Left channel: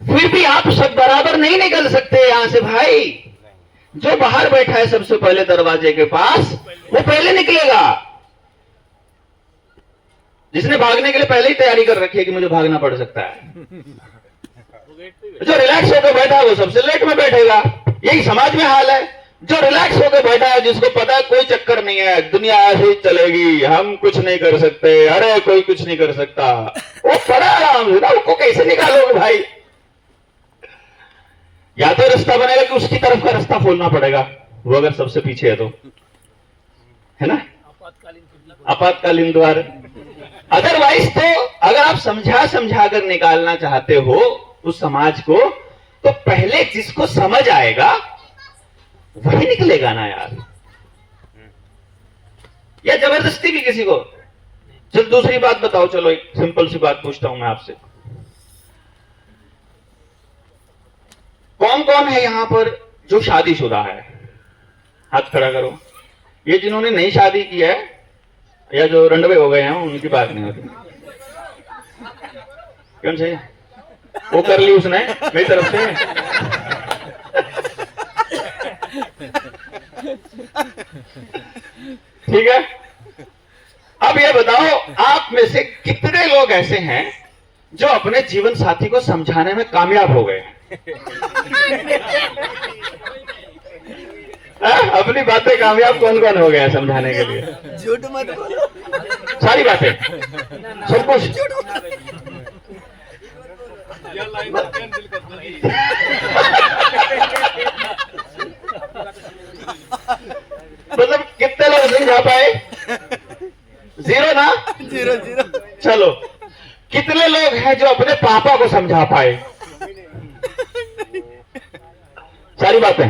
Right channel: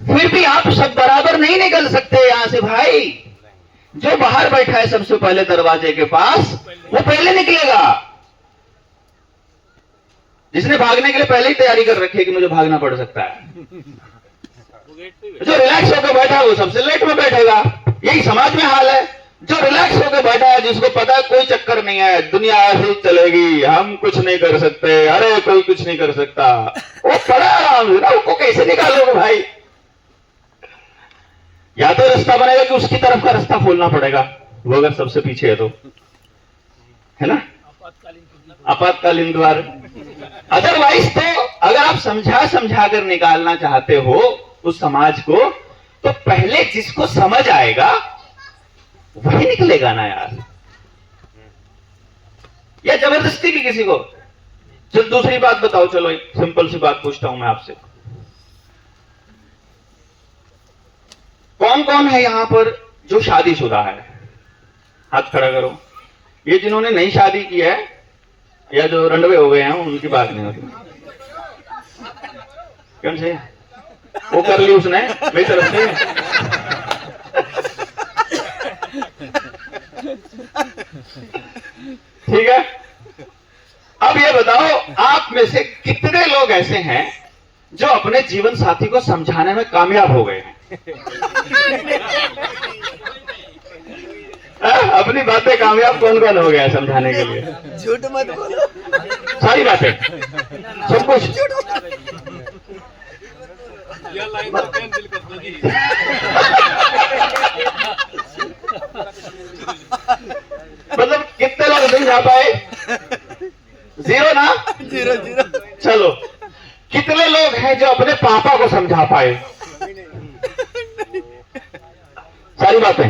फिर भी आप सब बराबर नहीं निकल सकते यहां से भाई। जो बाहर बैठा है सबसे पहले दरवाजे के पास, वो पहले निकलेगा। जिसने भागने के लिए पहले ही तैयारी कर रखी है कि मुझे भागना पड़ सकता है, जो रिलैक्स होकर बैठा है वो सबसे लेट में बैठेगा। यही समाज में हाल है। जो रिलैक्स होकर बैठा है, जिसको पता है कोई चक्कर नहीं है, दुनिया ऐसे ही चलेगी, हम कुछ नहीं कर सकते, अरे कोई कुछ नहीं कर सकता, वो पड़ा आराम से ना, उसको कैसे निकालोगे भाई? या तो रास्ता बनेगा कि उसकी तरफ का रास्ता खोलना पड़ेगा, वो अगर सबसे पीछे है तो, है ना, आपातकालीन द्वार। अदरवाइज तो अगर आप समझा कर निकालना चाहते हो उस समाज को, तो पहले जिसको समझ आएगा वही निकलेगा ना यार, या जबरदस्ती भी किसी को। चल दूसरी बात बताओ, चलो एक सिंपल सी बात पूछता हूं मैं आपसे। कौन कौन है यहां पर जो शादीशुदा है? हाथ खड़ा करो। ये जिन्होंने नई शादी की है या जो रंडवे हो गए हैं उनकी बात नहीं होती। क्यों से वो कर ली उसने मेरी तरफ से। ठीक है, अब ये बताओ आप में से कितने लोग ऐसे हैं जो अपने जीवन साथी को समझाने में कामयाब हो गए हैं? अपनी बातें कामयाब कौन कौन हो गया समझाने के लिए? झूठ मत बोलो, सारी बातें सब कुछ मतलब कितने लोग समझा पाए? जीरो ना? Zero zero. चलो, कितने लोग हैं जो अपने पापा को समझा पाए? सारी बातें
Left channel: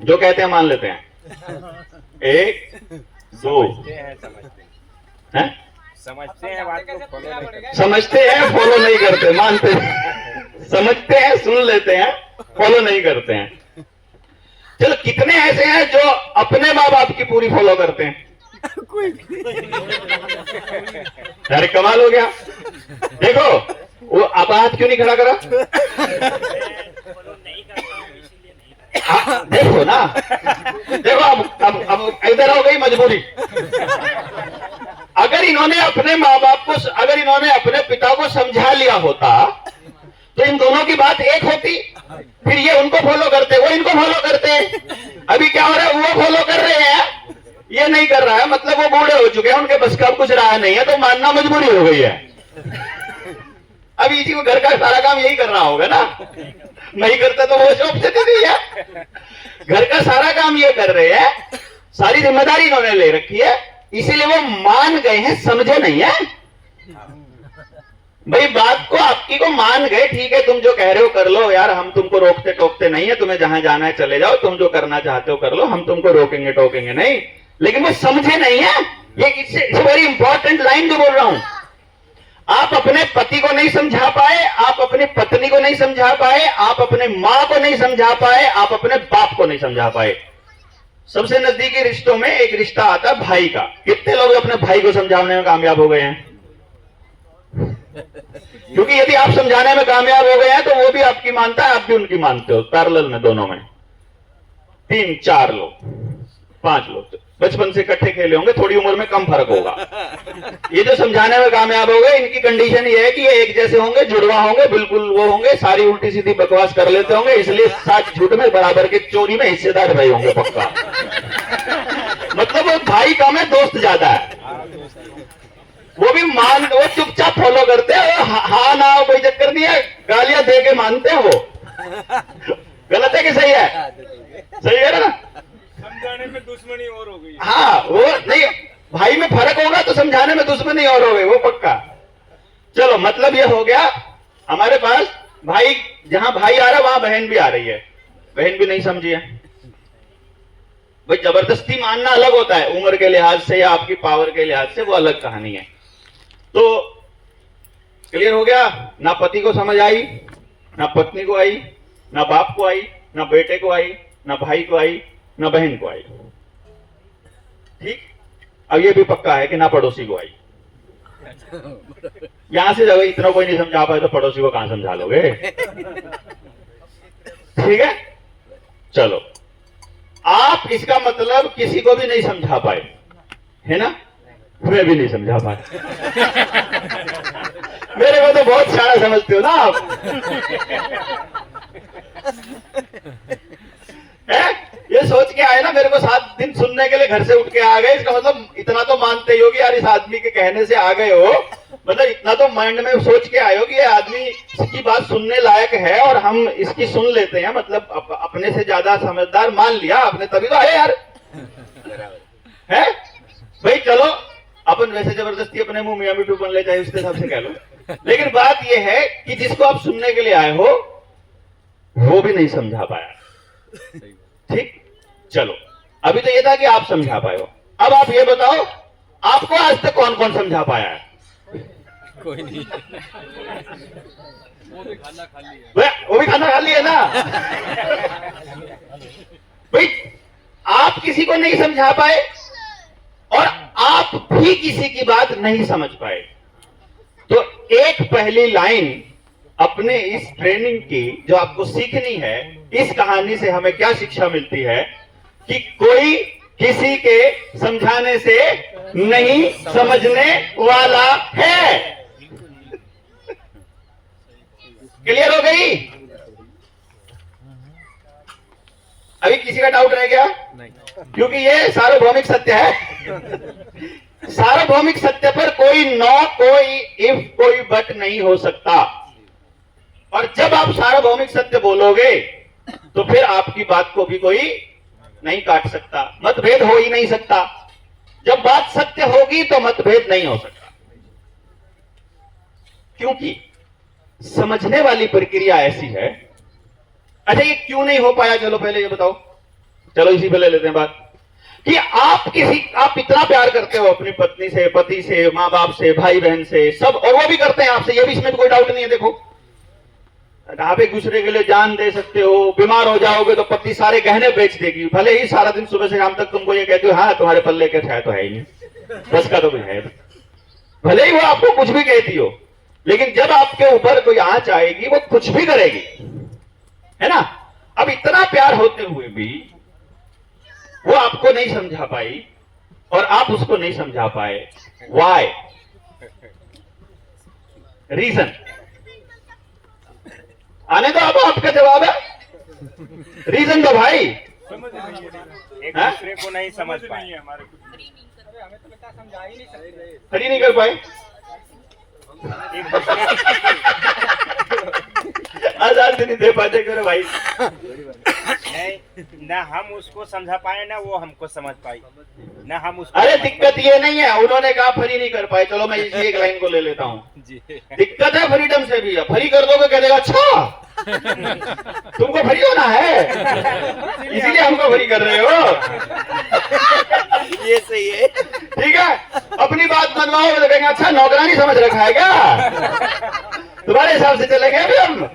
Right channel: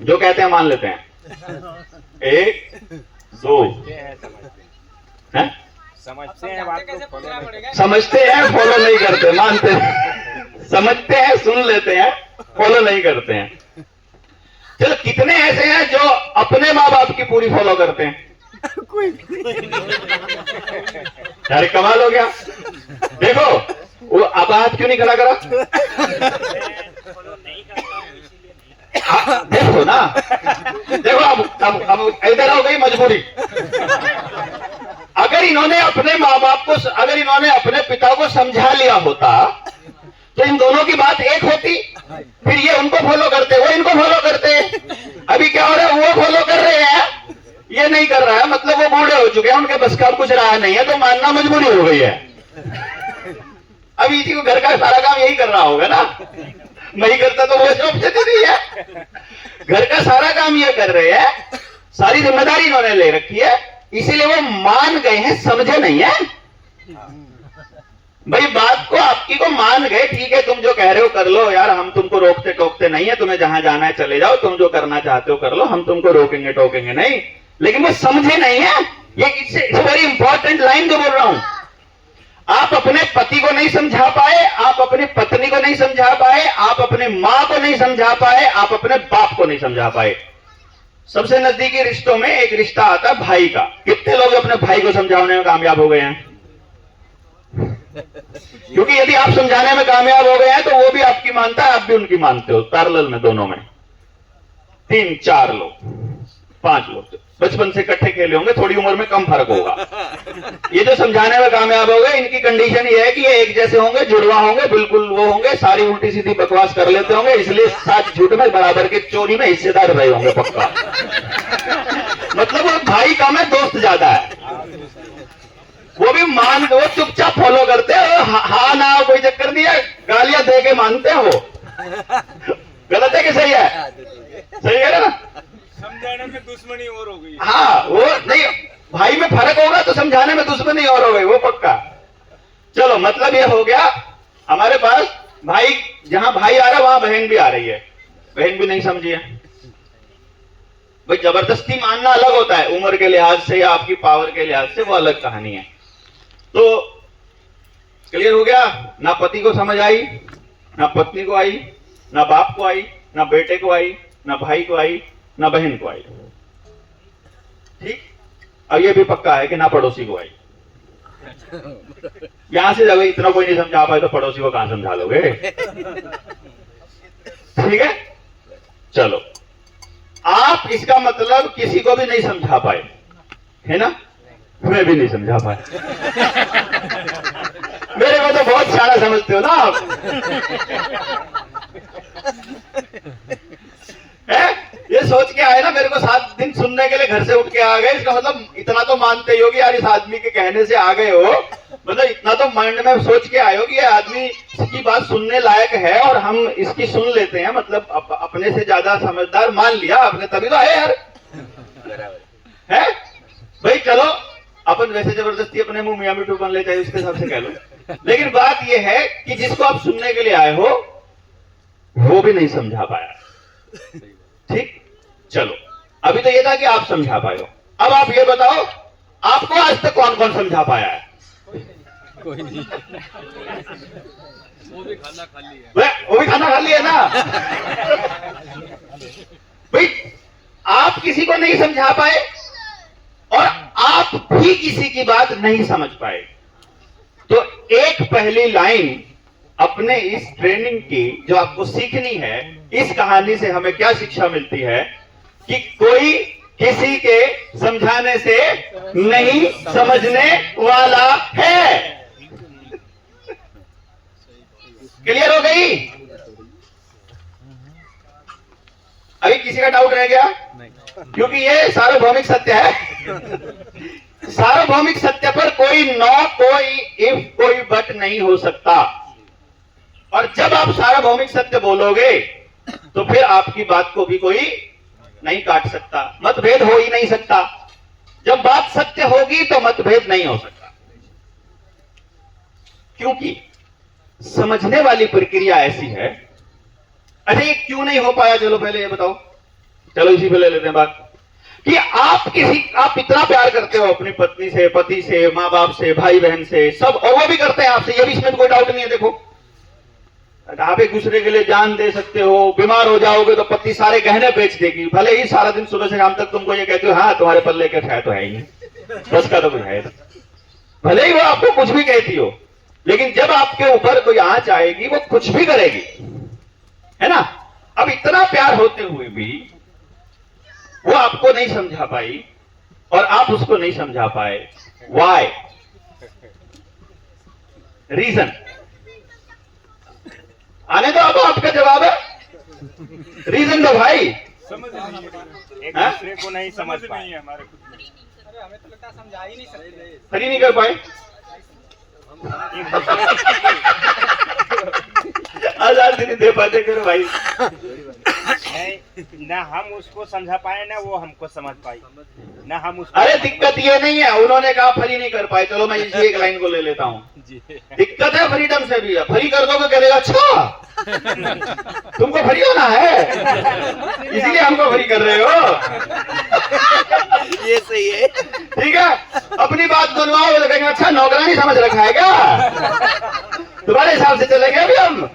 जो कहते हैं मान लेते हैं। एक दो हैं? समझते हैं फॉलो नहीं करते, मानते हैं, समझते हैं सुन लेते हैं, फॉलो नहीं करते हैं। चलो, कितने ऐसे हैं जो अपने माँ बाप की पूरी फॉलो करते हैं? कोई अरे कमाल हो गया। देखो वो अब हाथ क्यों नहीं खड़ा करा? देखो ना, देखो अब इधर हो गई मजबूरी। अगर इन्होंने अपने माँ बाप को, अगर इन्होंने अपने पिता को समझा लिया होता तो इन दोनों की बात एक होती। फिर ये उनको फॉलो करते, वो इनको फॉलो करते। अभी क्या हो रहा है, वो फॉलो कर रहे हैं, ये नहीं कर रहा है, मतलब वो बूढ़े हो चुके हैं, उनके बस का कुछ रहा नहीं है, तो मानना मजबूरी हो गई है। अब इसी को घर का सारा काम यही कर रहा होगा ना, नहीं करता तो वो जॉब से दे है। घर का सारा काम ये कर रहे हैं, सारी जिम्मेदारी इन्होंने ले रखी है, इसीलिए वो मान गए हैं, समझे नहीं है भाई। बात को आपकी को मान गए, ठीक है, तुम जो कह रहे हो कर लो यार, हम तुमको रोकते टोकते नहीं है, तुम्हें जहां जाना है चले जाओ, तुम जो करना चाहते हो कर लो, हम तुमको रोकेंगे टोकेंगे नहीं। लेकिन वो समझे नहीं है। ये वेरी इंपॉर्टेंट लाइन जो बोल रहा हूं, आप अपने पति को नहीं समझा पाए, आप अपनी पत्नी को नहीं समझा पाए, आप अपने मां को नहीं समझा पाए, आप अपने बाप को नहीं समझा पाए। सबसे नजदीकी रिश्तों में एक रिश्ता आता है भाई का। कितने लोग अपने भाई को समझाने में कामयाब हो गए हैं? क्योंकि यदि आप समझाने में कामयाब हो गए हैं तो वो भी आपकी मानता है, आप भी उनकी मानते हो, पैरेलल में, दोनों में। 3 4 लोग 5 लोग बचपन से इकट्ठे खेले होंगे, थोड़ी उम्र में कम फर्क होगा। ये जो समझाने में कामयाब हो गए, इनकी कंडीशन ये है कि ये एक जैसे होंगे, जुड़वा होंगे, बिल्कुल वो होंगे, सारी उल्टी सीधी बकवास कर लेते होंगे, इसलिए सच झूठ में बराबर के चोरी में हिस्सेदार रहे होंगे पक्का। मतलब वो भाई कम है, दोस्त ज्यादा है। वो भी वो चुपचाप फॉलो करते हैं, हाँ ना कोई चक्कर नहीं है, गालियां दे के मानते हैं। वो गलत है कि सही है? सही है ना? समझाने में दुश्मनी और हो गई। हाँ, वो नहीं, भाई में फर्क होगा तो समझाने में दुश्मनी और हो गई, वो पक्का। चलो, मतलब ये हो गया हमारे पास भाई, जहां भाई आ रहा है वहां बहन भी आ रही है। बहन भी नहीं समझी है भाई। जबरदस्ती मानना अलग होता है, उम्र के लिहाज से या आपकी पावर के लिहाज से, वो अलग कहानी है। तो क्लियर हो गया? ना पति को समझ आई, ना पत्नी को आई, ना बाप को आई, ना बेटे को आई, ना भाई को आई, ना बहन को आई। ठीक, अब ये भी पक्का है कि ना पड़ोसी को आई। यहाँ से जब इतना कोई नहीं समझा पाए तो पड़ोसी को कहां समझा लोगे? ठीक है, चलो आप इसका मतलब किसी को भी नहीं समझा पाए, है ना? मैं भी नहीं समझा पाया। मेरे को तो बहुत सारा समझते हो ना आप। है? ये सोच के आए ना, मेरे को 7 दिन सुनने के लिए घर से उठ के आ गए, इसका मतलब इतना तो मानते ही हो कि यार इस आदमी के कहने से आ गए हो, मतलब इतना तो माइंड में सोच के आए हो कि ये आदमी की बात सुनने लायक है और हम इसकी सुन लेते हैं, मतलब अपने से ज्यादा समझदार मान लिया आपने, तभी तो आए यार। है भाई, चलो अपन वैसे जबरदस्ती अपने मुंह मियां मिठू बन ले, चाहे उसके हिसाब से कह लो, लेकिन बात यह है कि जिसको आप सुनने के लिए आए हो वो भी नहीं समझा पाया। ठीक, चलो अभी तो ये था कि आप समझा पाए हो, अब आप ये बताओ आपको आज तक कौन कौन समझा पाया है? कोई नहीं। वो भी खाना खा लिया। वो भी खाना खा लिया ना। भाई आप किसी को नहीं समझा पाए और आप भी किसी की बात नहीं समझ पाए, तो एक पहली लाइन अपने इस ट्रेनिंग की जो आपको सीखनी है, इस कहानी से हमें क्या शिक्षा मिलती है कि कोई किसी के समझाने से नहीं समझने वाला है। क्लियर हो गई? अभी किसी का डाउट रह गया? क्योंकि ये सार्वभौमिक सत्य है। सार्वभौमिक सत्य पर कोई नो, कोई इफ, कोई बट नहीं हो सकता। और जब आप सार्वभौमिक सत्य बोलोगे तो फिर आपकी बात को भी कोई नहीं काट सकता, मतभेद हो ही नहीं सकता। जब बात सत्य होगी तो मतभेद नहीं हो सकता, क्योंकि समझने वाली प्रक्रिया ऐसी है। अच्छा, ये क्यों नहीं हो पाया? चलो पहले ये बताओ, चलो इसी पे ले लेते हैं बात कि आप इतना प्यार करते हो अपनी पत्नी से, पति से, माँ बाप से, भाई बहन से, सब, और वो भी करते हैं आपसे, ये भी इसमें कोई डाउट नहीं है। देखो, आप एक दूसरे के लिए जान दे सकते हो, बीमार हो जाओगे तो पत्नी सारे गहने बेच देगी, भले ही सारा दिन सुबह से शाम तक तुमको ये कहते हो हाँ तुम्हारे पल्ले के छाया तो है ही नहीं, बस का तो है, भले ही वो आपको कुछ भी कहती हो, लेकिन जब आपके ऊपर कोई आंच आएगी वो कुछ भी करेगी, है ना? अब इतना प्यार होते हुए भी वो आपको नहीं समझा पाई और आप उसको नहीं समझा पाए। व्हाई? रीजन आने दो, अब आपका जवाब है रीजन दो भाई। समझ नहीं है, एक दूसरे को नहीं समझ समझ पाए। नहीं है हमारे कुछ। अरे हमें तो लगता है समझा ही नहीं सकते। खड़ी नहीं कर पाए। एक दूसरे आजाद नहीं दे पाते करो भाई। ना हम उसको समझा पाए ना वो हमको समझ पाई, ना हम उसको। अरे दिक्कत ये नहीं है, उन्होंने कहा फ्री नहीं कर पाए, चलो मैं इसी एक लाइन को ले लेता हूँ। दिक्कत है फ्रीडम से भी, फ्री कर दोगे करेगा अच्छा तुमको फ्री होना है इसीलिए हमको फ्री कर रहे हो। ये सही है। ठीक है, अपनी बात बनवाओ तो कहेंगे अच्छा नौकरानी समझ रखा है क्या, तुम्हारे हिसाब से चलेंगे अभी हम।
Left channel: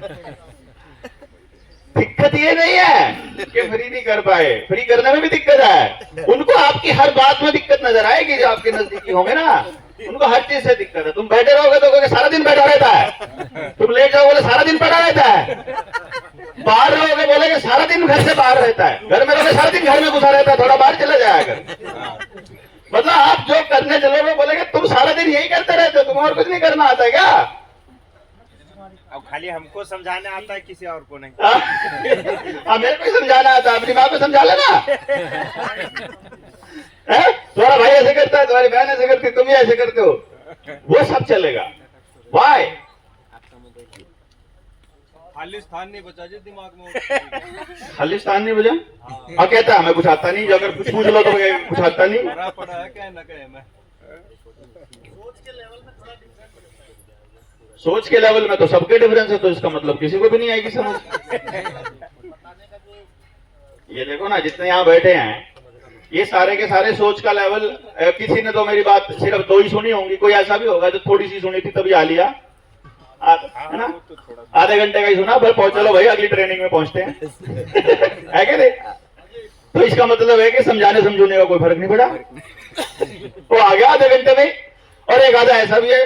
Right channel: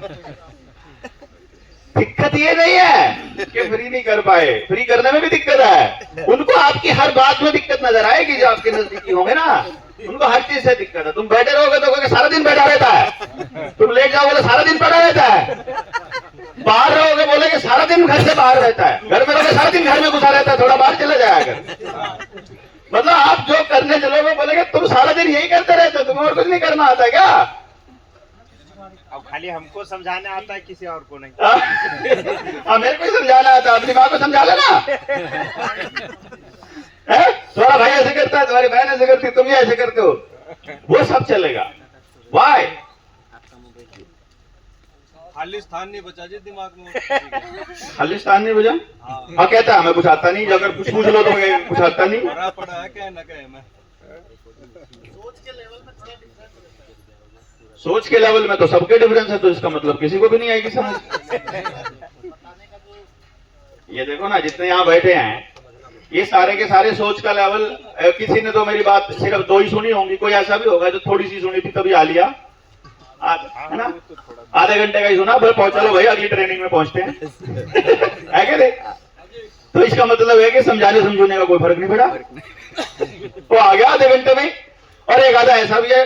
दिक्कत ये नहीं है कि फ्री नहीं कर पाए, फ्री करने में भी दिक्कत है। उनको आपकी हर बात में दिक्कत नजर आएगी, जो आपके नजदीकी होंगे ना, उनको हर चीज से दिक्कत है। तुम बैठे रहोगे तो कहोगे सारा दिन बैठा रहता है, तुम लेट जाओगे तो सारा दिन पड़ा रहता है, बाहर रहोगे बोलेगे सारा दिन घर से बाहर रहता है, घर में रहोगे सारा दिन घर में घुसा रहता है, थोड़ा बाहर चला जाएगा। मतलब आप जो करने चलोगे बोलेगे तुम सारा दिन यही करते रहते हो, तुम्हें और कुछ नहीं करना आता है क्या? अब खाली हमको समझाना आता है, किसी और को नहीं। मेरे को ही समझाना आता है, अपनी माँ को समझा लेना। तुम्हारा भाई ऐसे करता है, तुम्हारी बहन ऐसे करती है, तुम ही ऐसे करते हो, वो सब चलेगा। वाई? खाली स्थान नहीं बचा जी दिमाग में। खालिस्तान नहीं बजा? हाँ कहता है मैं कुछ आता नहीं, अगर कुछ पूछ लो तो कुछ आता नहीं। भरा पड़ा है क्या न कहे मैं। सोच के लेवल में तो सबके डिफरेंस है, तो इसका मतलब किसी को भी नहीं आएगी समझ। ये देखो ना, जितने यहाँ बैठे हैं ये सारे के सारे सोच का लेवल, किसी ने तो मेरी बात सिर्फ 2 ही सुनी होंगी, कोई ऐसा भी होगा जो थोड़ी सी सुनी थी तभी आ लिया, है ना? आधे घंटे का ही सुना, फिर चलो भाई अगली ट्रेनिंग में पहुंचते हैं। है कि नहीं? तो इसका मतलब है कि समझाने समझाने का कोई फर्क नहीं पड़ा, वो आ गया आधे घंटे में। और एक आधा ऐसा भी है,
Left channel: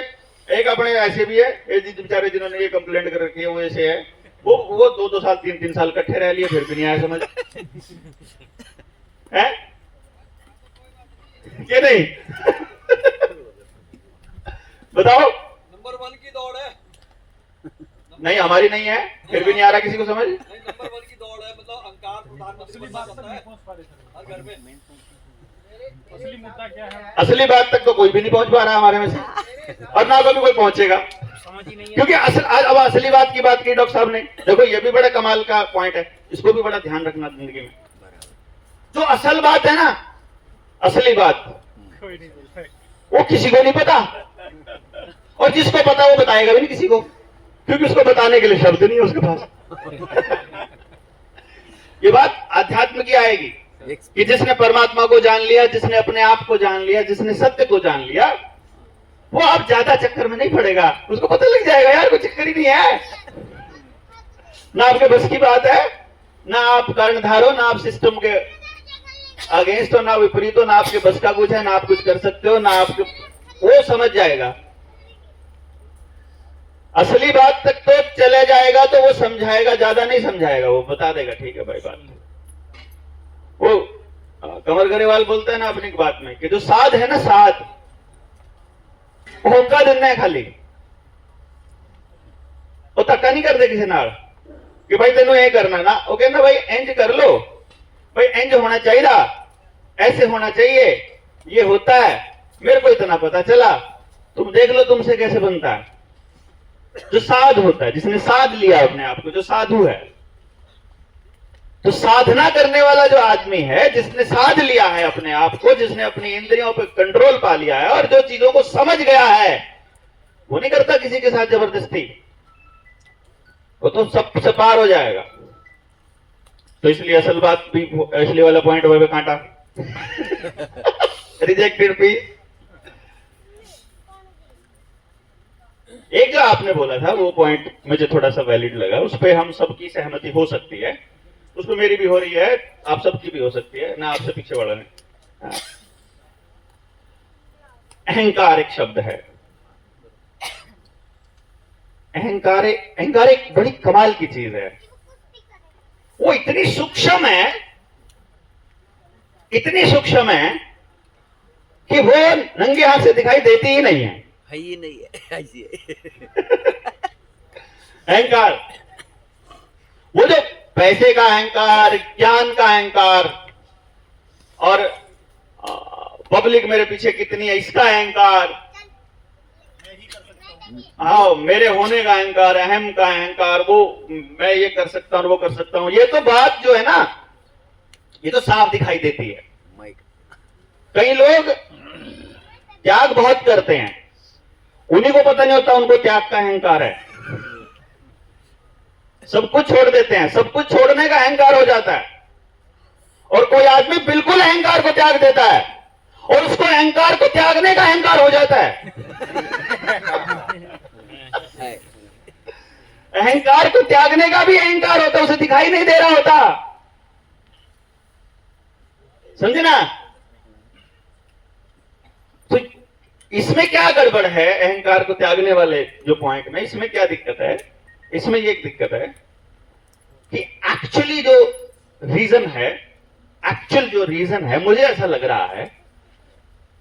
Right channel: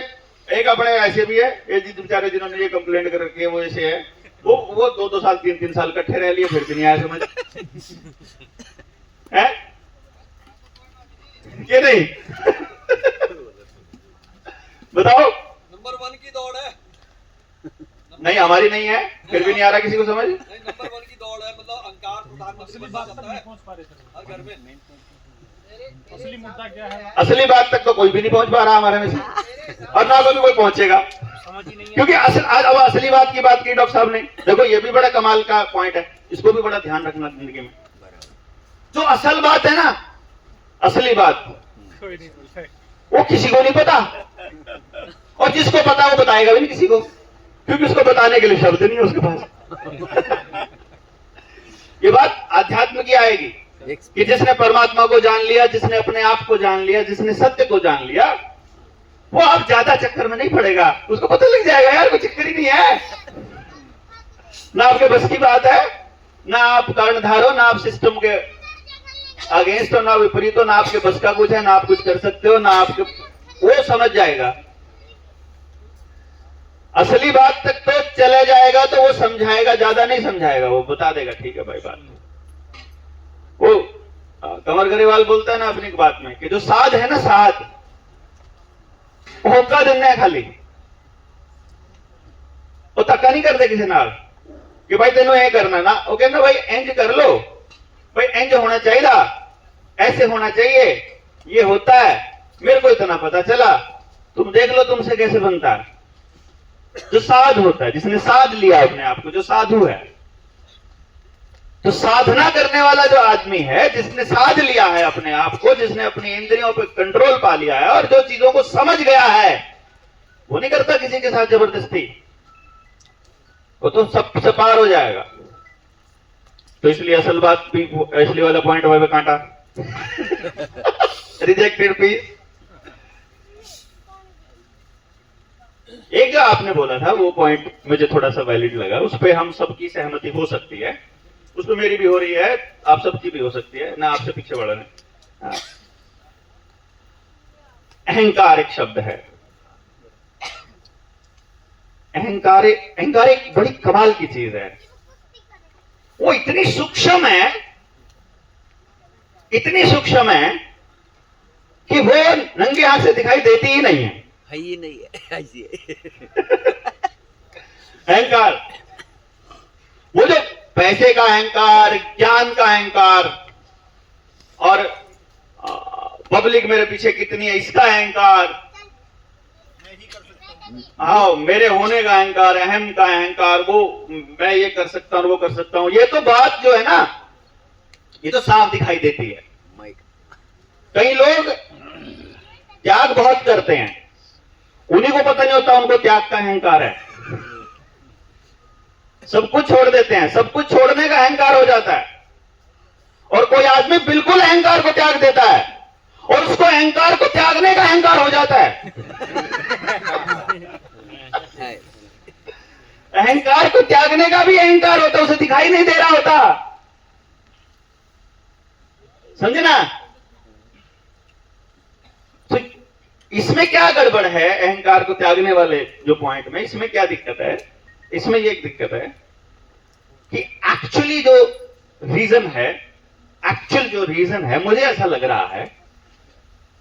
एक अपने ऐसे भी है, ये बेचारे जिन्होंने ये कंप्लेंट कर रखी है वो ऐसे है, वो 2 साल 3 साल इकट्ठे रह लिए, फिर भी नहीं आया समझ है कि नहीं? बताओ। नंबर 1 की दौड़ है। नहीं हमारी नहीं है, फिर भी नहीं आ रहा किसी को समझ। नहीं, नंबर 1 की दौड़ है, मतलब अहंकार प्रधानमंत्री बनना चाहता है हर घर में। असली मुद्दा क्या है? असली बात तक तो कोई भी नहीं पहुंच पा रहा हमारे में से, और ना कभी कोई पहुंचेगा, क्योंकि अब असली बात की बात की डॉक्टर साहब ने। देखो ये भी बड़ा कमाल का पॉइंट है, इसको भी बड़ा ध्यान रखना जिंदगी में। जो असल बात है ना, असली बात वो किसी को नहीं पता, और जिसको पता वो बताएगा भी नहीं किसी को, क्योंकि उसको बताने के लिए शब्द नहीं है उसके पास। ये बात अध्यात्म की आएगी कि जिसने परमात्मा को जान लिया, जिसने अपने आप को जान लिया, जिसने सत्य को जान लिया, वो आप ज्यादा चक्कर में नहीं पड़ेगा, उसको पता लग जाएगा यार कुछ चक्कर ही नहीं है, ना आपके बस की बात है, ना आप कर्णधार हो, ना आप सिस्टम के अगेंस्ट हो, ना विपरीत हो, ना आपके बस का कुछ है, ना आप कुछ कर सकते हो, ना आपके, वो समझ जाएगा। असली बात तक तो चले जाएगा तो वो समझाएगा, ज्यादा नहीं समझाएगा, वो बता देगा ठीक है भाई बात। वो कमर गरेवाल बोलता है ना अपनी बात में कि जो साध है ना, साध वो होका देना है खाली, वो धक्का नहीं करते किसी नाल कि भाई तेनों ये करना ना, वो कहना भाई इंज कर लो, भाई इंज होना चाहिए, ऐसे होना चाहिए, ये होता है, मेरे को इतना पता चला, तुम देख लो तुमसे कैसे बनता है। जो साध होता है, जिसने साध लिया अपने आप को, जो साधु है, तो साधना करने वाला जो आदमी है, जिसने साध लिया है अपने आप को, जिसने अपनी इंद्रियों पर कंट्रोल पा लिया है और जो चीजों को समझ गया है, वो नहीं करता किसी के साथ जबरदस्ती, वो तो सबसे पार हो जाएगा। तो इसलिए असल बात भी, इसलिए वाला पॉइंट वह कांटा रिजेक्टेड पीस। एक जो आपने बोला था वो पॉइंट मुझे थोड़ा सा वैलिड लगा, उस पर हम सबकी सहमति हो सकती है, उस पर मेरी भी हो रही है, आप सबकी भी हो सकती है ना, आपसे पीछे बढ़ने। अहंकार एक शब्द है, अहंकार एक बड़ी कमाल की चीज है, वो इतनी सूक्ष्म है, इतनी सूक्ष्म है कि वो नंगे हाथ से दिखाई देती ही नहीं है। ही नहीं है ऐसी है। अहंकार, वो जो पैसे का अहंकार, ज्ञान का अहंकार, और पब्लिक मेरे पीछे कितनी है इसका अहंकार, हाँ मेरे होने का अहंकार, अहम का अहंकार, वो मैं ये कर सकता हूँ वो कर सकता हूँ, ये तो बात जो है ना, ये तो साफ दिखाई देती है। कई लोग त्याग बहुत करते हैं, उन्हीं को पता नहीं होता उनको त्याग का अहंकार है, सब कुछ छोड़ देते हैं, सब कुछ छोड़ने का अहंकार हो जाता है, और कोई आदमी बिल्कुल अहंकार को त्याग देता है और उसको अहंकार को त्यागने का अहंकार हो जाता है। अहंकार को त्यागने का भी अहंकार होता है, उसे दिखाई नहीं दे रहा होता, समझे ना? तो इसमें क्या गड़बड़ है, अहंकार को त्यागने वाले जो पॉइंट में, इसमें क्या दिक्कत है? इसमें ये दिक्कत है कि एक्चुअली जो रीजन है, मुझे ऐसा लग रहा है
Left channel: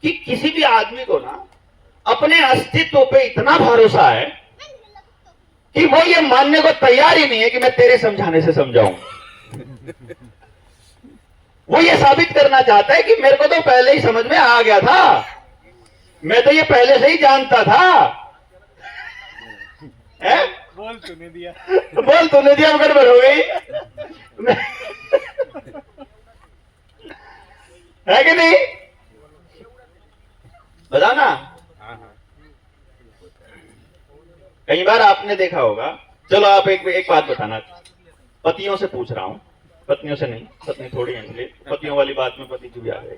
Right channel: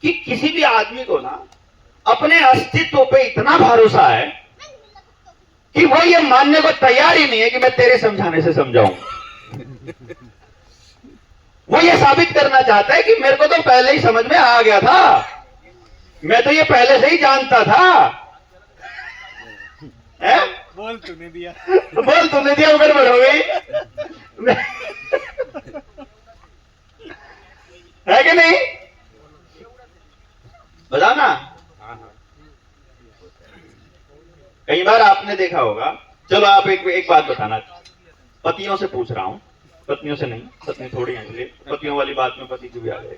कि किसी भी आदमी को ना अपने अस्तित्व पे इतना भरोसा है कि वो ये मानने को तैयार ही नहीं है कि मैं तेरे समझाने से समझाऊं। वो ये साबित करना चाहता है कि मेरे को तो पहले ही समझ में आ गया था, मैं तो ये पहले से ही जानता था। बोल तूने दिया, गड़बड़ हो गई है कि नहीं? बताओ ना। कई बार आपने देखा होगा, चलो आप एक बात बताना, पतियों से पूछ रहा हूं, पत्नियों से नहीं, पत्नी थोड़ी है इसलिए पतियों वाली बात में पति की भी आ गई।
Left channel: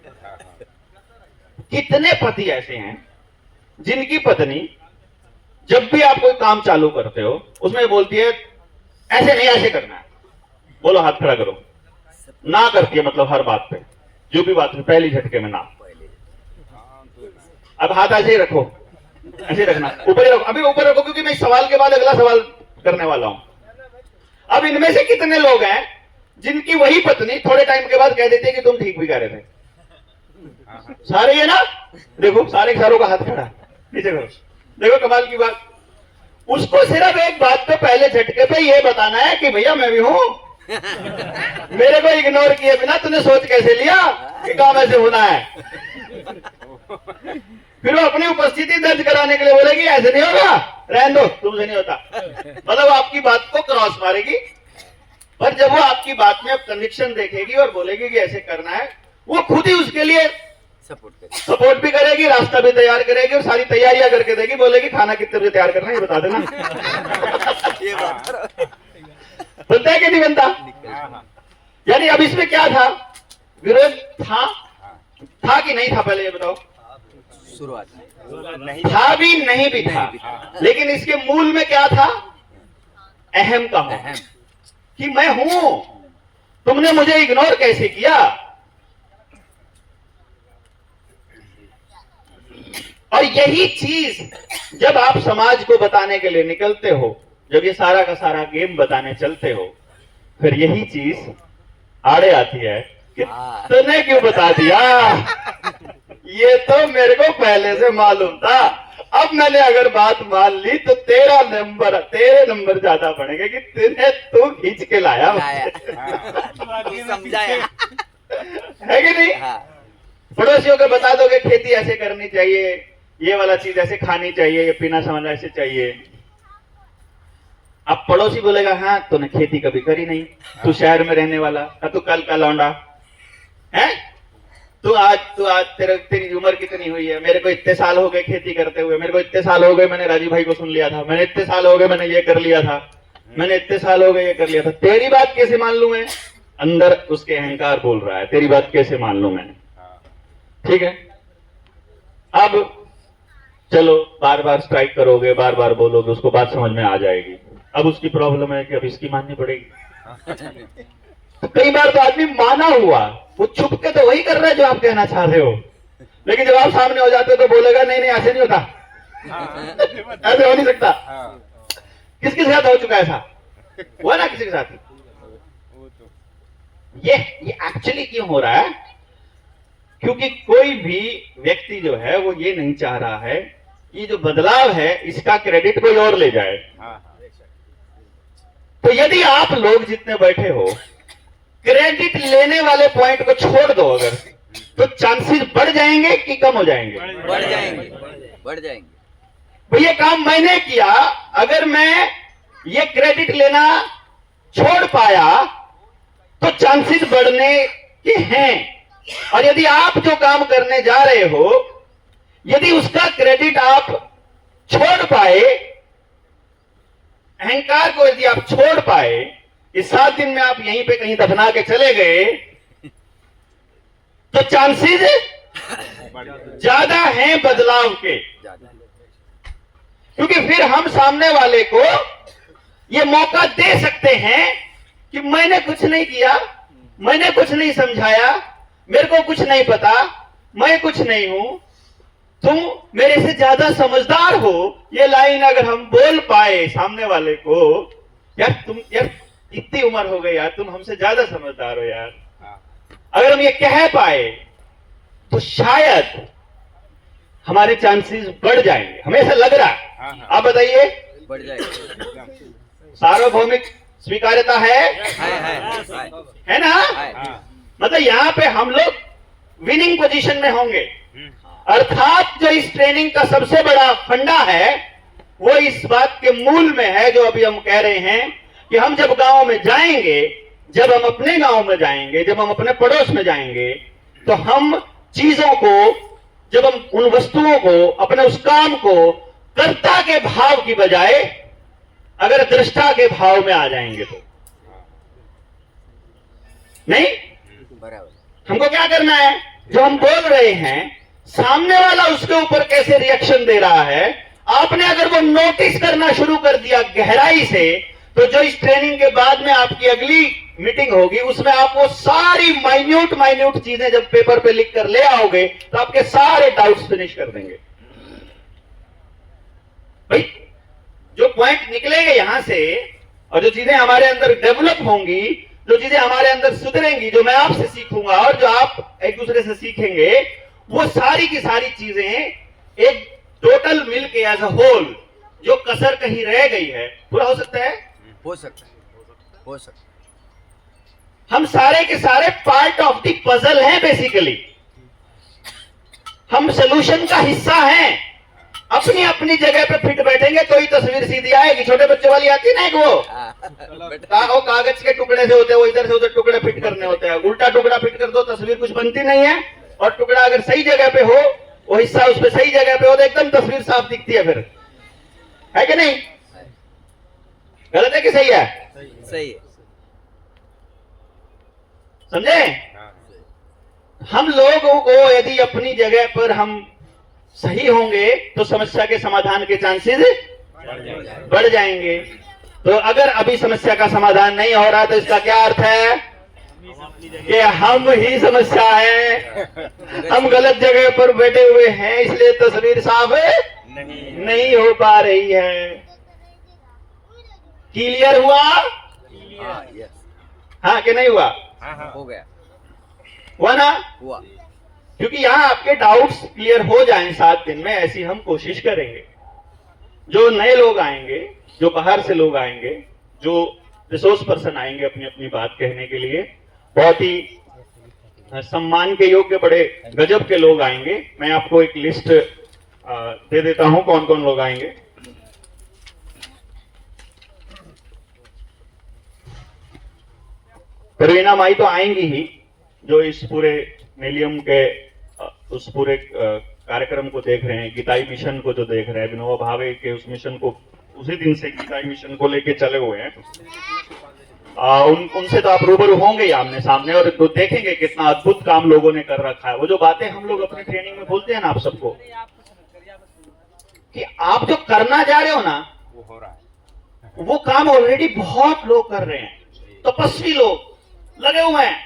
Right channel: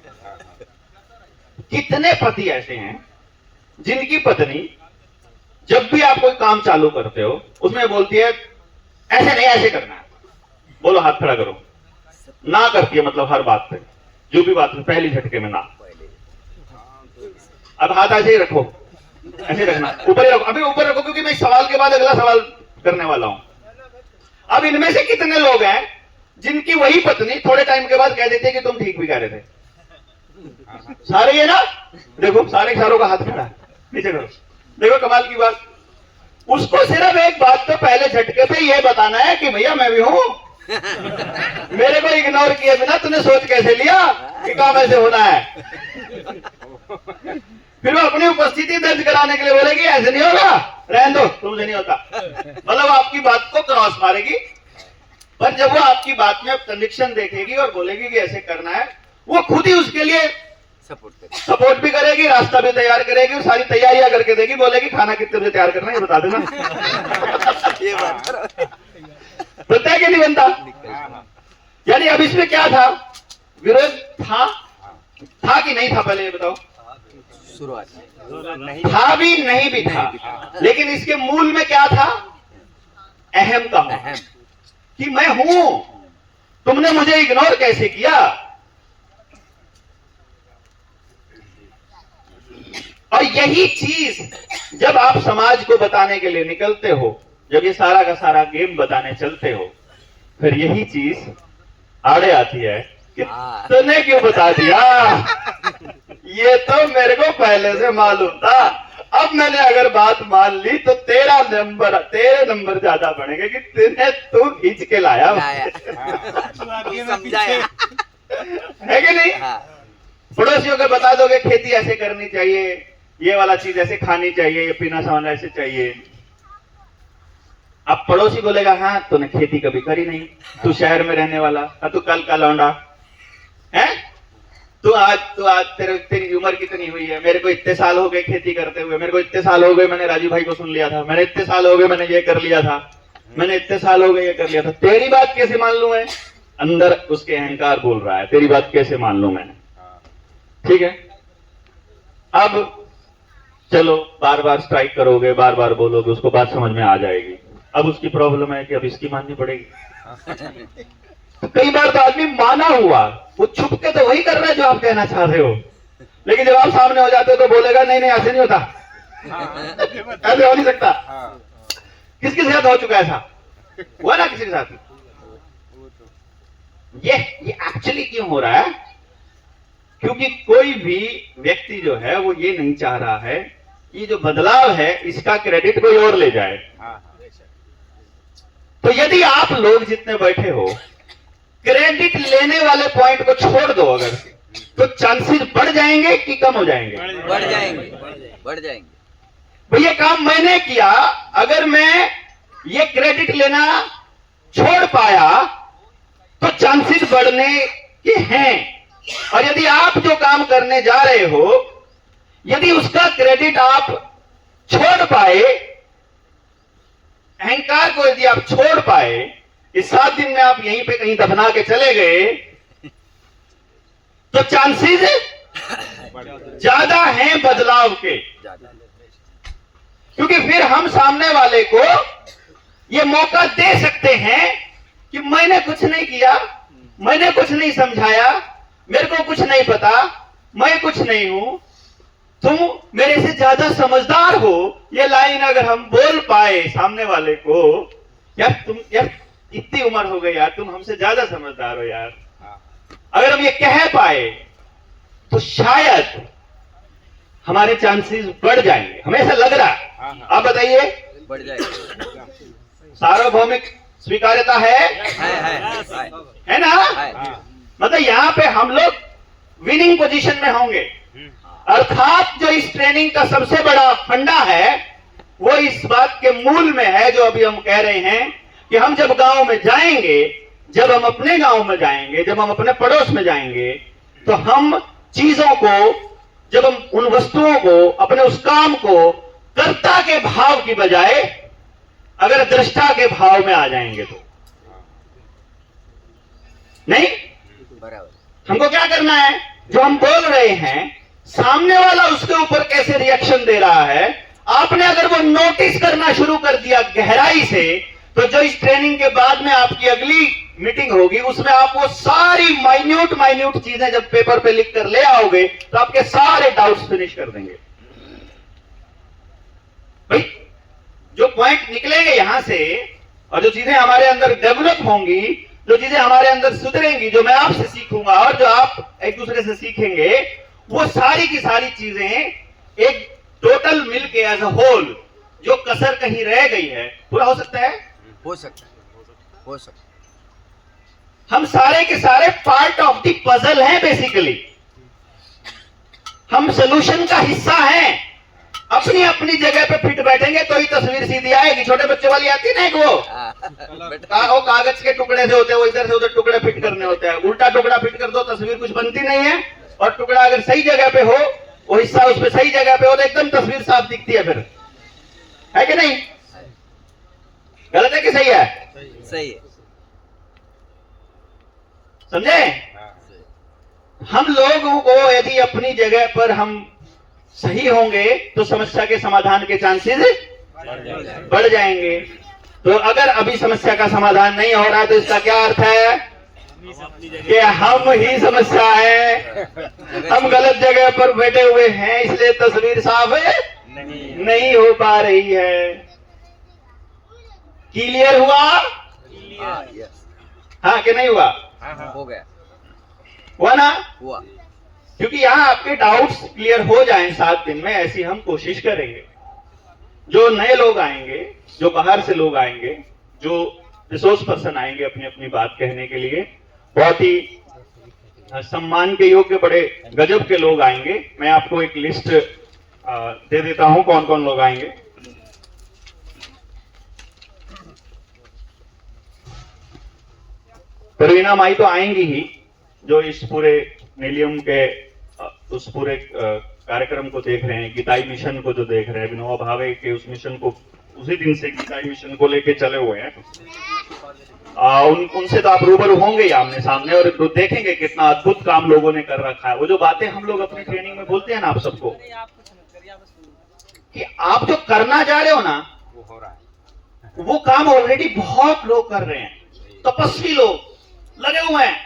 कितने पति ऐसे हैं जिनकी पत्नी जब भी आप कोई काम चालू करते हो उसमें बोलती है ऐसे नहीं ऐसे करना है, बोलो हाथ खड़ा करो, ना करती है, मतलब हर बात पे, जो भी बात में पहली झटके में ना, अब हाथ ऐसे ही रखो, ऐसे रखना, ऊपर ही रखो, अभी ऊपर रखो, क्योंकि मैं इस सवाल के बाद अगला सवाल करने वाला हूं। अब इनमें से कितने लोग हैं जिनकी वही पत्नी थोड़े टाइम के बाद कह देती है कि तुम ठीक भी कह रहे थे? सारे ये ना, देखो सारे सारों का हाथ खड़ा है, नीचे करो, देखो कमाल की बात। उसको सिर्फ एक बात पे पहले झटके पे ये बताना है कि भैया मैं भी हूं, मेरे को इग्नोर किए बिना तूने सोच कैसे लिया कि काम ऐसे होना है। फिर वो अपनी उपस्थिति दर्ज कराने के लिए बोलेगी ऐसे नहीं होगा, रहने दो, तुमसे नहीं होता। मतलब वो आपकी बात को क्रॉस मारेगी, पर जब वो आपकी बात में कन्विक्शन देखेगी और बोलेगी कि ऐसे करना है, वो खुद ही उसके लिए सपोर्ट भी करेगी, रास्ता भी तैयार करेगी और सारी तैयारियां करके देगी, बोलेगी खाना कितने बजे तैयार करना है ये बता देना। ये बात बनता है कि नहीं बनता? यानी अब इसमें क्या था, विरोध था कि नहीं था, पहले ये बताओ। शुरुआत नहीं था भी नहीं भी था, लेकिन इसके मूल में क्या था? अहम का अहम कि मैं हूं, तुमने मुझे इग्नोर कैसे किया। और यही चीज जब आप समाज को बताने के लिए निकलते हो, जब ये सारा का सारा गेम बताने चलते हो, फिर यही चीज आड़े आती है कि तूने क्यों बता दिया, ये तो मेरे को पहले से मालूम था। अब मैंने अगर बात मान ली तो तेरे नंबर ज्यादा बढ़ेंगे कि तू खींच के लाया समझाया है कि नहीं? हाँ पड़ोसियों को बता दोगे खेती ऐसे करनी चाहिए, ये वाला चीज ऐसे खानी चाहिए, ये पीना सामान ऐसे चाहिए। अब पड़ोसी बोलेगा हाँ तूने खेती कभी करी नहीं, तू शहर में रहने वाला, तू कल का लौंडा है, तू आज तेरी उम्र कितनी हुई है, मेरे को इतने साल हो गए खेती करते हुए, मेरे को इतने साल हो गए मैंने राजू भाई को सुन लिया था, मैंने इतने साल हो गए मैंने ये कर लिया था, मैंने इतने साल हो गए ये कर लिया था, तेरी बात कैसे मान लूं मैं? अंदर उसके अहंकार बोल रहा है तेरी बात कैसे मान लूं मैं। ठीक है, अब चलो बार बार स्ट्राइक करोगे, बार बार बोलोगे, उसको बात समझ में आ जाएगी। अब उसकी प्रॉब्लम है कि अब इसकी माननी पड़ेगी। तो कई बार तो आदमी माना हुआ, वो छुप के तो वही कर रहा है जो आप कहना चाह रहे हो, लेकिन जब आप सामने हो जाते हो तो बोलेगा नहीं नहीं ऐसे नहीं होता, ऐसे हो नहीं सकता। किसके साथ हो चुका है ऐसा? हुआ ना किसी के साथ? ये एक्चुअली क्यों हो रहा है? क्योंकि कोई भी व्यक्ति जो है वो ये नहीं चाह रहा है कि जो बदलाव है इसका क्रेडिट कोई और ले जाए। तो यदि आप लोग जितने बैठे हो क्रेडिट लेने वाले पॉइंट को छोड़ दो अगर, तो चांसेस बढ़ जाएंगे कि कम हो जाएंगे? बढ़ जाएंगे, बढ़ जाएंगे। तो ये काम मैंने किया, अगर मैं ये क्रेडिट लेना छोड़ पाया तो चांसेस बढ़ने के हैं। और यदि आप जो काम करने जा रहे हो, यदि उसका क्रेडिट आप छोड़ पाए, अहंकार को यदि आप छोड़ पाए, इस 7 दिन में आप यहीं पे कहीं दफना के चले गए, तो चांसेस ज्यादा हैं बदलाव के। क्योंकि फिर हम सामने वाले को ये मौका दे सकते हैं कि मैंने कुछ नहीं किया, मैंने कुछ नहीं समझाया, मेरे को कुछ नहीं पता, मैं कुछ नहीं हूं, तुम मेरे से ज्यादा समझदार हो। ये लाइन अगर हम बोल पाए सामने वाले को, यार इतनी उम्र हो गई यार, तुम हमसे ज्यादा समझदार हो यार, अगर हम ये कह पाए तो शायद हमारे चांसेस बढ़ जाएंगे। हमें ऐसा लग रहा है, आप बताइए। बढ़ जाएगा। सार्वभौमिक स्वीकार्यता है ना? मतलब यहाँ पे हम लोग विनिंग पोजीशन में होंगे। अर्थात जो इस ट्रेनिंग का सबसे बड़ा फंडा है वो इस बात के मूल में है जो अभी हम कह रहे हैं कि हम जब गांव में जाएंगे, जब हम अपने गांव में जाएंगे, जब हम अपने पड़ोस में जाएंगे, तो हम चीजों को, जब हम उन वस्तुओं को, अपने उस काम को कर्ता के भाव की बजाय अगर दृष्टा के भाव में आ जाएंगे तो नहीं। बराबर। हमको क्या करना है? जो हम बोल रहे हैं, सामने वाला उसके ऊपर कैसे रिएक्शन दे रहा है, आपने अगर वो नोटिस करना शुरू कर दिया गहराई से, तो जो इस ट्रेनिंग के बाद में आपकी अगली मीटिंग होगी उसमें आप वो सारी माइन्यूट चीजें जब पेपर पे लिख कर ले आओगे तो आपके सारे डाउट्स फिनिश कर देंगे। भाई जो पॉइंट निकलेंगे यहां से और जो चीजें हमारे अंदर डेवलप होंगी, जो चीजें हमारे अंदर सुधरेंगी, जो मैं आपसे सीखूंगा और जो आप एक दूसरे से सीखेंगे, वो सारी की सारी चीजें एक टोटल मिल के एज अ होल जो कसर कहीं रह गई है पूरा हो सकता है। हो सकता है, हो सकता है। हम सारे के सारे पार्ट ऑफ द पजल हैं बेसिकली। हम सोल्यूशन का हिस्सा हैं। अपनी अपनी जगह पे फिट बैठेंगे तो ही तस्वीर सीधी आएगी। छोटे बच्चे वाली आती है ना एक वो वो कागज के टुकड़े से होते हैं, वो इधर से उधर टुकड़े फिट करने होते हैं। उल्टा टुकड़ा फिट कर दो तस्वीर कुछ बनती नहीं है, और टुकड़ा अगर सही जगह पे हो, वो हिस्सा उस पे सही जगह पे हो तो एकदम तस्वीर साफ दिखती है। फिर है कि नहीं? गलत है कि सही है? सही है। समझे? हम लोगों को यदि अपनी जगह पर हम सही होंगे तो समस्या के समाधान के चांसेस बढ़ जाएंगे। तो अगर अभी समस्या का समाधान नहीं हो रहा तो इसका क्या अर्थ है कि हम ही समस्या है, हम गलत जगह पर बैठे हुए हैं, इसलिए तस्वीर साफ नहीं हो पा रही है। क्लियर हुआ? हाँ, यस, हाँ कि नहीं हुआ? हो गया, हुआ ना? हुआ। क्योंकि यहाँ आपके डाउट्स क्लियर हो जाएं 7 दिन में, ऐसी हम कोशिश करेंगे। जो नए लोग आएंगे, जो बाहर से लोग आएंगे, जो रिसोर्स पर्सन आएंगे अपनी अपनी बात कहने के लिए, बहुत ही सम्मान के योग्य बड़े गजब के लोग आएंगे। मैं आपको एक लिस्ट दे देता हूं कौन कौन लोग आएंगे। परवीना माई तो आएंगी ही, जो इस पूरे नीलियम के उस पूरे कार्यक्रम को देख रहे हैं, गीताई मिशन को जो देख रहे हैं, विनोबा भावे के उस मिशन को उसी दिन से गीताई मिशन को लेके चले हुए हैं। उनसे तो आप रूबरू होंगे ही आमने सामने, और तो देखेंगे कितना अद्भुत काम लोगों ने कर रखा है। वो जो बातें हम लोग अपने ट्रेनिंग में बोलते हैं ना आप सबको, कि आप जो करना जा रहे हो ना, वो हो रहा है। वो काम ऑलरेडी बहुत लोग कर रहे हैं। तपस्वी लोग लगे हुए हैं,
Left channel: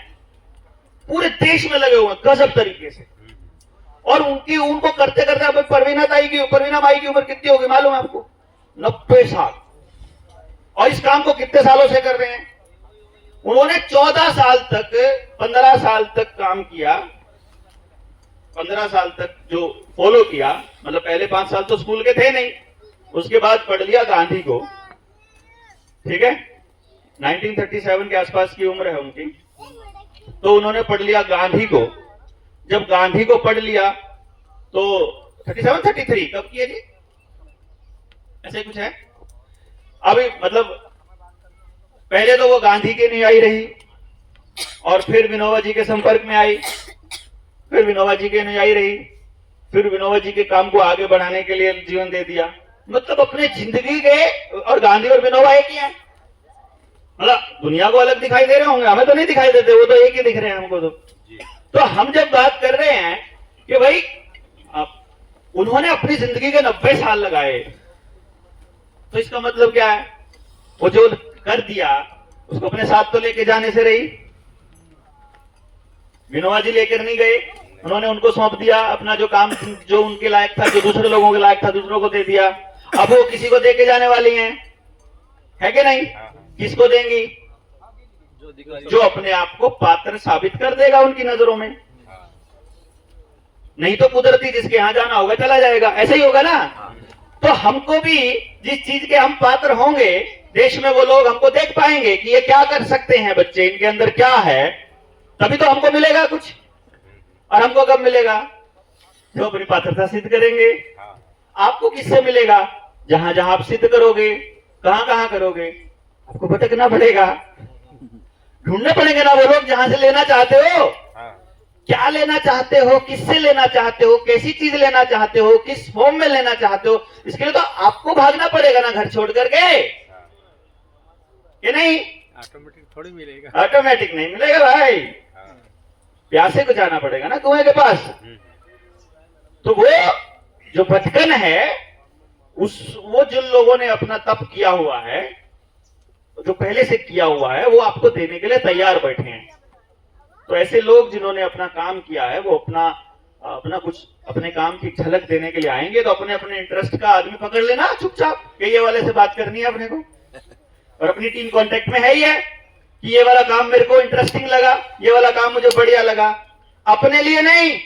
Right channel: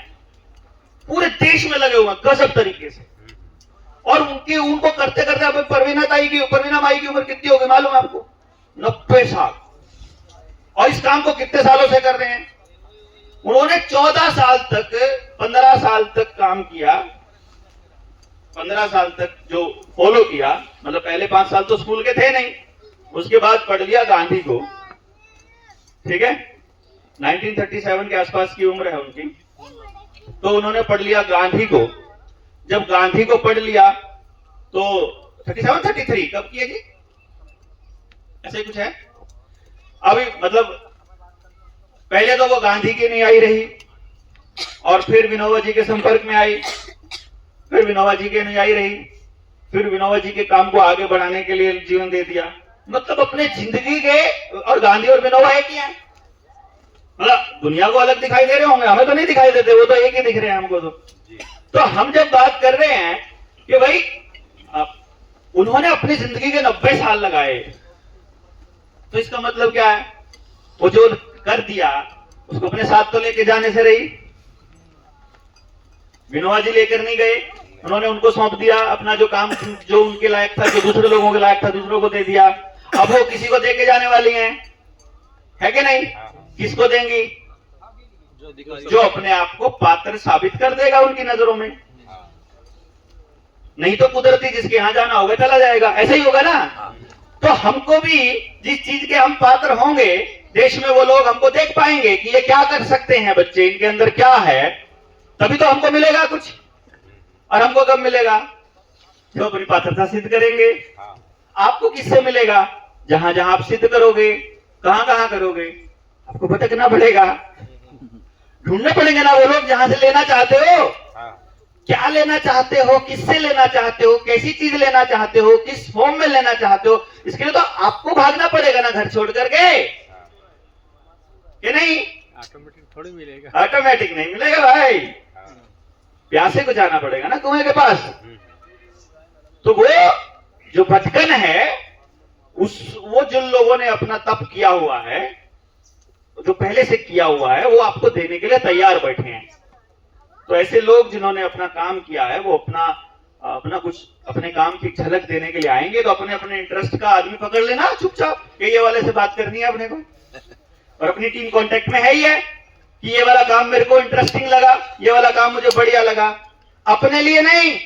पूरे देश में लगे हुए हैं गजब तरीके से। और उनको करते करते अब परवीना माई की उम्र कितनी होगी मालूम है आपको? 90 साल। और इस काम को कितने सालों से कर रहे हैं? उन्होंने 14 साल तक 15 साल तक काम किया, 15 साल तक जो फॉलो किया, मतलब पहले 5 साल तो स्कूल के थे नहीं, उसके बाद पढ़ लिया गांधी को। ठीक है, 1937 के आसपास की उम्र है उनकी, तो उन्होंने पढ़ लिया गांधी को। जब गांधी को पढ़ लिया तो 37-33 कब किए जी? ऐसे कुछ है अभी, मतलब पहले तो वो गांधी की नहीं आई रही, और फिर विनोबा जी के संपर्क में आई, फिर विनोबा जी के नहीं आई रही, फिर विनोबा जी के काम को आगे बढ़ाने के लिए जीवन दे दिया। मतलब अपने जिंदगी के, और गांधी और विनोबा एक ही है। मतलब दुनिया को अलग दिखाई दे रहे होंगे, हमें तो नहीं दिखाई देते, वो तो एक ही दिख रहे हैं हमको। तो हम जब बात कर रहे हैं कि भाई उन्होंने अपनी जिंदगी के 90 साल लगाए, तो इसका मतलब क्या है? वो जो कर दिया उसको अपने साथ तो लेके जाने से रही। विनोबा जी लेकर नहीं गए, उन्होंने उनको सौंप दिया अपना जो काम, जो उनके लायक था, जो दूसरे लोगों के लायक था, दूसरों को दे दिया। अब वो किसी को देके जाने वाली हैं, है कि नहीं? किसको देंगी? जो अपने आप को पात्र साबित कर देगा उनकी नजरों में। नहीं तो कुदरती जिसके यहां जाना होगा चला जाएगा, ऐसे ही होगा ना। तो हमको भी जिस चीज के हम पात्र होंगे, देश में वो लोग हमको देख पाएंगे कि ये क्या कर सकते हैं बच्चे, इनके अंदर क्या है, तभी तो हमको मिलेगा कुछ। और हमको कब मिलेगा? जो अपनी पात्रता सिद्ध करेंगे। आपको किससे मिलेगा? जहां जहां आप सिद्ध करोगे। कहां कहां करोगे? आपको भटकना पड़ेगा, ढूंढने पड़ेंगे ना वो लोग जहां से लेना चाहते हो। क्या लेना चाहते हो, किससे लेना चाहते हो, कैसी चीज लेना चाहते हो, किस फॉर्म में लेना चाहते हो, इसके लिए तो आपको भागना पड़ेगा ना घर छोड़ करके, कि नहीं? ऑटोमेटिक थोड़ी मिलेगा, ऑटोमेटिक नहीं मिलेगा भाई, प्यासे को जाना पड़ेगा ना कुएं के पास। तो वो जो भटकन है, वो जिन लोगों ने अपना तप किया हुआ है, जो पहले से किया हुआ है, वो आपको देने के लिए तैयार बैठे हैं। तो ऐसे लोग जिन्होंने अपना काम किया है, वो अपना अपना कुछ अपने काम की झलक देने के लिए आएंगे तो अपने अपने इंटरेस्ट का आदमी पकड़ लेना चुपचाप कि ये वाले से बात करनी है अपने को, और अपनी टीम कांटेक्ट में है ही है कि ये वाला काम मेरे को इंटरेस्टिंग लगा, ये वाला काम मुझे बढ़िया लगा। अपने लिए नहीं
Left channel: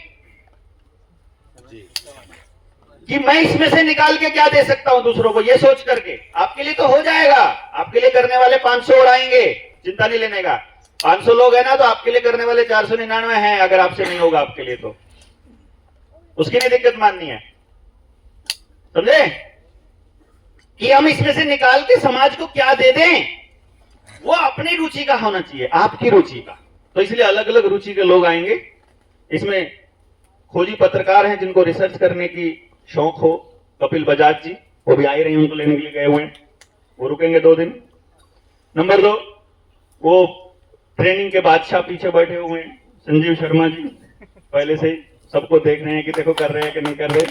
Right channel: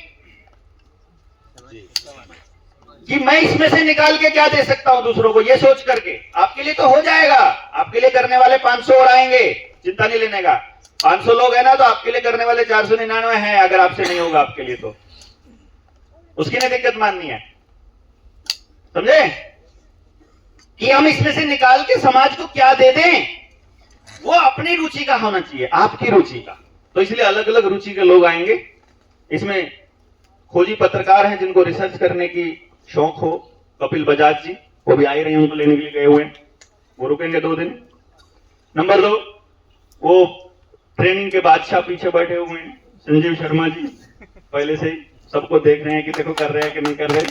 कि मैं इसमें से निकाल के क्या दे सकता हूं दूसरों को, ये सोच करके आपके लिए तो हो जाएगा। आपके लिए करने वाले 500 और आएंगे, चिंता नहीं लेने का। 500 लोग हैं ना, तो आपके लिए करने वाले 499 हैं। अगर आपसे नहीं होगा आपके लिए तो उसकी नहीं दिक्कत माननी है, समझे? कि हम इसमें से निकाल के समाज को क्या दे दें, वो अपनी रुचि का होना चाहिए, आपकी रुचि का। तो इसलिए अलग अलग रुचि के लोग आएंगे। इसमें खोजी पत्रकार हैं जिनको रिसर्च करने की शौक हो, कपिल बजाज जी, वो भी आ ही रहे हैं, उनको लेने के लिए गए हुए हैं, वो रुकेंगे 2 दिन। नंबर 2, वो ट्रेनिंग के बादशाह पीछे बैठे हुए हैं, संजीव शर्मा जी, पहले से ही सबको देख रहे हैं कि देखो कर रहे हैं कि नहीं कर रहे।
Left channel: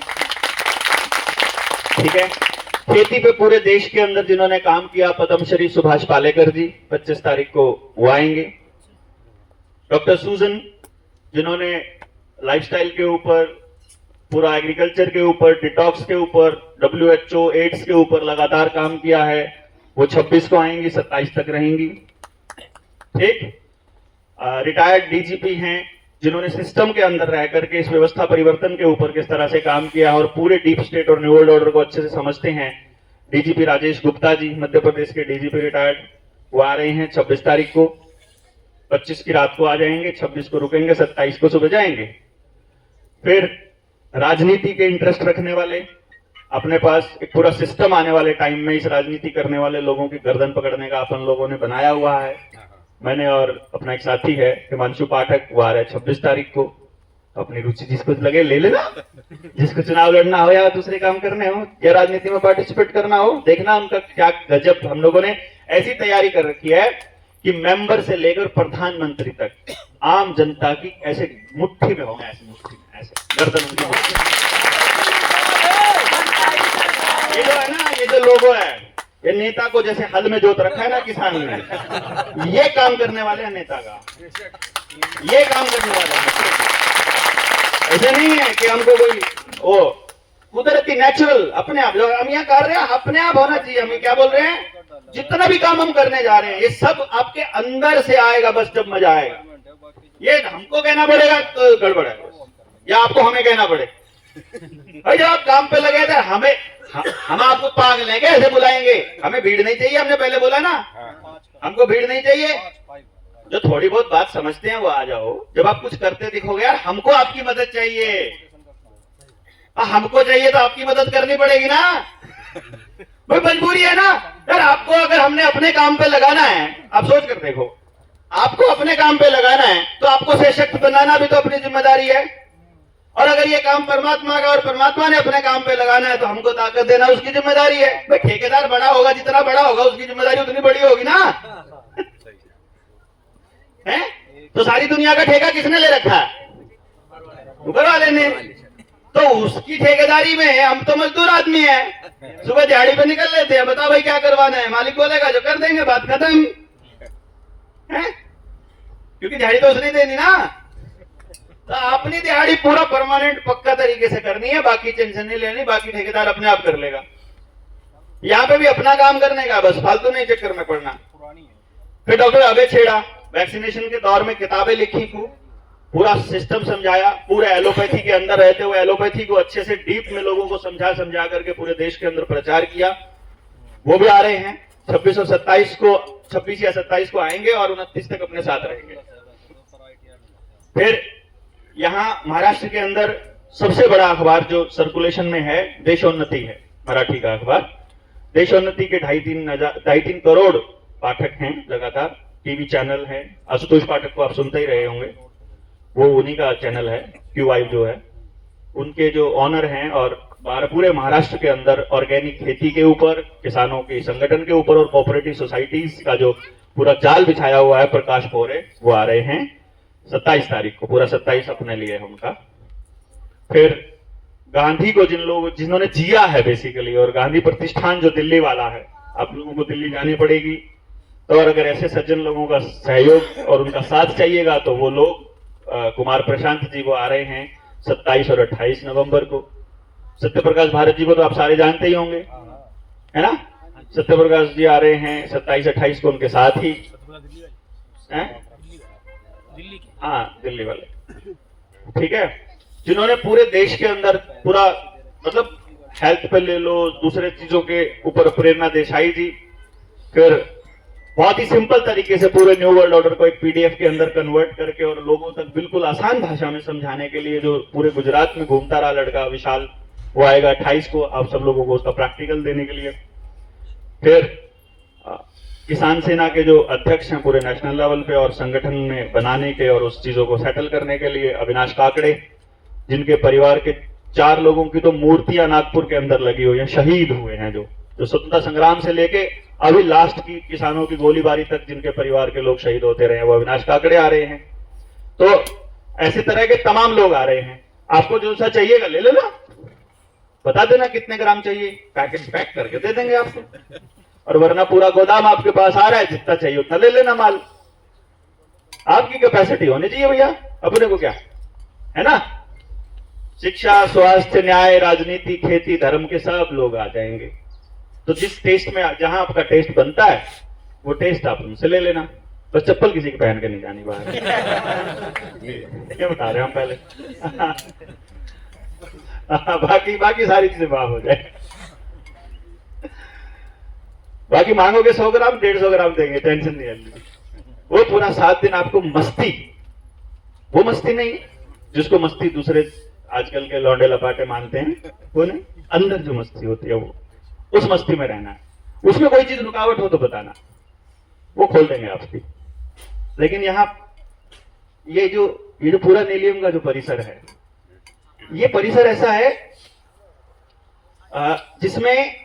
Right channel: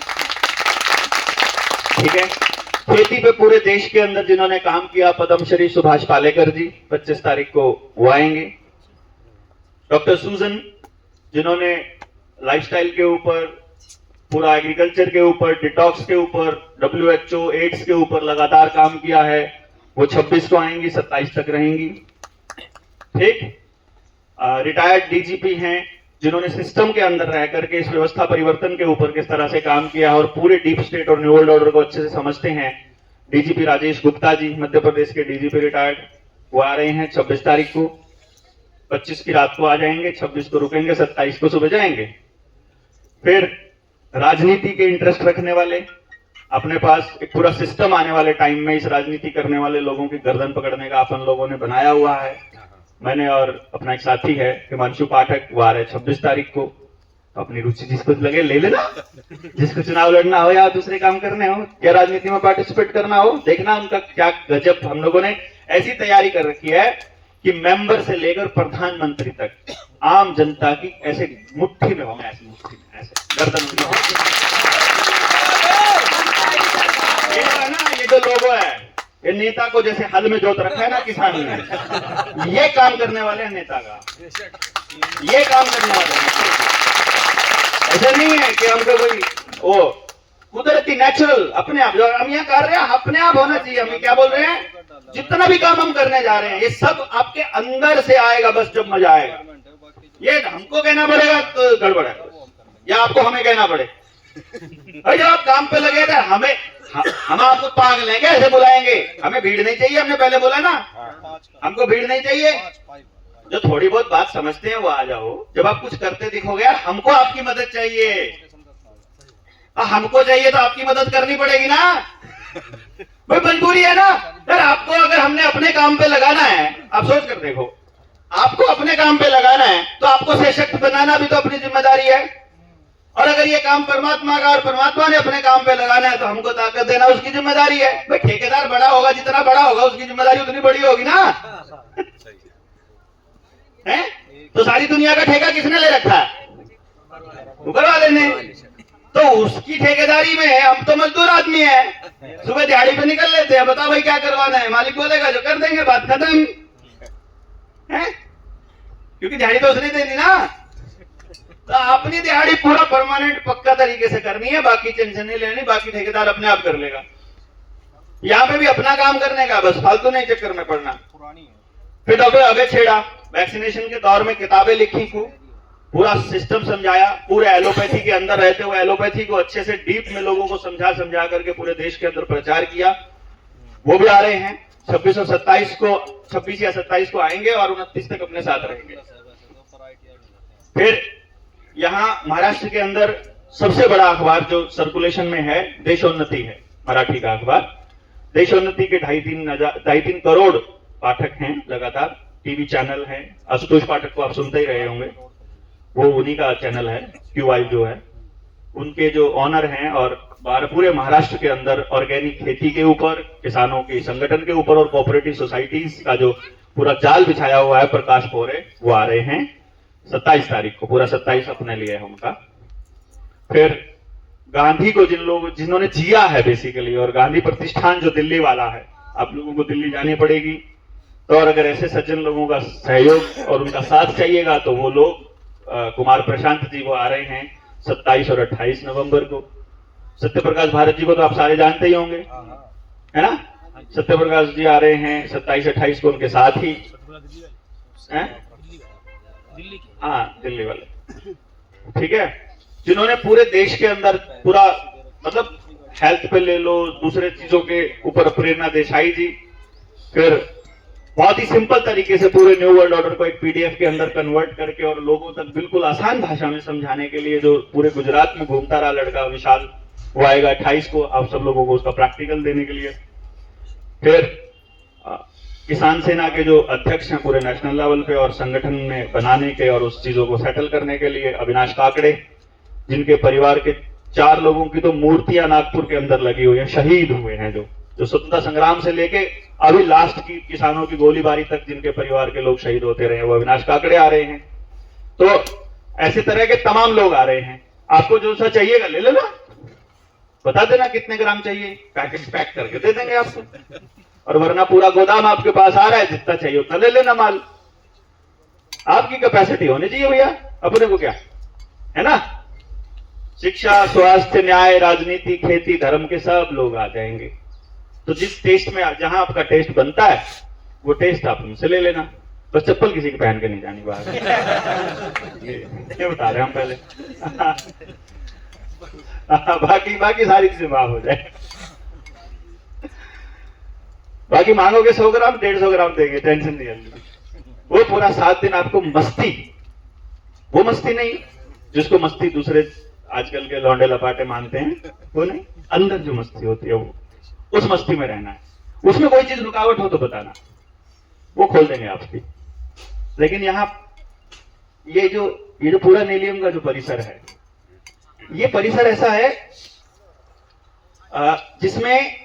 ठीक है। खेती पे पूरे देश के अंदर जिन्होंने काम किया, पद्मश्री सुभाष पालेकर जी 25 तारीख को वो आएंगे। डॉक्टर सूजन जिन्होंने लाइफस्टाइल के ऊपर, पूरा एग्रीकल्चर के ऊपर, डिटॉक्स के ऊपर, WHO एड्स के ऊपर लगातार काम किया है, वो 26 को आएंगी, 27 तक रहेंगी। ठीक। रिटायर्ड DGP हैं जिन्होंने सिस्टम के अंदर रह करके इस व्यवस्था परिवर्तन के ऊपर किस तरह से काम किया और पूरे डीप स्टेट और न्यू वर्ल्ड ऑर्डर को अच्छे से समझते हैं। DGP राजेश गुप्ता जी, मध्य प्रदेश के DGP रिटायर्ड, वो आ रहे हैं 26 तारीख को। 25 की रात को आ जाएंगे, 26 को रुकेंगे, 27 को सुबह जाएंगे। फिर राजनीति के इंटरेस्ट रखने वाले, अपने पास एक पूरा सिस्टम आने वाले टाइम में इस राजनीति करने वाले लोगों की गर्दन पकड़ने का अपन लोगों ने बनाया हुआ है। मैंने और अपना एक साथी है हिमांशु पाठक, वो आ रहे हैं 26 तारीख को। अपनी रुचि जिसको लगे ले लेना, जिसको चुनाव लड़ना हो या दूसरे काम करने हो या राजनीति में पार्टिसिपेट करना हो, देखना उनका क्या गजब। हम लोगों ने ऐसी तैयारी कर रखी है कि मेंबर से लेकर प्रधानमंत्री तक आम जनता की ऐसे मुट्ठी में होंगे, ऐसे मुट्ठी में, ऐसे गर्दन में। ये जो है ना, ये जो लोगो है, ये नेता को जैसे हल में जोत रखा है ना किसान ने, ये काम करने वाले हैं नेता का, ये काम करने वाले हैं। ऐसा नहीं है कि हमको कोई ओ कुदरती नेचुरल अपने आप, जो हम यहाँ कर रहे हैं अपने आप होना चाहिए। हम क्या बोल रहे हैं, जितना भी काम हम करने जा रहे हैं ये सब आपके अंदर से आएगा, बस जब मजा आएगा। ये हमको कहना पड़ेगा तो गड़बड़ है, या आपको हमें कहना पड़े। और जब आप काम पे लगे थे, हम आपको पागल हैं कैसे बुलाएंगे? हमें भीड़ नहीं चाहिए, हमने पहले बोला ना, हमको भीड़ नहीं चाहिए। जो थोड़ी बहुत बात समझते हैं वो आ जाओ। जब आप कुछ करते दिखोगे, यार हमको आपकी मदद चाहिए, हमको चाहिए तो आपकी मदद करनी पड़ेगी ना, भाई मजबूरी है ना। यार आपको अगर हमने अपने काम पे लगाना है, आप सोच कर देखो, आपको अपने काम पे लगाना है तो आपको सशक्त बनाना भी तो अपनी जिम्मेदारी है। और अगर ये काम परमात्मा का और परमात्मा ने अपने काम पे लगाना है तो हमको ताकत देना उसकी जिम्मेदारी है। भाई ठेकेदार बड़ा होगा, जितना बड़ा होगा उसकी जिम्मेदारी उतनी बड़ी होगी ना, है? तो सारी दुनिया का ठेका किसने ले रखा है? ऊपर वाले ने। तो उसकी ठेकेदारी में हम तो मजदूर आदमी है, सुबह दिहाड़ी पे निकल लेते हैं, बताओ भाई क्या करवाना है, मालिक बोलेगा जो कर देंगे, बात खत्म है। क्योंकि दिहाड़ी तो उसने देनी ना। तो अपनी दिहाड़ी पूरा परमानेंट पक्का तरीके से करनी है, बाकी टेंशन नहीं लेनी, बाकी ठेकेदार अपने आप कर लेगा। यहाँ पे भी अपना काम करने का, बस फालतू नहीं चक्कर में पड़ना। फिर डॉक्टर अभय छेड़ा वैक्सीनेशन के दौर में किताबें लिखी, पूरा सिस्टम समझाया, पूरे एलोपैथी के अंदर रहते हुए एलोपैथी को अच्छे से डीप में लोगों को समझा करके पूरे देश के अंदर प्रचार किया। वो भी आ रहे हैं 26 और 27 को, 26 या 27 को आएंगे और 29 तक अपने साथ रहेंगे। फिर यहाँ महाराष्ट्र के अंदर सबसे बड़ा अखबार जो सर्कुलेशन में है देशोन्नति है, मराठी का अखबार। देशोन्नति के 2.5-3 करोड़ पाठक हैं लगातार। टीवी चैनल है, आशुतोष पाठक को आप सुनते ही रहे होंगे, वो उन्हीं का चैनल है, QI जो है, उनके जो ऑनर हैं। और पूरे महाराष्ट्र के अंदर ऑर्गेनिक खेती के ऊपर, किसानों के संगठन के ऊपर और कोऑपरेटिव सोसाइटीज का जो पूरा जाल बिछाया हुआ है प्रकाश पोरे, वो आ रहे हैं 27 तारीख को। पूरा 27 अपने लिए है उनका। फिर गांधी को जिन्होंने जिया है बेसिकली, और गांधी प्रतिष्ठान जो दिल्ली वाला है, आप लोगों को दिल्ली जानी पड़ेगी। तो और अगर ऐसे सज्जन लोगों का सहयोग और उनका साथ चाहिएगा तो वो लोग कुमार प्रशांत जी वो आ रहे हैं 27 और 28 नवंबर को। सत्य प्रकाश भारत जी को तो आप सारे जानते ही होंगे, है ना। सत्य प्रकाश जी आ रहे हैं 27-28 को उनके साथ ही, हैं? हाँ, दिल्ली वाले, ठीक है, जिन्होंने पूरे देश के अंदर पूरा मतलब हेल्थ पे ले लो, दूसरे चीजों के ऊपर प्रेरणा देसाई जी, फिर बहुत ही सिंपल तरीके से पूरे न्यू वर्ल्ड ऑर्डर को एक पीडीएफ के अंदर कन्वर्ट करके और लोगों तक बिल्कुल आसान भाषा में समझाने के लिए जो पूरे गुजरात में घूमता रहा लड़का विशाल, वो आएगा 28 को आप सब लोगों को उसका प्रैक्टिकल देने के लिए। फिर किसान सेना के जो अध्यक्ष हैं पूरे नेशनल लेवल पे और संगठन में बनाने के और उस चीजों को सेटल करने के लिए अविनाश काकड़े, जिनके परिवार के 4 लोगों की तो मूर्तियां नागपुर के अंदर लगी हुई है, शहीद हुए हैं, जो स्वतंत्रता संग्राम से लेके अभी लास्ट की किसानों की गोलीबारी तक जिनके परिवार के लोग शहीद होते रहे, वो अविनाश काकड़े आ रहे हैं। तो ऐसे तरह के तमाम लोग आ रहे हैं। आपको जो सा चाहिएगा ले लेना, बता देना कितने ग्राम चाहिए, पैकेट पैक करके दे देंगे आपको, और वरना पूरा गोदाम आपके पास आ रहा है, जितना चाहिए उतना ले लेना माल। आपकी कैपेसिटी होनी चाहिए भैया, अपने को क्या है ना। शिक्षा, स्वास्थ्य, न्याय, राजनीति, खेती, धर्म के सब लोग आ जाएंगे। तो जिस टेस्ट में जहां आपका टेस्ट बनता है वो टेस्ट आप उनसे ले लेना, बस चप्पल किसी की पहन के नहीं जानी बाहर। ये बता रहे हम पहले। बाकी सारी चीजें माफ हो जाए। बाकी मांगोगे 100 ग्राम 150 ग्राम देंगे, टेंशन नहीं है। वो पूरा 7 दिन आपको मस्ती, वो मस्ती नहीं जिसको मस्ती दूसरे आजकल के लौंडे लपाटे मानते हैं, वो नहीं, अंदर जो मस्ती होती है वो, उस मस्ती में रहना है। उसमें कोई चीज रुकावट हो तो बताना, वो खोल देंगे आपकी। लेकिन यहाँ ये जो पूरा नीलियम का जो परिसर है, ये परिसर ऐसा है जिसमें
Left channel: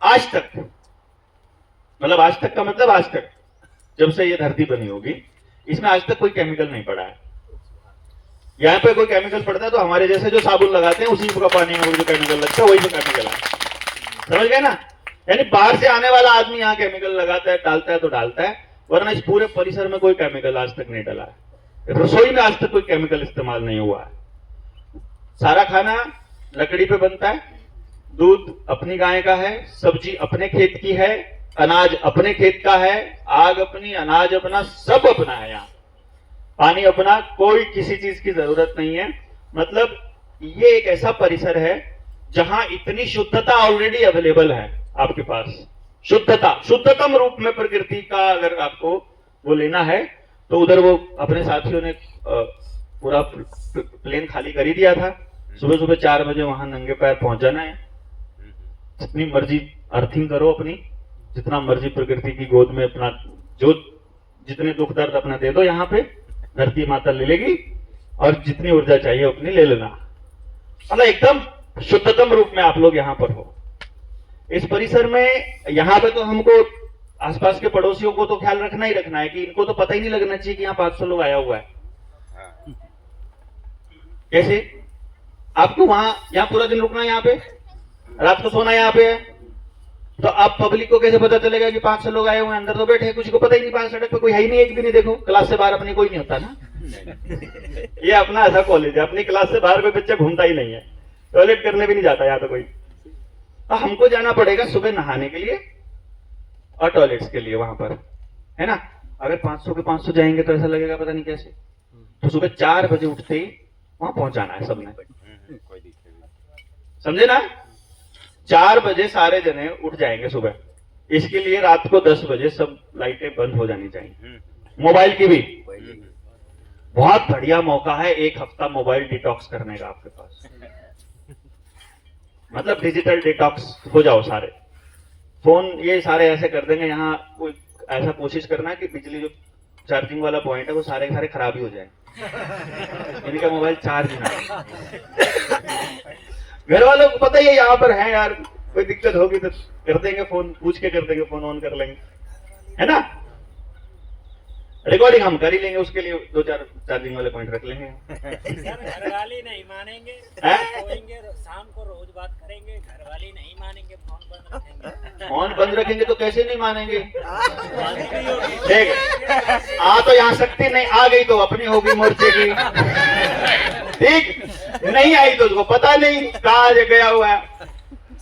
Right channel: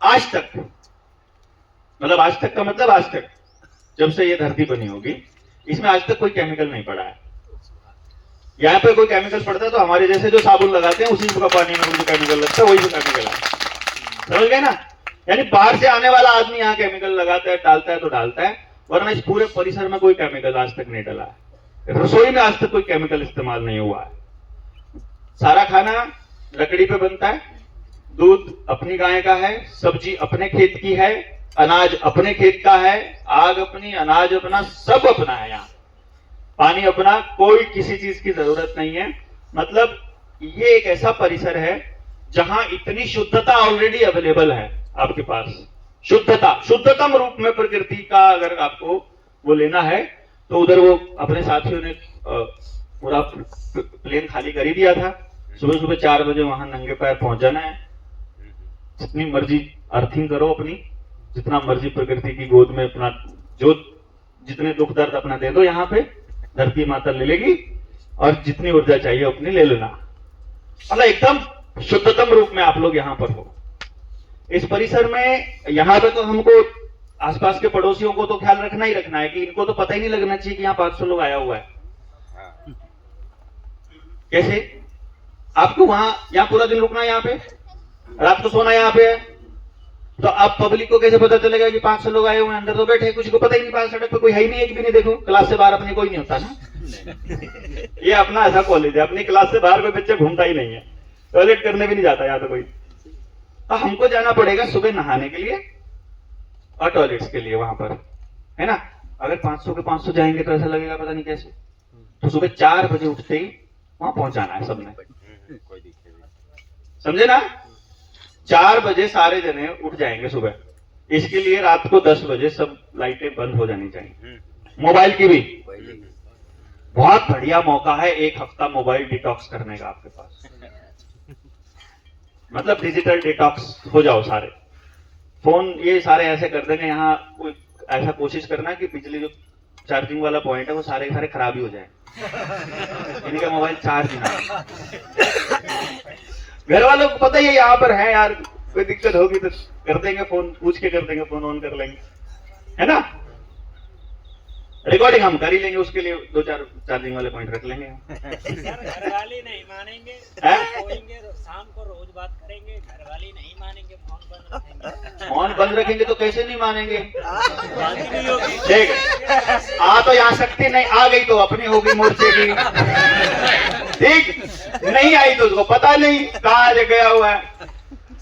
आज तक, मतलब आज तक का मतलब आज तक जब से ये धरती बनी होगी, इसमें आज तक कोई केमिकल नहीं पड़ा है। यहाँ पे कोई केमिकल पड़ता है तो हमारे जैसे जो साबुन लगाते हैं उसी का पानी में जो केमिकल लगता है वही जो केमिकल है, समझ गए ना। यानी बाहर से आने वाला आदमी यहाँ केमिकल लगाता है, डालता है तो डालता है, वरना इस पूरे परिसर में कोई केमिकल आज तक नहीं डला है। रसोई में आज तक कोई केमिकल इस्तेमाल नहीं हुआ है। सारा खाना लकड़ी पे बनता है, दूध अपनी गाय का है, सब्जी अपने खेत की है, अनाज अपने खेत का है, आग अपनी, अनाज अपना, सब अपना है। यहाँ पानी अपना, कोई किसी चीज की जरूरत नहीं है। मतलब ये एक ऐसा परिसर है जहां इतनी शुद्धता ऑलरेडी अवेलेबल है आपके पास। शुद्धता, शुद्धतम रूप में प्रकृति का अगर आपको वो लेना है तो उधर वो अपने साथियों ने पूरा प्लेन खाली कर ही दिया था। सुबह सुबह 4 बजे वहां नंगे पैर पहुंच जाना है, जितनी मर्जी अर्थिंग करो अपनी, जितना मर्जी प्रकृति की गोद में अपना जो जितने दुख दर्द अपना दे दो, यहाँ पे धरती माता ले लेगी और जितनी ऊर्जा चाहिए अपनी ले लेना। मतलब एकदम शुद्धतम रूप में आप लोग यहाँ पर हो इस परिसर में। यहाँ पे तो हमको आसपास के पड़ोसियों को तो ख्याल रखना ही रखना है कि इनको तो पता ही नहीं लगना चाहिए कि यहाँ 500 लोग आया हुआ है। कैसे आपको वहां यहाँ पूरा दिन रुकना है, यहाँ पे रात को सोना यहाँ पे है, तो आप पब्लिक को कैसे पता चलेगा कि 500 लोग आए हुए हैं? अंदर तो बैठे, किसी को पता ही नहीं, बाहर सड़क पे कोई है ही नहीं, एक भी नहीं। देखो क्लास से बाहर अपने कोई नहीं होता ना। ये अपना ऐसा कॉलेज है, अपनी क्लास से बाहर कोई बच्चा घूमता ही नहीं है, टॉयलेट करने भी नहीं जाता यहाँ तो कोई। तो हमको जाना पड़ेगा सुबह नहाने के लिए और टॉयलेट्स के लिए वहां पर, है ना। अगर 500 के 500 जाएंगे तो ऐसा लगेगा पता नहीं कैसे। तो सुबह 4 बजे उठते ही वहां पहुंचाना है सबने, समझे ना। 4 बजे सारे जने उठ जाएंगे सुबह। इसके लिए रात को 10 बजे सब लाइटें बंद हो जानी चाहिए, मोबाइल की भी। बहुत बढ़िया मौका है 1 हफ्ता मोबाइल डिटॉक्स करने का आपके पास। मतलब डिजिटल डिटॉक्स हो जाओ सारे। फोन ये सारे ऐसे कर देंगे, यहाँ कोई ऐसा कोशिश करना कि बिजली जो चार्जिंग वाला पॉइंट है वो सारे खराब ही हो जाए, इनका मोबाइल चार्ज ना। घर वालों को पता ही है यहाँ पर है यार, कोई दिक्कत होगी तो कर देंगे फोन, पूछ के कर देंगे, फोन ऑन कर लेंगे, है ना। रिकॉर्डिंग हम कर ही लेंगे, उसके लिए 2-4 चार्जिंग वाले पॉइंट रख लेंगे। घर वाले नहीं मानेंगे, शाम को रोज बात करेंगे, घर वाले नहीं मानेंगे, फोन बंद रखेंगे। फोन बंद रखेंगे तो कैसे नहीं मानेंगे? ठीक, आ तो यहाँ शक्ति नहीं, आ गई तो अपनी होगी मोर्चे की। ठीक, नहीं आई तो उसको पता नहीं कहाँ से गया हुआ है।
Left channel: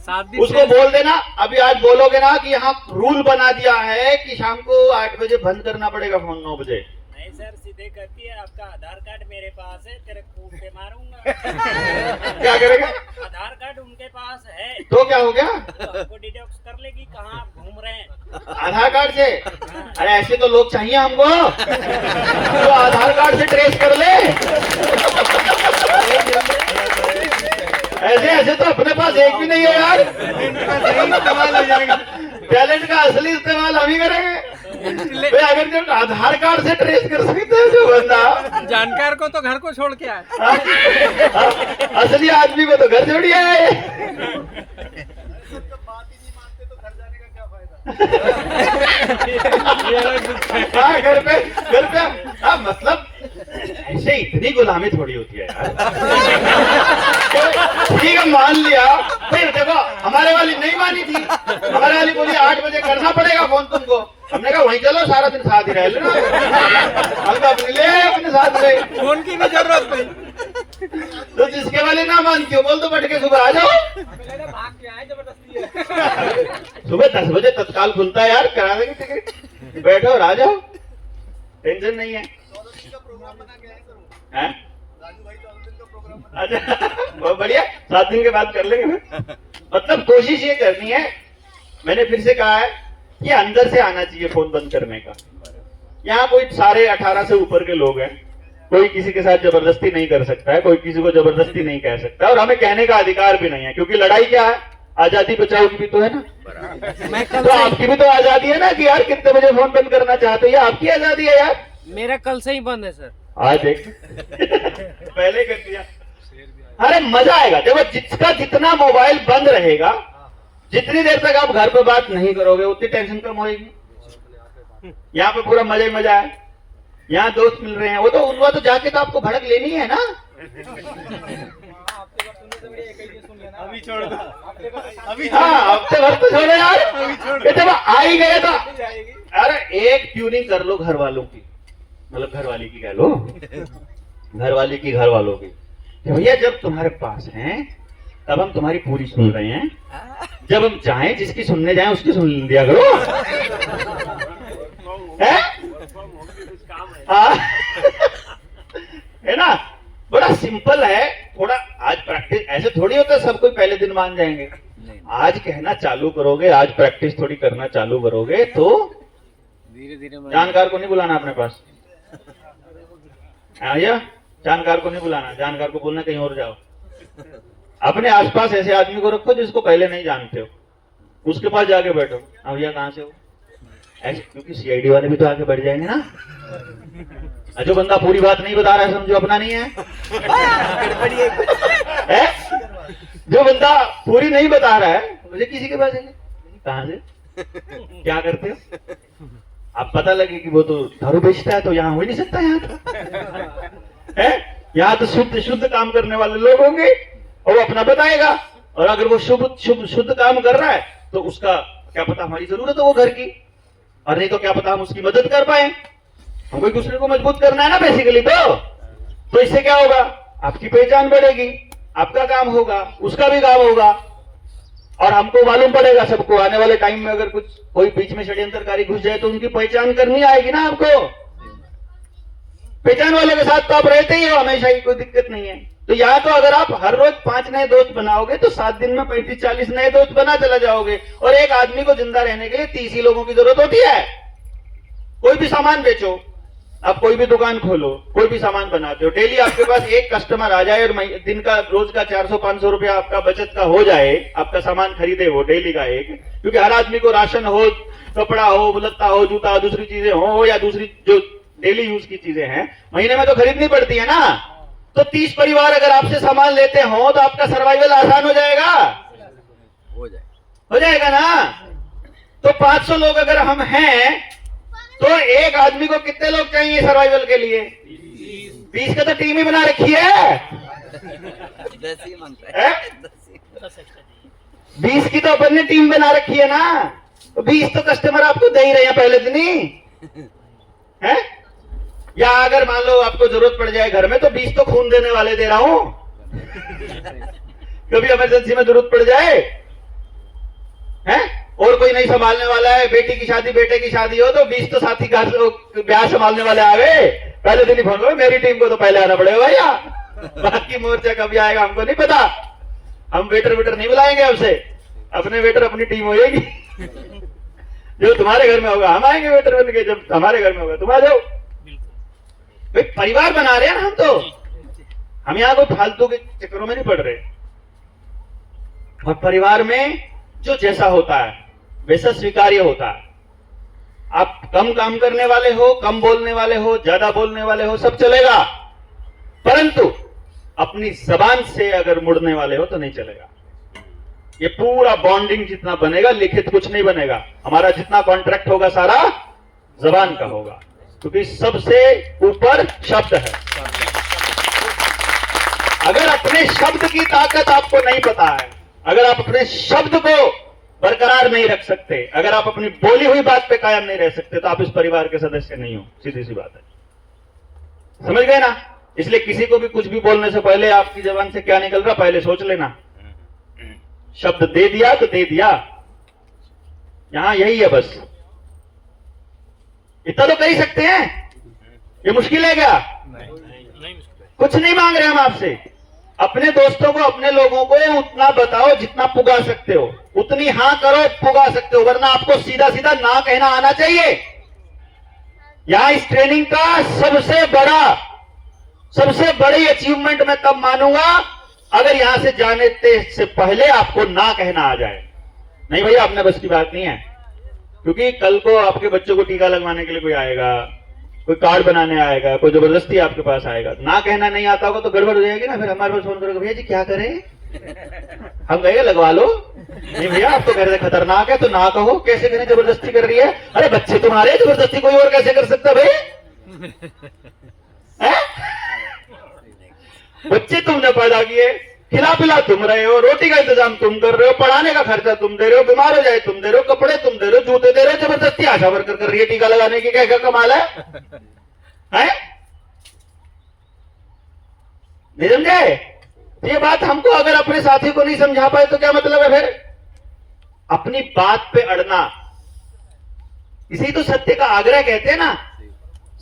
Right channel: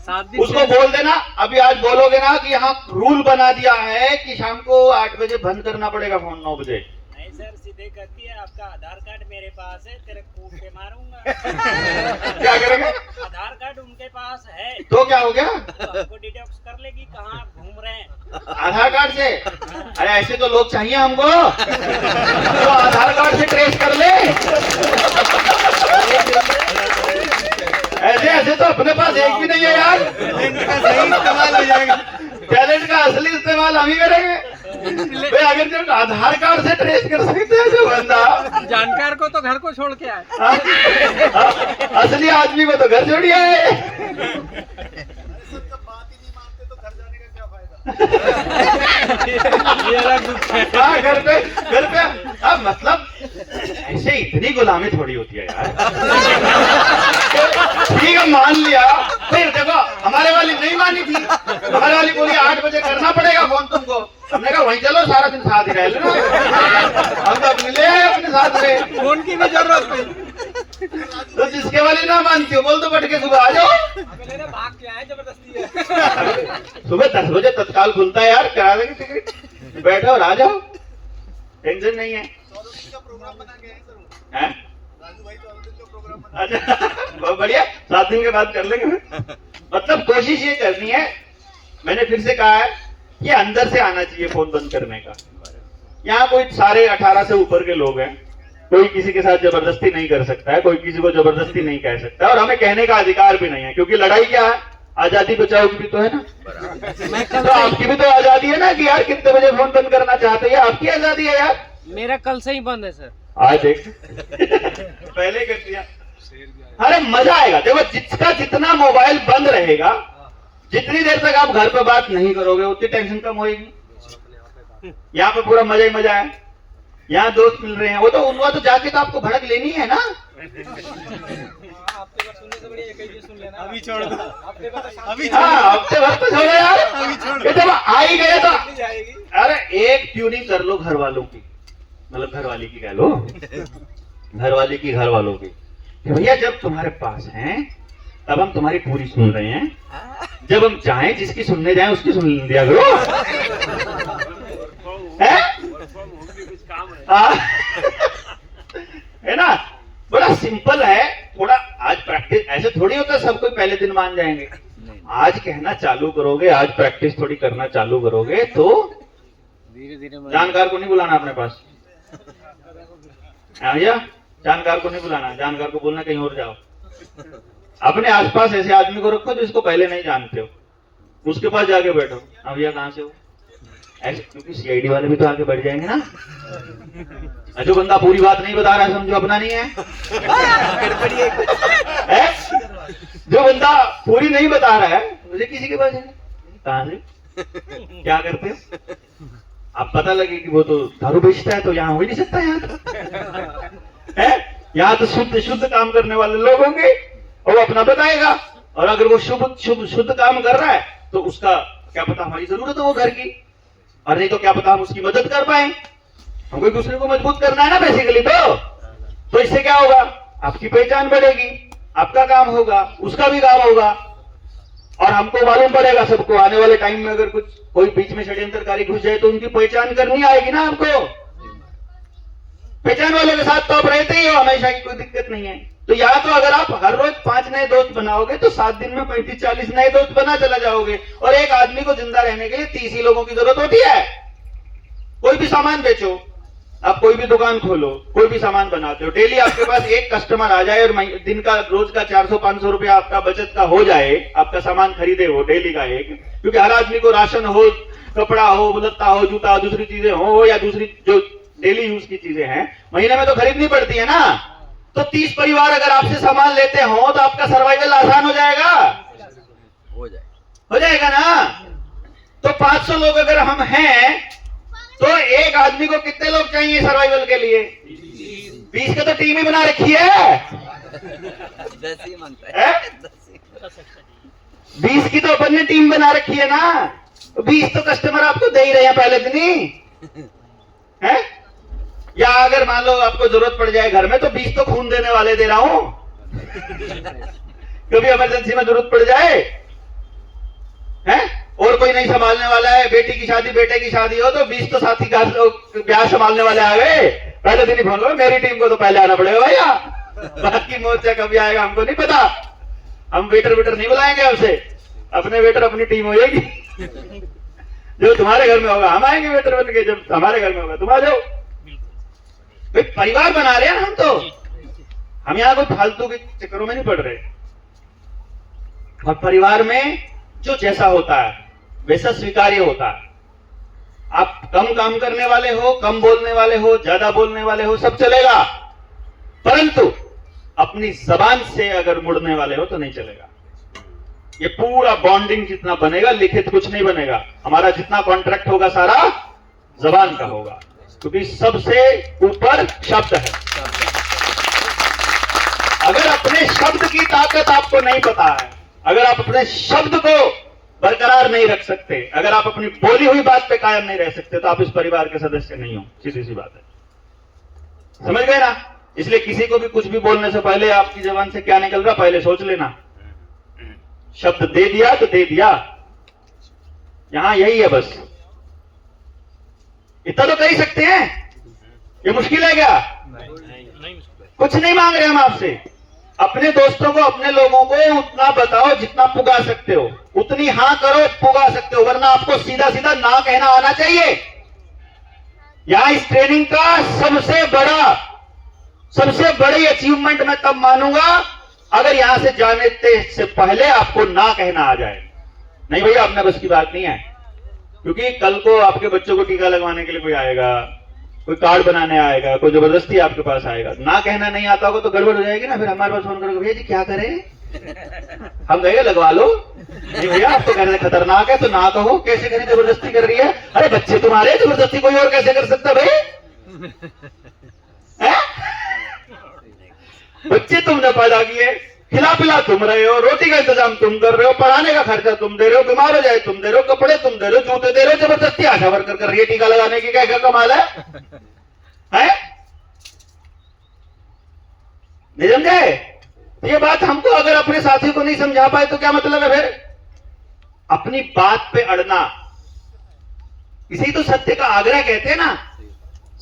7 दिन उसको बोल देना, अभी आज बोलोगे ना कि यहाँ रूल बना दिया है कि शाम को 8 बजे बंद करना पड़ेगा फोन, 9 बजे। नहीं सर, सीधे कहती है आपका आधार कार्ड मेरे पास है, तेरे कूट के मारूंगा। क्या करेगा? आधार कार्ड उनके पास है तो क्या हो गया? तो हमको डिटेक्ट कर लेगी कहाँ आप घूम रहे हैं। आधार कार्ड से? अरे ऐसे तो लोग चाहिए हमको तो आधार कार्ड से ट्रेस कर ले। ऐसे ऐसे तो अपने पास एक भी नहीं है यार। टैलेंट का असली इस्तेमाल हम ही करेंगे। भाई अगर जब आधार कार्ड से ट्रेस कर सकते हैं जो बंदा, जानकार को तो घर को छोड़ के आए। असली आदमी को तो घर छोड़िए है। हाँ, घर पे अब मतलब ऐसे इतनी गुलामी थोड़ी होती है यार। ठीक है, मान लिया, फिर देखो हमारे वाली नहीं मानी थी, हमारे वाली बोली 8 बजे करना पड़ेगा फोन तुमको। हमने कहा वहीं चलो, सारा दिन साथ ही रह लेना, हम तो अपने ले आए अपने साथ में, फोन की भी जरूरत नहीं। तो जिसके वाले ना मानती हो बोल तो बैठ के सुबह आ जाओ। भाग के आए, जबरदस्ती है। सुबह 10 बजे तत्काल खुलता है यार, करा देंगे टिकट, बैठो और आ जाओ, टेंशन नहीं है। हैं? अच्छा, बहुत बढ़िया, 7 दिन के बाद कर लेंगे। मतलब कोशिश ये करनी है, मैंने फिर से कहा है, ये अंदर से आना चाहिए फोन बंद करने का। यहाँ कोई सारे 18 से ऊपर के लोग हैं, कोई किसी के साथ जबरदस्ती नहीं कर सकता है, कोई किसी को जबरदस्ती नहीं कह सकता, और हमें कहने का अधिकार भी नहीं है, क्योंकि लड़ाई क्या है, आजादी बचाओ की भी तो है ना। तो आपकी भी तो आजादी है ना कि यार कितने बजे फोन बंद करना चाहते हो, ये आपकी आजादी है यार। मेरा कल से ही बंद है सर। आज देख पहले कर दिया। अरे मजा आएगा, देखो जिसका जितना मोबाइल बंद रहेगा, जितनी देर तक आप घर पे बात नहीं करोगे उतनी टेंशन कम होगी। यहाँ पे पूरा मजा ही मजा है, यहाँ दोस्त मिल रहे हैं, वो तो जाके तो आपको भड़क लेनी है ना। अभी छोड़ दो, हाँ, हफ्ते भर तो छोड़ो यार, ये देखो आ ही गए तो। अरे एक ट्यूनिंग कर लो घर वालों की, मतलब घर वाली की कह लो, घर वाली की घर वालों की, भैया जब तुम्हारे पास हैं तब हम तुम्हारी पूरी सुन रहे हैं, जब हम चाहें जिसकी सुनने जाएं उसकी सुन लिया करो। है ना, बड़ा सिंपल है। थोड़ा आज प्रैक्टिस, ऐसे थोड़ी होता है सब कोई पहले दिन मान जाएंगे। आज कहना चालू करोगे, आज प्रैक्टिस थोड़ी करना चालू करोगे तो धीरे धीरे जानकार को नहीं बुलाना अपने पास। भैया जानकार को नहीं बुलाना, जानकार को बोलना कहीं और जाओ। अपने आसपास ऐसे आदमी को रखो जिसको पहले नहीं जानते हो, उसके पास जाके बैठो। भैया कहाँ से हो, ऐसे, क्योंकि सीआईडी वाले भी तो आगे बढ़ जाएंगे ना। जो बंदा पूरी बात नहीं बता रहा है समझो अपना नहीं है। जो बंदा पूरी नहीं बता रहा है मुझे किसी के पास जाएंगे, कहाँ से, क्या करते हो आप, पता लगे कि वो तो दारू बेचता है तो यहाँ हो ही नहीं सकता। यहाँ तो शुद्ध काम करने वाले लोग होंगे और वो अपना बताएगा, और अगर वो शुद्ध काम कर रहा है तो उसका क्या पता हमारी जरूरत है वो घर की, और नहीं तो क्या पता हम उसकी मदद कर पाए। हमको एक दूसरे को मजबूत करना है ना बेसिकली। तो इससे क्या होगा, आपकी पहचान बढ़ेगी, आपका काम होगा, उसका भी काम होगा, और हमको मालूम पड़ेगा सबको आने वाले टाइम में अगर कुछ कोई बीच में षड्यंत्रकारी घुस जाए तो उनकी पहचान करनी आएगी ना आपको। पहचान वाले के साथ तो आप रहते ही हो हमेशा, की कोई दिक्कत नहीं है। तो यहाँ तो अगर आप हर रोज 5 नए दोस्त बनाओगे तो 7 दिन में 35-40 नए दोस्त बना चला जाओगे, और एक आदमी को जिंदा रहने के लिए 30 ही लोगों की जरूरत होती है। कोई भी सामान बेचो, आप कोई भी दुकान खोलो, कोई भी सामान बनाते हो, डेली आपके पास एक कस्टमर आ जाए और दिन का रोज का 400-500 रुपया आपका बचत का हो जाए, आपका सामान खरीदे वो डेली का एक, क्योंकि हर आदमी को राशन हो, कपड़ा हो, लत्ता हो, जूता हो, दूसरी चीजें हो, या दूसरी जो डेली यूज की चीजें हैं महीने में तो खरीदनी पड़ती है ना। तो 30 परिवार अगर आपसे सामान लेते हो तो आपका सर्वाइवल आसान हो जाएगा, हो जाएगा ना। तो 500 लोग अगर हम हैं तो एक आदमी को कितने लोग चाहिए सर्वाइवल के लिए? 20 का तो टीम ही बना रखी है। 10 ही मांगता है। 20 की तो अपन ने टीम बना रखी है ना, 20 तो कस्टमर आपको दे ही रहे हैं पहले दिन ही है। या अगर मान लो आपको जरूरत पड़ जाए घर में तो 20 तो खून देने वाले दे रहा हूं। कभी इमरजेंसी में जरूरत पड़ जाए, हैं, और कोई नहीं संभालने वाला है, बेटी की शादी बेटे की शादी हो तो 20 तो साथी का ब्याह संभालने वाले आ गए, पहले दिन ही फोन करो मेरी टीम को तो पहले आना पड़ेगा भैया, बाकी मोर्चा कभी आएगा हमको नहीं पता, हम वेटर नहीं बुलाएंगे हमसे, अपने वेटर अपनी टीम हो जाएगी। जो तुम्हारे घर में होगा हम आएंगे वेटर बन के, जब हमारे घर में होगा तुम आ जाओ। भाई परिवार बना रहे हैं हम तो, हम यहाँ कोई फालतू के चक्करों में नहीं पड़ रहे। और परिवार में जो जैसा होता है वैसा स्वीकार्य होता है। आप कम काम करने वाले हो, कम बोलने वाले हो, ज्यादा बोलने वाले हो, सब चलेगा, परंतु अपनी जबान से अगर मुड़ने वाले हो तो नहीं चलेगा। ये पूरा बॉन्डिंग जितना बनेगा, लिखित कुछ नहीं बनेगा। हमारा जितना कॉन्ट्रैक्ट होगा सारा जबान का होगा, क्योंकि सबसे ऊपर शब्द है। अगर अपने शब्द की ताकत आपको नहीं पता है, अगर आप अपने शब्द को बरकरार नहीं रख सकते, अगर आप अपनी बोली हुई बात पे कायम नहीं रह सकते, तो आप इस परिवार के सदस्य नहीं हो। सीधी सी बात है, समझ गए ना? इसलिए किसी को भी कुछ भी बोलने से पहले आपकी जबान से क्या निकल रहा पहले सोच लेना। शब्द दे दिया तो दे दिया, यहां यही है बस। इतना तो कर ही सकते हैं, ये मुश्किल है क्या? कुछ नहीं मांग रहे हम आपसे। अपने दोस्तों को, अपने लोगों को उतना बताओ जितना पुगा सकते हो, उतनी हां करो पुगा सकते हो, वरना आपको सीधा सीधा ना कहना आना चाहिए। यहां इस ट्रेनिंग का सबसे बड़ी अचीवमेंट मैं तब मानूंगा अगर यहां से जाने से पहले आपको ना कहना आ जाए। नहीं भैया अपना बस की बात नहीं है, क्योंकि कल को आपके बच्चों को टीका लगवाने के लिए कोई आएगा, कोई कार्ड बनाने आएगा, कोई जबरदस्ती आपके पास आएगा, ना कहना नहीं आता होगा तो गड़बड़ हो जाएगी ना। फिर हमारे पास फोन करोगे भैया जी क्या करें, हम कहेंगे लगवा लो। नहीं भैया आप तो कह रहे हैं खतरनाक है तो ना कहो, कैसे करें, जबरदस्ती कर रही है। अरे बच्चे तुम्हारे, जबरदस्ती कोई और कैसे कर सकता भाई? बच्चे तुमने पैदा किए, खिला पिला तुम रहे हो, रोटी का इंतजाम तुम कर रहे हो, पढ़ाने का खर्चा तुम दे रहे हो, बीमार हो जाए तुम दे रहे हो, कपड़े तुम दे रहे हो, जूते दे रहे हो, जबरदस्ती आशा वर्कर कर रही है टीका लगाने की, क्या कमाल है? नहीं समझे? ये बात हमको अगर अपने साथी को नहीं समझा पाए तो क्या मतलब है फिर? अपनी बात पे अड़ना, इसी तो सत्य का आग्रह कहते हैं ना,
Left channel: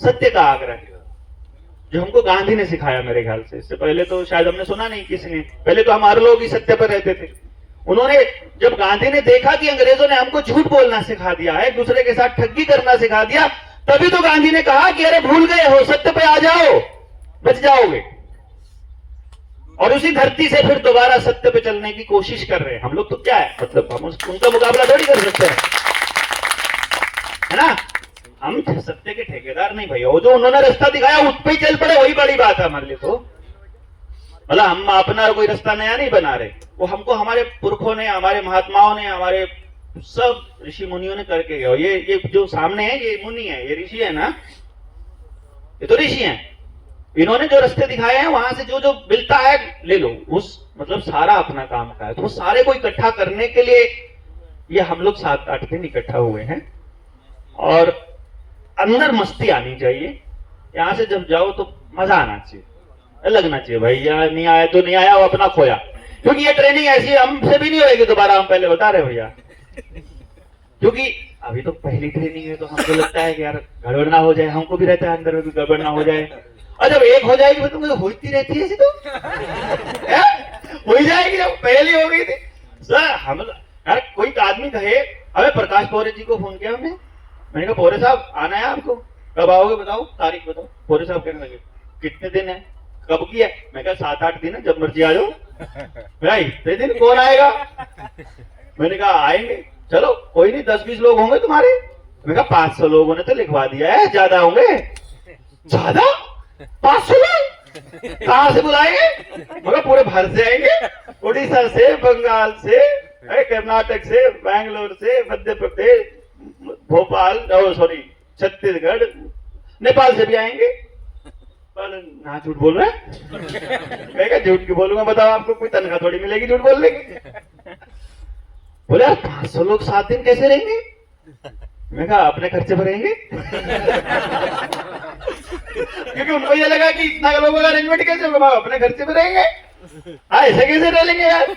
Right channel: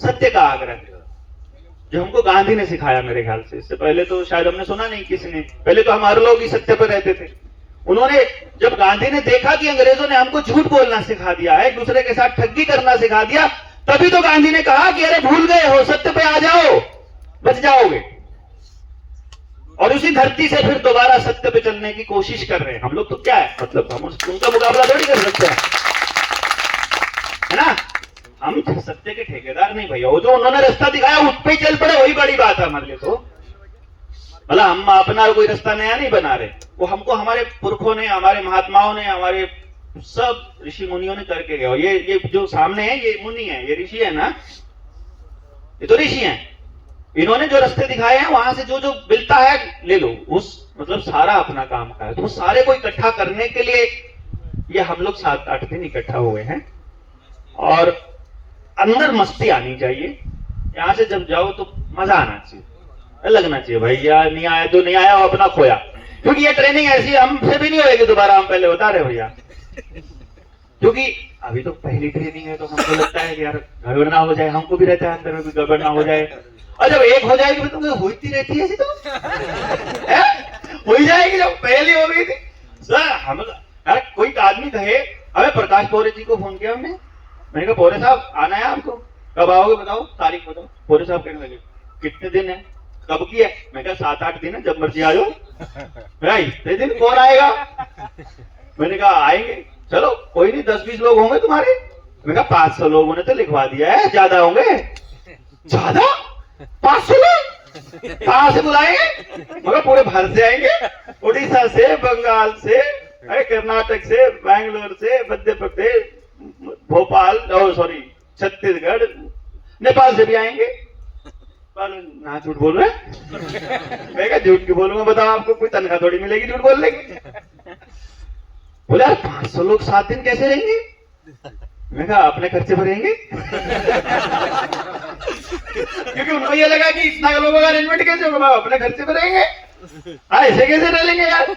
सत्य का आग्रह जो हमको गांधी ने सिखाया मेरे ख्याल से। इससे पहले तो शायद हमने सुना नहीं किसी ने, पहले तो हमारे लोग ही सत्य पर रहते थे। उन्होंने, जब गांधी ने देखा कि अंग्रेजों ने हमको झूठ बोलना सिखा दिया है, एक दूसरे के साथ ठगी करना सिखा दिया, तभी तो गांधी ने कहा कि अरे भूल गए हो, सत्य पे आ जाओ, बच जाओगे। और उसी धरती से फिर दोबारा सत्य पे चलने की कोशिश कर रहे हैं हम लोग। तो क्या है मतलब, हम उनका मुकाबला थोड़ी कर सकते हैं, है ना? हम सत्य के ठेकेदार नहीं भैया, वो जो उन्होंने रास्ता दिखाया उस पे चल पड़े, वही बड़ी बात है हमारे लिए। तो मतलब हम अपना कोई रास्ता नया नहीं बना रहे, वो हमको हमारे पुरखों ने, हमारे महात्माओं ने, हमारे सब ऋषि मुनियों ने करके गए। ये जो सामने है ये मुनि है, ये ऋषि है ना, ये तो ऋषि हैं। इन्होंने जो रास्ते दिखाए हैं वहां से जो जो मिलता है ले लो, उस मतलब सारा अपना काम का है। तो सारे को इकट्ठा करने के लिए ये हम लोग 7-8 दिन इकट्ठा हुए हैं, और अंदर मस्ती आनी चाहिए। यहां से जब जाओ तो मजा आना चाहिए, लगना चाहिए भैया नहीं आया तो नहीं आया, वो अपना खोया। क्योंकि ये ट्रेनिंग ऐसी हमसे भी नहीं होगी दोबारा, हम पहले बता रहे भैया, क्योंकि अभी तो पहली ट्रेनिंग है तो हमको लगता है कि यार गड़बड़ ना हो जाए, हमको भी रहता है अंदर में भी गड़बड़ ना हो जाए। और जब एक हो जाएगी तो होती रहती है ऐसी, तो हो जाएगी। जब पहली हो गई थी सर, हम अरे कोई आदमी कहे, अबे प्रकाश पौरे जी को फोन किया हमने, मैंने कहा पौरे साहब आना है आपको, कब आओगे बताओ, तारीख बताओ। पौरे साहब कहने लगे कितने दिन है, कब की है? मैं कहा 7-8 दिन है, जब मर्जी आ जाओ। भाई इतने दिन कौन आएगा? मैंने कहा आएंगे, चलो कोई नहीं, 10-20 लोग होंगे तुम्हारे। मैंने कहा 500 लोगों ने तो लिखवा दिया है, ज्यादा होंगे। ज्यादा 500 लोग कहां से बुलाएंगे? मगर पूरे भारत से आएंगे, उड़ीसा से, बंगाल से, अरे कर्नाटक से, बैंगलोर से, मध्य प्रदेश, भोपाल, सॉरी छत्तीसगढ़, नेपाल से भी आएंगे। पर ना झूठ बोल रहे हैं? मैं क्या झूठ क्यों बोलूंगा बताओ, आपको कोई तनख्वाह थोड़ी मिलेगी झूठ बोलने की। बोले यार 500 लोग 7 दिन कैसे रहेंगे? मैं कहा अपने खर्चे पर रहेंगे। क्योंकि उनको ये लगा कि इतना लोगों का अरेंजमेंट कैसे होगा, अपने खर्चे पर रहेंगे। हाँ ऐसे कैसे रह लेंगे यार?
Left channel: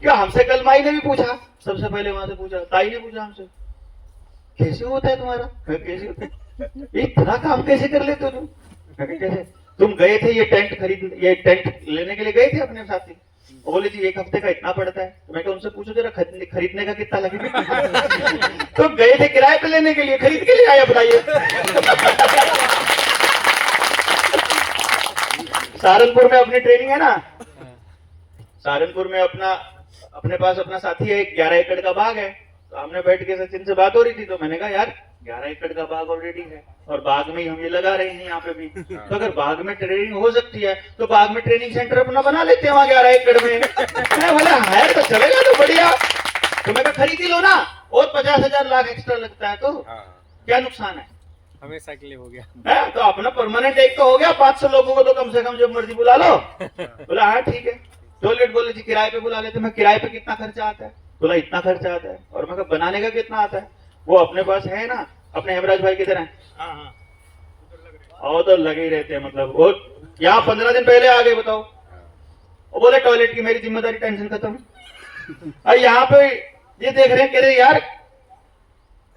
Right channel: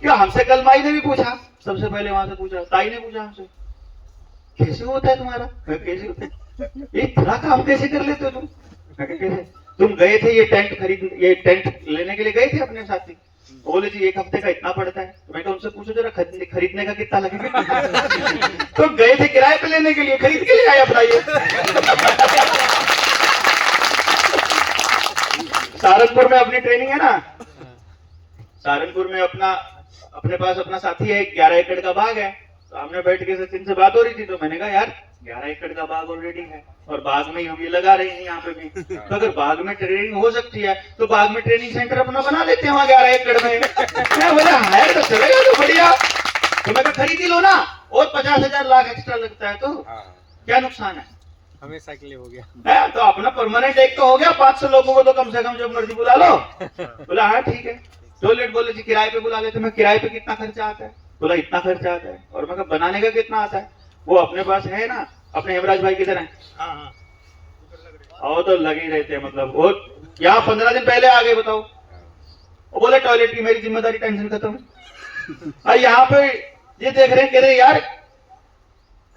क्या हमसे कल माई ने भी पूछा, सबसे पहले वहां से पूछा, ताई ने पूछा हमसे, कैसे होता है तुम्हारा? मैं कैसे होता है? इतना काम कैसे कर लेते हो तुम? मैं कहा, कैसे? तुम गए थे ये टेंट लेने के लिए गए थे अपने साथी, वो बोले जी 1 हफ्ते का इतना पड़ता है। तो मैं कहा उनसे पूछो जरा खरीदने का कितना लगेगा? तो गए थे किराए पे लेने के लिए, खरीद के लिए आए, बताइए। सहारनपुर में अपनी ट्रेनिंग है ना, सहारनपुर में अपने पास अपना साथी है, 11 एकड़ का बाग है। सामने बैठ के सचिन से बात हो रही थी, तो मैंने कहा यार 11 एकड़ का बाग ऑलरेडी है और बाग में ही हम ये लगा रहे हैं यहाँ पे भी, तो अगर बाग में ट्रेनिंग हो सकती है तो बाग में ट्रेनिंग सेंटर अपना बना लेते हैं वहाँ 11 एकड़ में। मैं बोला है तो चलेगा, तो बढ़िया। तो मैं खरीद ही लो ना, और 50,000 लाख एक्स्ट्रा लगता है तो क्या नुकसान है? हमेशा के लिए हो गया है तो अपना परमानेंट एक तो हो गया, 500 लोगों को तो कम से कम जब मर्जी बुला लो। बोला हाँ ठीक है। टॉयलेट बोले जी किराए पे बुला लेते। मैं किराए पे कितना खर्चा आता है? बोला इतना खर्चा आता है। और मैं कहा बनाने का कितना आता है? वो अपने पास है ना, अपने हेमराज भाई किधर है? और तो लगे ही रहते हैं, मतलब वो यहाँ 15 दिन पहले आ गए, बताओ। वो बोले टॉयलेट की मेरी जिम्मेदारी, टेंशन खत्म। और यहाँ पे ये देख रहे हैं, कह रहे यार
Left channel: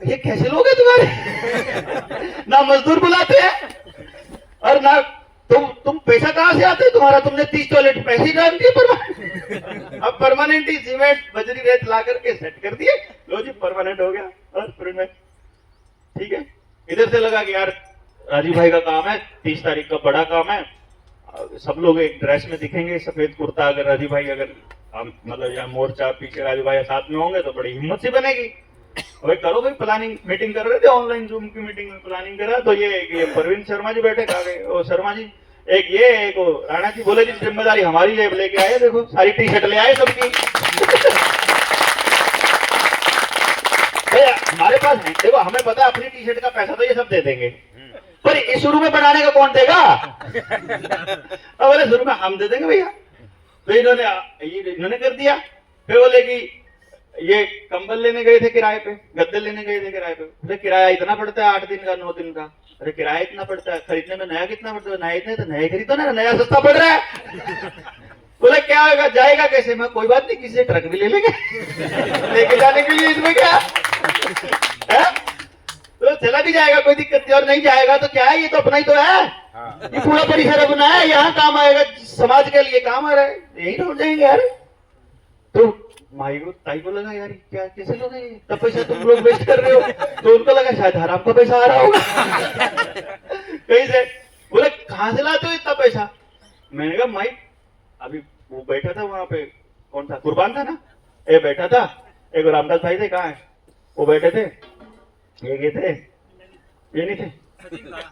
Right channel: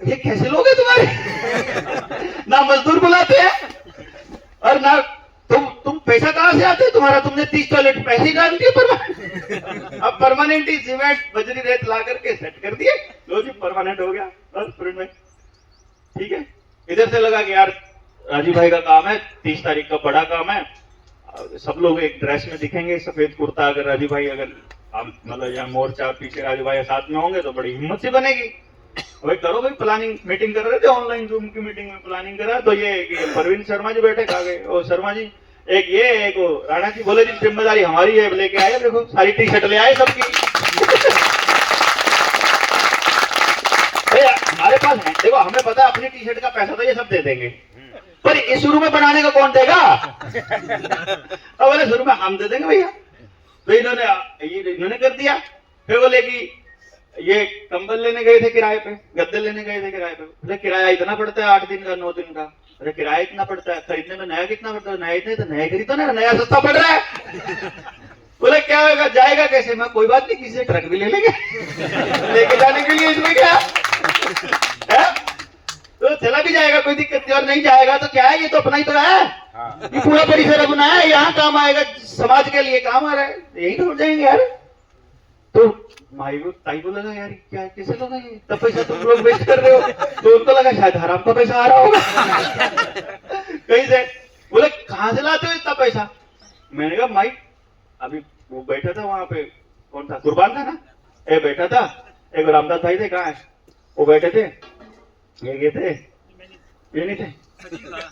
ये कैसे लोग हैं तुम्हारे? ना मजदूर बुलाते हैं और ना तुम पैसा कहां से आते है तुम्हारा? तुमने 30 टॉयलेट पैसे ही डाल दिए परमानेंट। अब परमानेंट ही सीमेंट बजरी रेत ला करके सेट कर दिए, लो जी परमानेंट हो गया। बस में ठीक है। इधर से लगा कि यार राजीव भाई का काम है, 30 तारीख का बड़ा काम है, सब लोग एक ड्रेस में दिखेंगे, सफेद कुर्ता। अगर राजीव भाई मतलब यहाँ मोर्चा पीछे राजीव भाई साथ में होंगे तो बड़ी हिम्मत से बनेगी। भाई करो भाई, प्लानिंग मीटिंग कर रहे थे, ऑनलाइन जूम की मीटिंग में प्लानिंग करा, तो ये परवीन शर्मा जी बैठे आ गए। और शर्मा जी एक वो राणा जी बोले जी जिम्मेदारी हमारी है, लेके आए, देखो सारी टी शर्ट ले आए सबकी। हमारे पास है, देखो हमें पता है अपनी टी शर्ट का पैसा तो ये सब दे देंगे, पर इस शुरू में बनाने का कौन देगा? अब बोले शुरू में हम दे देंगे भैया। तो इन्होंने कर दिया। फिर बोले कि ये कंबल लेने गए थे किराए पे, गद्दे लेने गए थे किराए पे। बोले किराया इतना पड़ता है 8 दिन का 9 दिन का। अरे किराया इतना पड़ता है, खरीदने में नया कितना पड़ता है? नया इतने तो नया खरीदो ना, नया सस्ता पड़ रहा है। बोले क्या होगा, जाएगा कैसे? मैं कोई बात नहीं, किसी से ट्रक भी ले लेंगे लेके जाने के लिए, इसमें क्या है? तो चला भी जाएगा, कोई दिक्कत नहीं। और नहीं जाएगा तो क्या है, ये तो अपना ही तो है, ये पूरा परिसर अपना है, यहाँ काम आएगा, समाज के लिए काम आ रहा है, यही तो हो जाएंगे यार। तो माई को ताई को लगा यार क्या कैसे लगा ये, तब पैसा तुम लोग वेस्ट कर रहे हो। तो उनको लगा शायद हराम का पैसा आ रहा होगा कहीं से। बोले कहाँ से लाते हो इतना पैसा? मैंने कहा माई अभी वो बैठा था वहां पे, कौन था, कुर्बान था ना, ए बैठा था, एक रामदास भाई थे, कहाँ है वो, बैठे थे, ये थे, ये नहीं थे,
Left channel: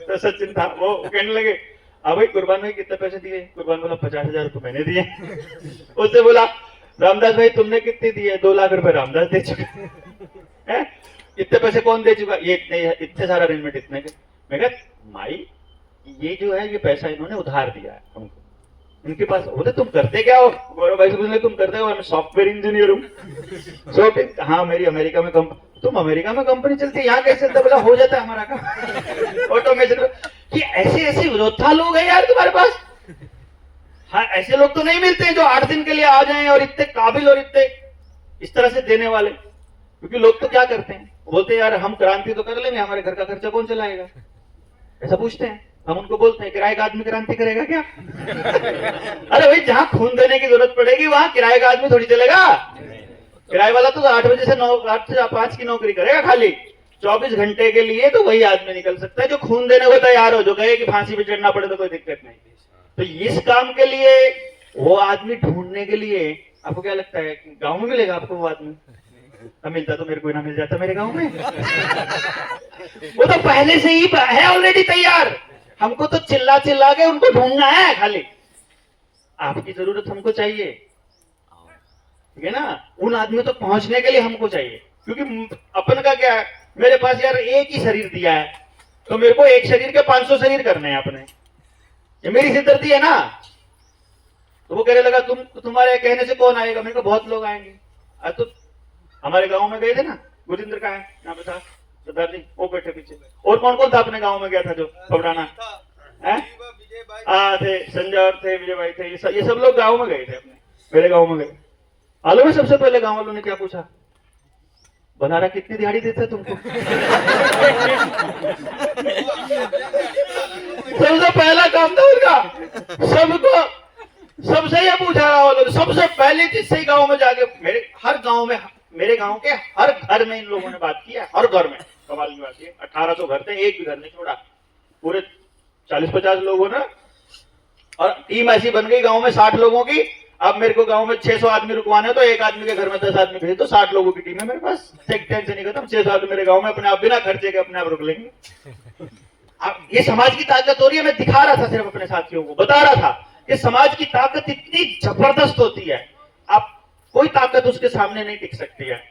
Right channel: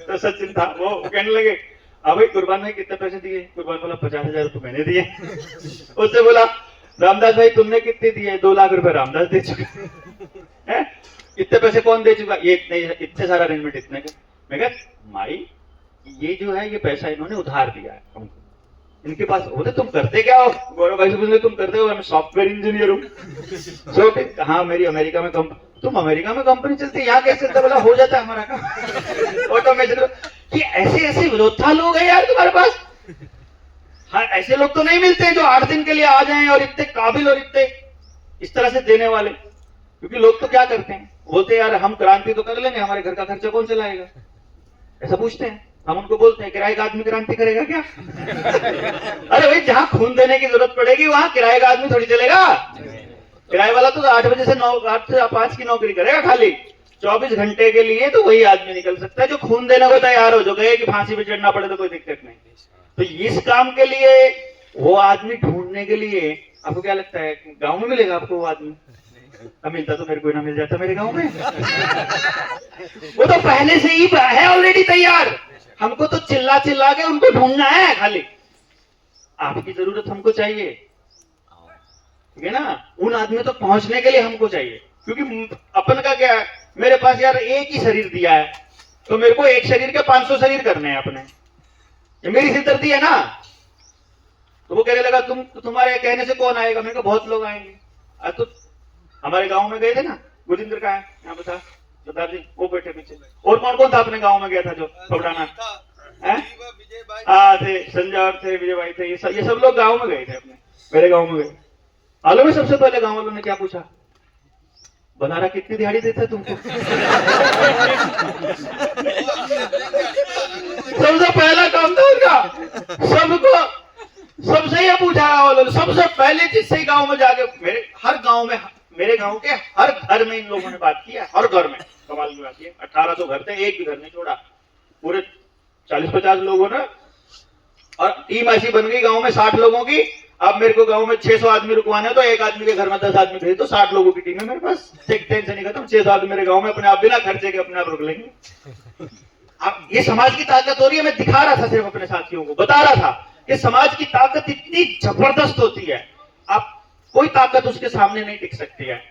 तो सचिन था। वो कहने लगे अब भाई कुर्बान भाई कितने पैसे दिए? कुर्बान बोला 50,000 तो मैंने दिए। उससे बोला रामदास भाई तुमने कितने दिए? 2 लाख रुपए रामदास दे चुके हैं। इतने पैसे कौन दे चुका? ये इतने सारा अरेंजमेंट इतने के। मैं कहा माई ये जो है ये पैसा इन्होंने उधार दिया है हमको, इनके पास होते। तुम करते क्या हो? गौरव भाई से पूछने तुम करते हो? मैं सॉफ्टवेयर इंजीनियर हूँ। हाँ मेरी अमेरिका में तुम अमेरिका में कंपनी चलती है, यहाँ कैसे चलता? बोला हो जाता है हमारा काम ऑटोमेशन। ये ऐसे विरोधा लोग हैं यार तुम्हारे पास। हाँ ऐसे लोग तो नहीं मिलते हैं जो 8 दिन के लिए आ जाएं और इतने काबिल और इतने इस तरह से देने वाले। क्योंकि लोग तो क्या करते हैं, बोलते हैं यार हम क्रांति तो कर लेंगे, हमारे घर का खर्चा कौन चलाएगा, ऐसा पूछते हैं। हम उनको बोलते हैं किराए का आदमी क्रांति करेगा क्या? अरे भाई जहां खून देने की जरूरत पड़ेगी वहां किराए का आदमी थोड़ी चलेगा। किराए वाला तो 8 बजे से 8 से 5 की नौकरी करेगा खाली, 24 घंटे के लिए तो वही आदमी निकल सकता है जो खून देने को तैयार हो, जो कहे कि फांसी पे चढ़ना पड़े तो कोई दिक्कत नहीं। तो इस काम के लिए वो आदमी ढूंढने के लिए आपको क्या लगता है गांव में मिलेगा आपको वो आदमी? मिलता तो मेरे को ना मिल जाता मेरे गांव में। वो तो पहले से ही है ऑलरेडी तैयार, हमको तो चिल्ला चिल्ला के उनको ढूंढना है खाली। आपकी जरूरत हमको चाहिए, ठीक है ना? उन आदमी तक पहुंचने के लिए हमको चाहिए। क्योंकि अपन का क्या है, मेरे पास यार एक ही शरीर दिया है, तो मेरे को एक शरीर के 500 शरीर करने हैं अपने, ये मेरी सिरदर्दी है ना। तो वो कहने लगा तुम्हारे कहने से कौन आएगा? मैंने कहा बहुत लोग आएंगे। आज तो हमारे गांव में गए थे ना, गुरिंदर का है यहाँ पे था, सरदार जी वो बैठे पीछे। और कौन कौन था अपने गांव में गया था जो पकड़ाना है? थे, संजय और थे, विजय भाई थे, ये सब लोग गांव में गए थे अपने, मेरे गांव में गए। मालूम है सबसे पहले गांव वालों ने क्या पूछा? बनारा कितनी दिहाड़ी देते तुमको? सबसे पहला काम था उनका, सबको सबसे ये पूछा गांव वालों ने, सबसे पहले जिससे गांव में जाके, मेरे गांव के हर घर में इन लोगों ने बात किया, हर घर में। कमाल की बात है, 1800 घर थे, एक भी घर नहीं छोड़ा, पूरे 40-50 लोगों ने। और टीम ऐसी बन गई गांव में 60 लोगों की। अब मेरे को गांव में 600 आदमी रुकवाने, तो एक आदमी के घर में 10 आदमी भेज, तो 60 लोगों की टीम है मेरे पास। टेंशन नहीं खत्म, 600 आदमी मेरे गांव में अपने आप बिना खर्चे के अपने आप रुक लेंगे। अब ये समाज की ताकत हो रही है। मैं दिखा रहा था सिर्फ अपने साथियों को, बता रहा था कि समाज की ताकत इतनी जबरदस्त होती है, आप कोई ताकत उसके सामने नहीं टिक सकती है।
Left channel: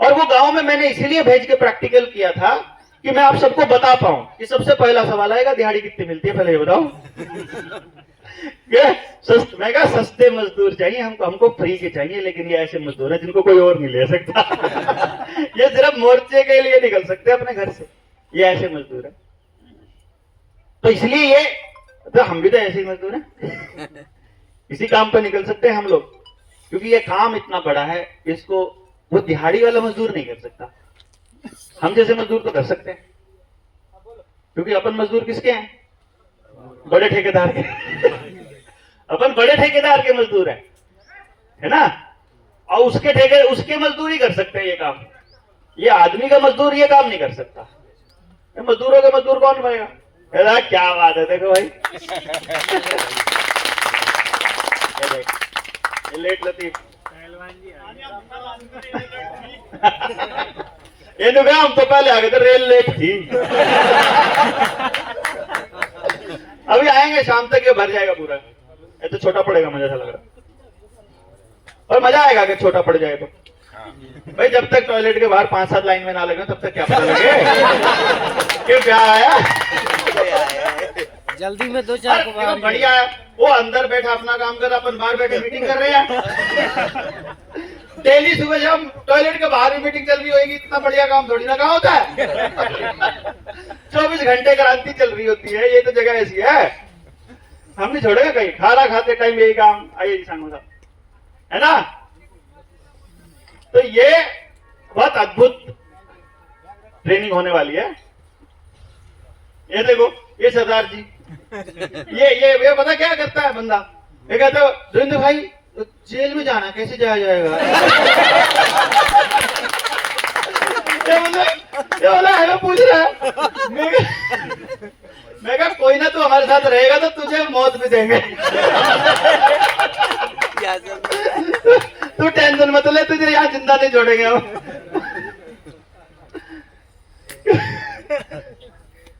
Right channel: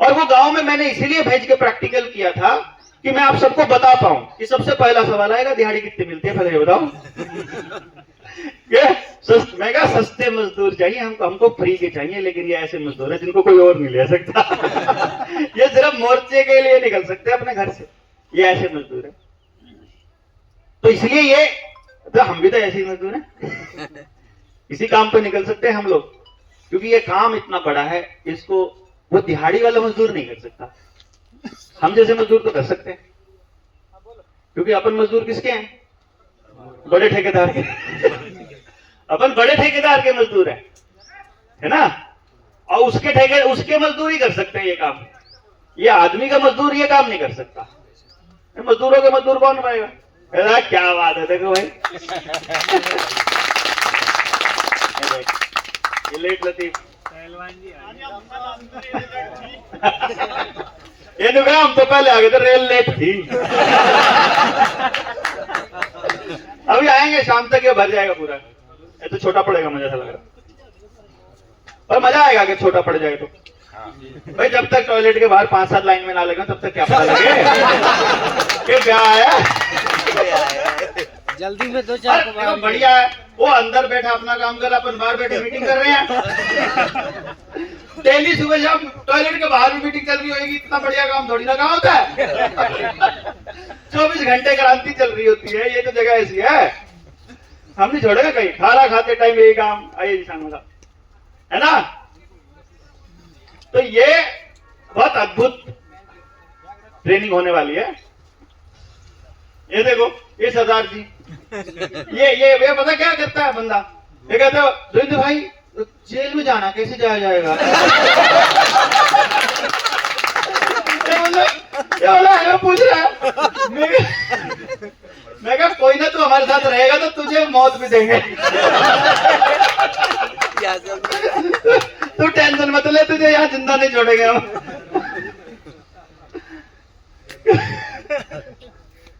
और वो गांव में मैंने इसीलिए भेज के प्रैक्टिकल किया था कि मैं आप सबको बता पाऊं कि सबसे पहला सवाल आएगा, दिहाड़ी कितनी मिलती है, पहले ये बताओ। मैं कहा सस्ते मजदूर चाहिए हमको फ्री के चाहिए, लेकिन ये ऐसे मजदूर है जिनको कोई और नहीं ले सकता। ये सिर्फ मोर्चे के लिए निकल सकते हैं अपने घर से, ये ऐसे मजदूर है। तो इसलिए ये, तो हम भी तो ऐसे ही मजदूर हैं, इसी काम पे निकल सकते हैं हम लोग, क्योंकि ये काम इतना बड़ा है, इसको वो दिहाड़ी वाला मजदूर नहीं कर सकता। हम जैसे मजदूर तो कर सकते हैं, क्योंकि अपन मजदूर किसके हैं? बड़े ठेकेदार के। अपन बड़े ठेकेदार के मजदूर है ना? और उसके मजदूर ही कर सकते हैं ये काम। ये आदमी का मजदूर ये काम नहीं कर सकता। मजदूरों के मजदूर कौन बनेगा? क्या बात है, देखो भाई। लेट लतीफ ये तो हम तो पहले आ गए थे, रेल लेट थी। अभी आएंगे शाम तक, ये भर जाएगा पूरा। ये तो छोटा पड़ेगा, मुझे ऐसा लग रहा, पर मजा आएगा अगर छोटा पड़ जाए तो। भाई जब तक टॉयलेट के बाहर 5-7 लाइन में ना लगे तब तक क्या पता लगे कि क्या है। जल्दी में 2-4 देखो बढ़िया है, वो अंदर बैठा अपना काम कर, अपन बाहर बैठे मीटिंग कर रहे हैं। डेली सुबह जब टॉयलेट के बाहर भी मीटिंग चल रही होगी, इतना बढ़िया काम थोड़ी ना काम होता है। 24 घंटे क्रांति चल रही होती है, ये तो जगह ऐसी है, हम नहीं छोड़ेगा कहीं। खाना खाते टाइम यही काम, आइए साहब, है ना? तो ये बहुत अद्भुत ट्रेनिंग होने वाली है। ये देखो, ये सरदार जी, ये पता क्या करता है बंदा? ये कहता है, धुंध भाई जेल में जाना कैसे जाया जाएगा? ये बोला है, पूछ रहा है। मैं कहा कोई ना, तू हमारे साथ रहेगा तो तुझे मौत भी देंगे। तू टेंशन मत ले, तुझे यहाँ जिंदा नहीं छोड़ेंगे हम।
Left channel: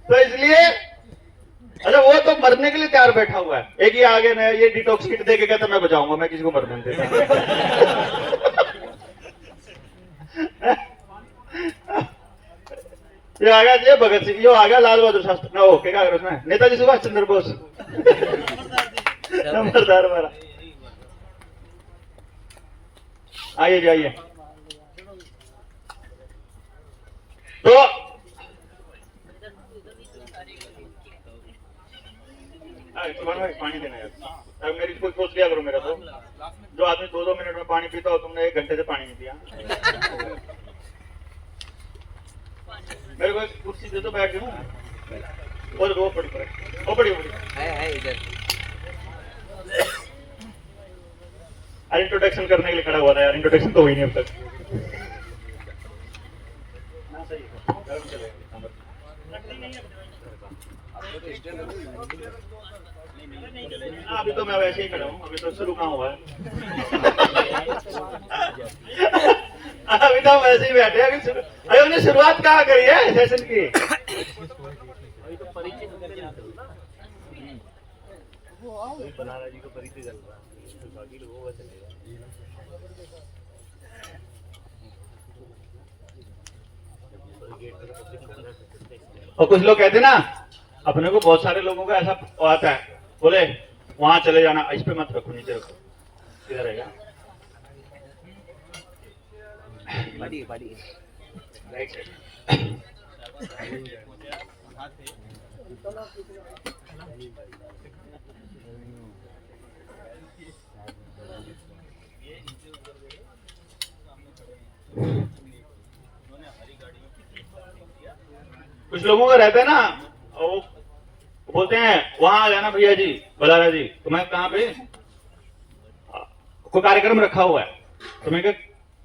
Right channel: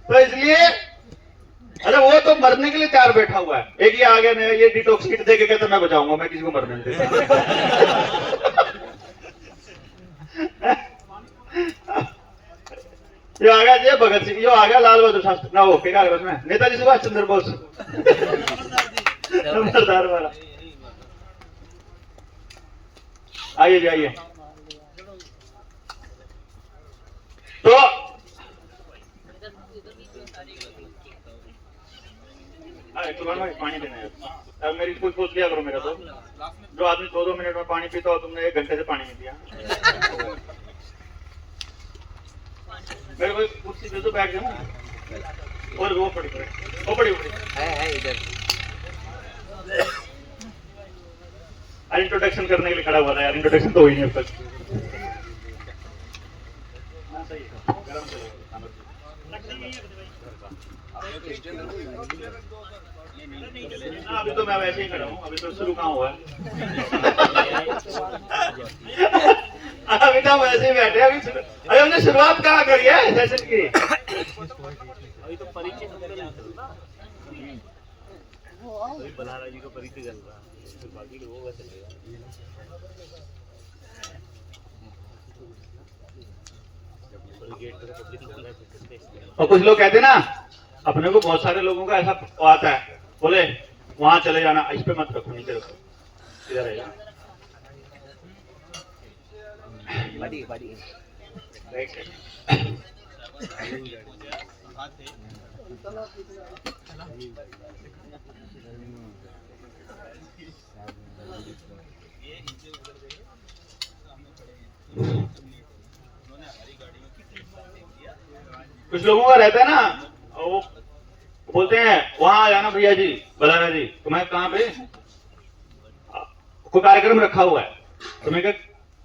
तो इसलिए, अरे वो तो मरने के लिए तैयार बैठा हुआ है। एक ही आगे न, ये डिटॉक्स किट दे के कहता मैं बचाऊंगा, मैं किसी को मरने नहीं देता। ये आ गया ये भगत सिंह, ये आ गया लाल बहादुर शास्त्री, ना हो क्या कर उसमें, नेताजी सुभाष चंद्र बोस। नंबरदार हमारा, आइए जाइए। तो पानी देना है। अब मेरी कोई सोच लिया करो, मेरा तो जो आदमी 2-2 मिनट में पानी पीता हो, तुमने 1 घंटे से पानी नहीं पिया। मेरे को कुर्सी दे दो, बैठ जाऊं। और वो पड़ी है इधर। अरे इंट्रोडक्शन करने के लिए खड़ा हुआ था यार, इंट्रोडक्शन तो हुई नहीं अब तक। ना सही है, गरम चलेगा। अभी तो मैं वैसे ही खड़ा हूँ, अभी तो शुरू कहाँ हुआ है। अभी तो वैसे ही बैठे, अभी हमने शुरुआत कहाँ करी है सेशन की? अभी तो परिचय बनाना जी को परिचय चल रहा है, बाकी लोगों का चलेगा। और कुछ लोग कहते ना, अपने को बहुत सारे लोगों का ऐसा आता है, बोले वहां चले जाना, इस पे मत रखो, नीचे रखो, इधर रहेगा। Right side. कुछ लोगों का रहता है ना, वो बोलते हैं वहां आ जाना भैया जी, बलाना जी। तो मैं कहाँ पे, कोई कार्यक्रम रखा हुआ है, तो मैं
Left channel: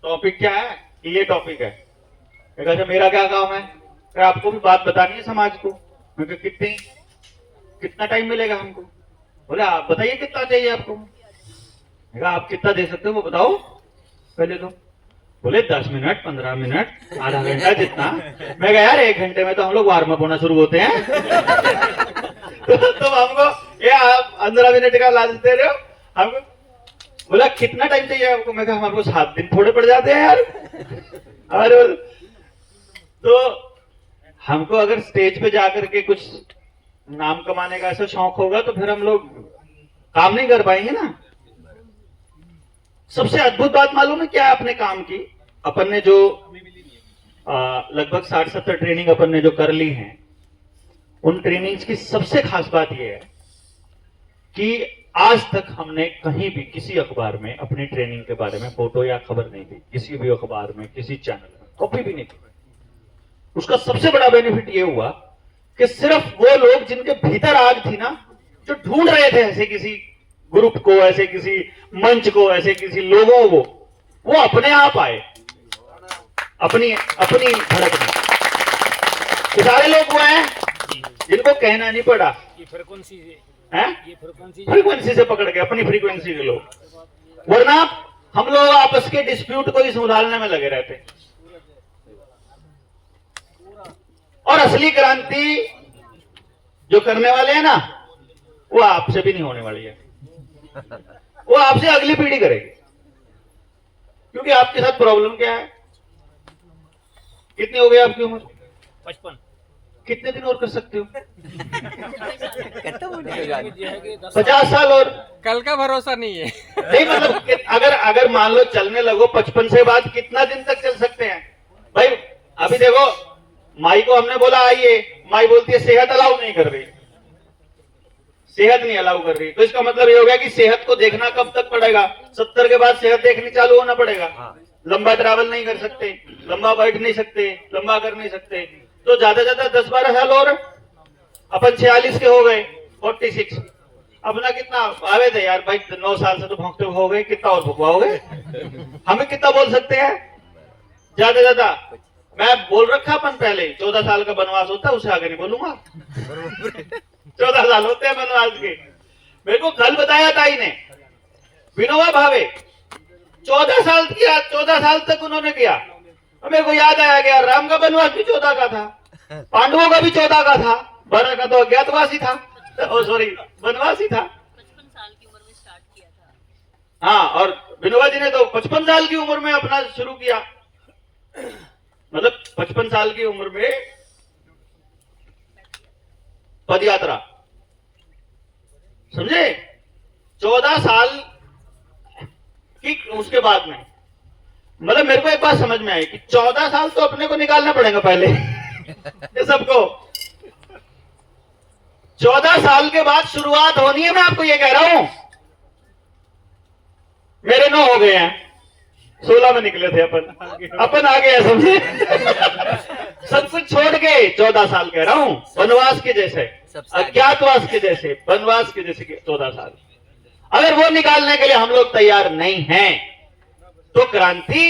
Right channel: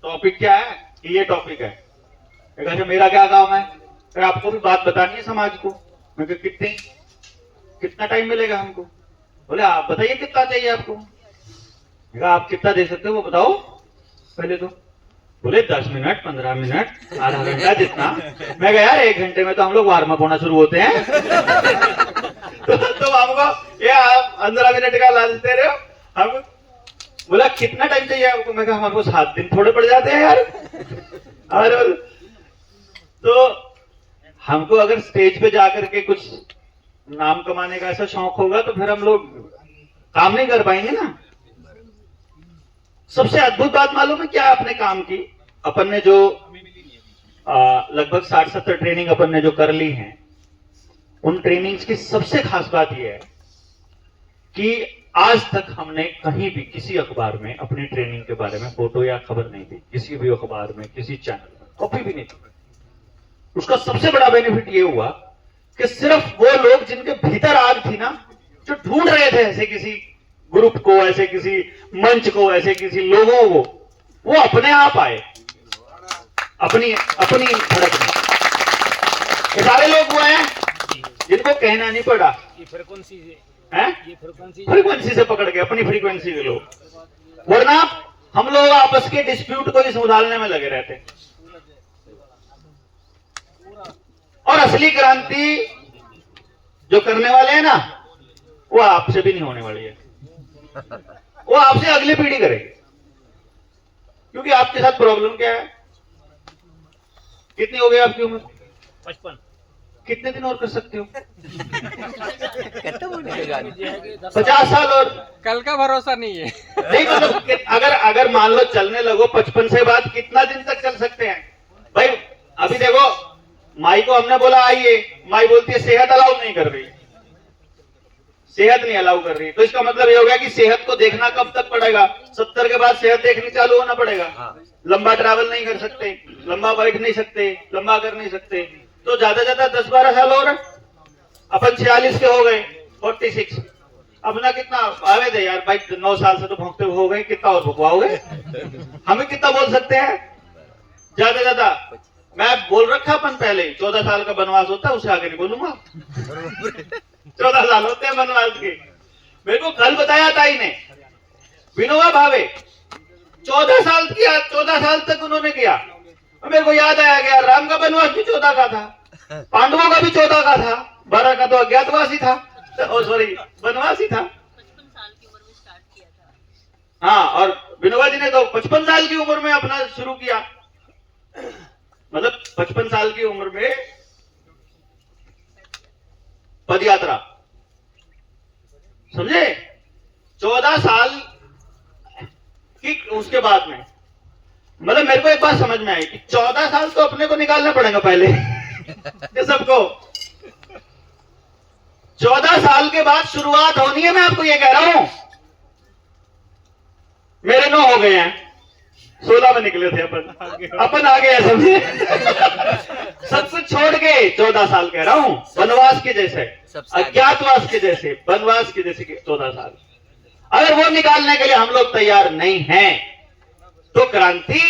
टॉपिक क्या है, ये टॉपिक है। मैं कहा मेरा क्या काम है, फिर आपको भी बात बतानी है समाज को। मैं कहा कितना टाइम मिलेगा हमको। बोले आप बताइए कितना चाहिए आपको। मैं कहा आप कितना दे सकते हो वो बताओ पहले तो। बोले 10 मिनट, 15 मिनट, आधा घंटा, जितना। मैं कहा यार 1 घंटे में तो हम लोग वार्म अप होना शुरू होते हैं। तो हमको ये आप 15 मिनट का ला देते रहे हो हमको। बोला कितना टाइम चाहिए आपको। मैं कहा हमारे को 7 दिन थोड़े पड़ जाते हैं यार। और तो हमको अगर स्टेज पे जाकर के कुछ नाम कमाने का ऐसा शौक होगा तो फिर हम लोग काम नहीं कर पाएंगे ना। सबसे अद्भुत बात मालूम है क्या अपने काम की, अपन ने जो लगभग 60-70 ट्रेनिंग अपन ने जो कर ली हैं, उन ट्रेनिंग्स की सबसे खास बात यह है कि आज तक हमने कहीं भी किसी अखबार में अपनी ट्रेनिंग के बारे में फोटो या खबर नहीं दी, किसी भी अखबार में, किसी चैनल में, कॉपी भी नहीं दी। उसका सबसे बड़ा बेनिफिट ये हुआ कि सिर्फ वो लोग जिनके भीतर आग थी ना, जो ढूंढ रहे थे ऐसे किसी ग्रुप को, ऐसे किसी मंच को, ऐसे किसी लोगों को, वो अपने आप आए अपनी धड़क में। ये सारे लोग वो हैं जिनको कहना नहीं पड़ा, ये फ्रीक्वेंसी हैं? ये फ्रीक्वेंसी से पकड़ के, अपनी फ्रीक्वेंसी के लोग। वरना हम लोग आपस के डिस्प्यूट को ही सुधारने में लगे रहते। और असली क्रांति जो करने वाले हैं ना, वो आपसे भी नहीं होने वाली है, वो आपसे अगली पीढ़ी करेगी। क्योंकि आपके साथ प्रॉब्लम क्या है, कितनी हो गई आपकी उम्र? 55। कितने दिन और कर सकते हो? कितना बोले 50 साल और। कल का भरोसा नहीं है। नहीं मतलब कि अगर मान लो चलने लगो 55 से बाद कितना दिन तक चल सकते हैं भाई? अभी देखो माई को हमने बोला आइए, माई बोलती है सेहत अलाउ नहीं कर रही, सेहत नहीं अलाउ कर रही। तो इसका मतलब ये हो गया कि सेहत को देखना कब तक पड़ेगा? 70 के बाद सेहत देखनी चालू होना पड़ेगा। लंबा ट्रैवल नहीं कर सकते, लंबा बैठ नहीं सकते, लंबा कर नहीं सकते, तो ज्यादा ज्यादा 10-12 साल और अपन 46 के हो गए, 46। अपना कितना आवे थे यार भाई, 9 साल से तो भोंकते हो गए, कितना और भुकवाओगे? हमें कितना बोल सकते हैं? ज्यादा ज्यादा मैं बोल रखा अपन पहले 14 साल का बनवास होता है, उससे आगे नहीं बोलूंगा। 14 साल होते हैं बनवास के। मेरे को कल बताया ताई ने, विनोबा भावे 14 साल किया, 14 साल तक उन्होंने किया। मेरे को याद आया गया, राम का बनवास भी 14 का था, पांडवों का भी 14 का था, 12 का तो अज्ञातवासी था, सॉरी बनवासी था। 55 साल की उम्र में स्टार्ट किया था। हाँ, और विनोबा जी ने तो 55 साल की उम्र में अपना शुरू किया। मतलब 55 साल की उम्र में पद यात्रा, समझे? 14 साल की उसके बाद में, मतलब मेरे को एक बात समझ में आई कि 14 साल तो अपने को निकालना पड़ेगा पहले। ये सबको 14 साल के बाद शुरुआत होनी है। मैं आपको ये कह रहा हूं, मेरे 9 हो गए हैं, 16 में निकले थे अपन आ गए, समझिए। सब कुछ छोड़ के 14 साल कह रहा हूं, वनवास के जैसे, अज्ञातवास के जैसे, वनवास के जैसे 14 साल। अगर वो निकालने के लिए हम लोग तैयार नहीं हैं तो क्रांति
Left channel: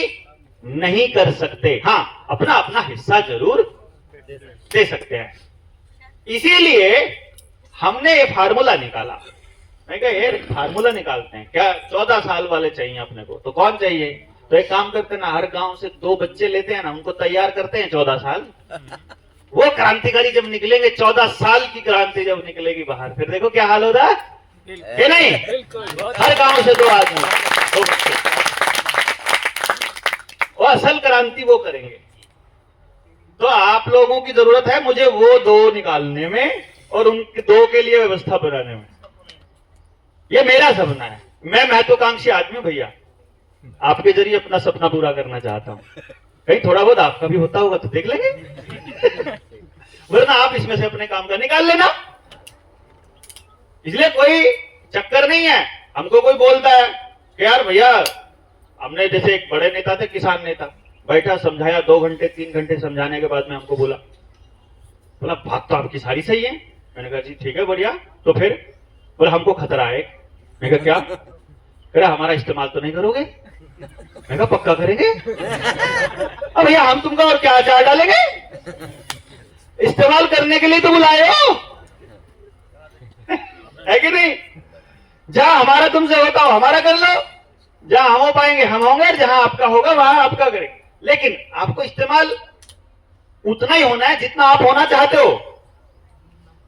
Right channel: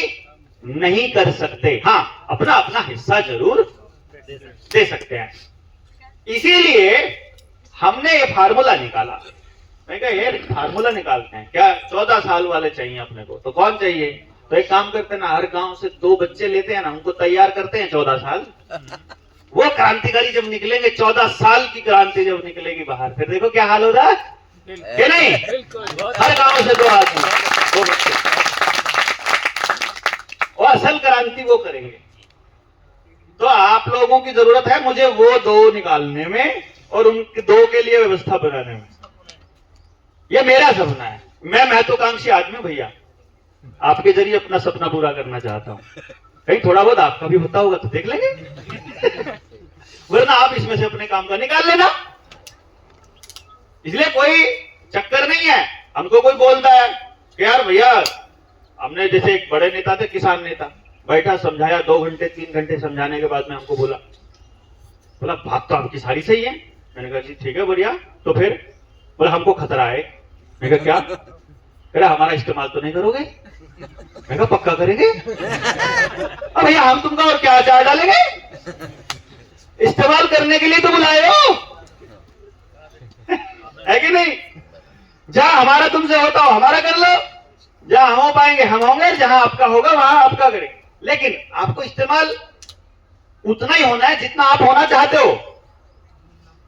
नहीं कर सकते। हाँ, अपना अपना हिस्सा जरूर दे सकते हैं। इसीलिए हमने ये फार्मूला निकाला। मैं कहा ये फार्मूला निकालते हैं क्या, 14 साल वाले चाहिए अपने को, तो कौन चाहिए? तो एक काम करते हैं ना, हर गांव से 2 बच्चे लेते हैं ना, उनको तैयार करते हैं 14 साल। वो क्रांतिकारी जब निकलेंगे, 14 साल की क्रांति जब निकलेगी बाहर, फिर देखो क्या हाल होगा कि नहीं? हर गांव से 2 आदमी, 2 बच्चे, और असल क्रांति वो करेंगे। तो आप लोगों की जरूरत है मुझे वो 2 निकालने में और उनके 2 के लिए व्यवस्था बनाने में। ये मेरा सपना है, मैं महत्वाकांक्षी आदमी भैया, आपके जरिए अपना सपना पूरा करना चाहता हूं। कहीं थोड़ा बहुत आपका भी होता होगा तो देख लेंगे। वरना आप इसमें से अपने काम का निकाल लेना। इसलिए कोई चक्कर नहीं है। हमको कोई बोलता है कि यार भैया, हमने जैसे एक बड़े नेता थे, किसान नेता, बैठा समझाया 2 घंटे 3 घंटे समझाने के बाद में हमको बोला बात तो आपकी सारी सही है। मैंने कहा जी ठीक है बढ़िया, तो फिर बोला हमको खतरा है। मैंने कहा क्या? कह रहा हमारा इस्तेमाल तो नहीं करोगे? मैंने कहा पक्का करेंगे। अब भैया हम तुमको और क्या अचार डालेंगे? इस्तेमाल करने के लिए तो बुलाए हो, है कि नहीं? जहां हमारा तुमसे होता हो हमारा कर लो, जहां हम हो पाएंगे हम होंगे, जहां आपका होगा वहां आपका करेंगे। लेकिन आपको इस्तेमाल उतना ही होना है जितना आप होना चाहते हो।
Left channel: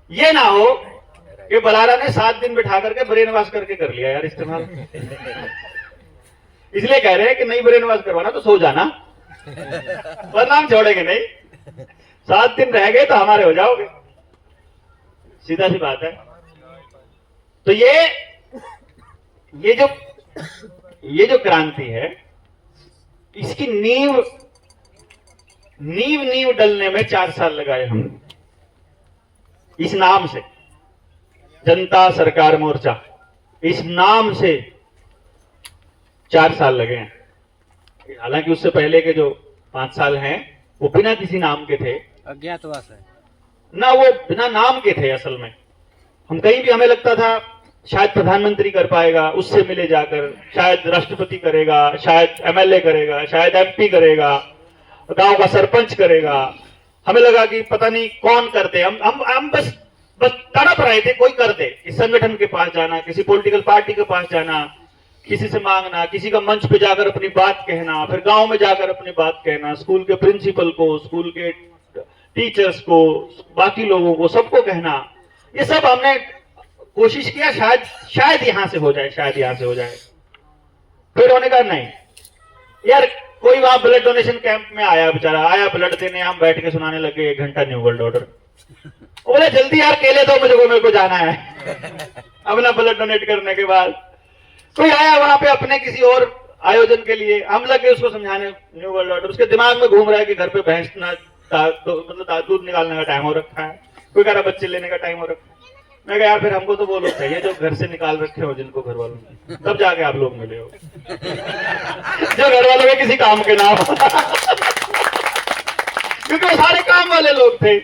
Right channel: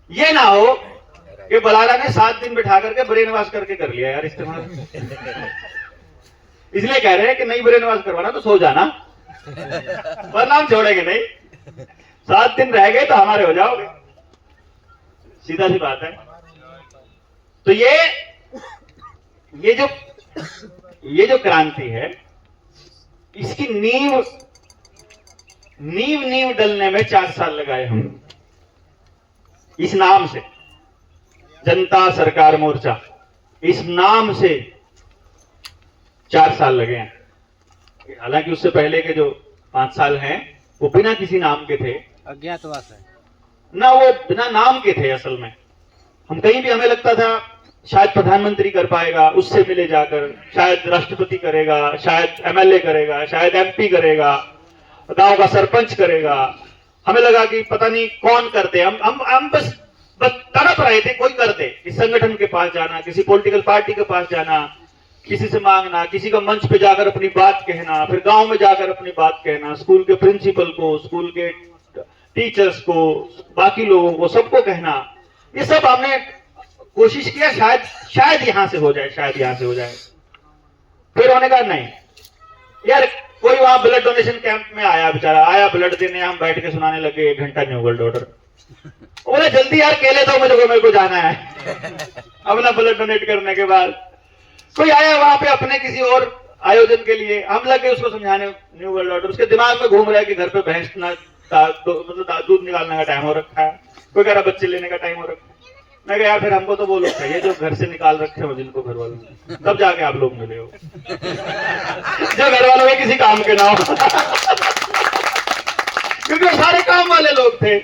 ये ना हो कि बलारा ने 7 दिन बिठा करके ब्रेन वॉश करके कर लिया यार इस्तेमाल। इसलिए कह रहे हैं कि नहीं ब्रेन वॉश करवाना तो सो जाना, वरना हम छोड़ेंगे नहीं। 7 दिन रह गए तो हमारे हो जाओगे, सीधा सी बात है। तो ये जो क्रांति है, इसकी नींव डलने में 4 साल लगाए हम। इस नाम से जनता सरकार मोर्चा, इस नाम से 4 साल लगे हैं। हालांकि उससे पहले के जो 5 साल हैं वो बिना किसी नाम के थे, अज्ञातवास है ना, वो बिना नाम के थे। असल में हम कहीं भी, हमें लगता था शायद प्रधानमंत्री कर पाएगा, उससे मिले जाकर शायद राष्ट्रपति करेगा, शायद एमएलए करेगा, शायद एमपी करेगा, गांव का सरपंच करेगा। हमें लगा कि पता नहीं कौन करते। हम बस तड़प रहे थे कोई कर दे। इस संगठन के पास जाना, किसी पॉलिटिकल पार्टी के पास जाना, किसी से मांगना, किसी का मंच पे जाकर अपनी बात कहना, फिर गांव में जाकर अपनी बात कहना, स्कूल के प्रिंसिपल को, स्कूल के टीचर्स को, बाकी लोगों को, सबको कहना। ये सब हमने कोशिश किया, शायद यहां से हो जाए, शायद यहां से हो जाए। फिर हमने कहा नहीं यार, कोई वहां ब्लड डोनेशन कैंप में आया, बेचारा आया ब्लड देने, हम बैठ के सुनाने लगे 1 घंटा न्यू वर्ल्ड ऑर्डर। बोले जल्दी यार केले दो मुझे, मेरे को जाना है अपना ब्लड डोनेट करने के बाद। कोई आया वहां पे अपने किसी और आयोजन के लिए, हम लगे उसको समझाने न्यू वर्ल्ड ऑर्डर। उसके दिमाग में घूम रहा है कि घर पे भैंस ना मतलब दूध निकालने का टाइम हो रखा है, कोई कह रहा बच्चे लेने का टाइम हो रखा है। मैं कहा यार फिर हमको तो वो लोग चाहिए जो घर से निकाल रखे हो, जिनको घर वालों ने, तब जाके आप लोग मिले हो जो घर वालों में किसी काम के ना हो क्योंकि वो सारे काम वाले लोग थे।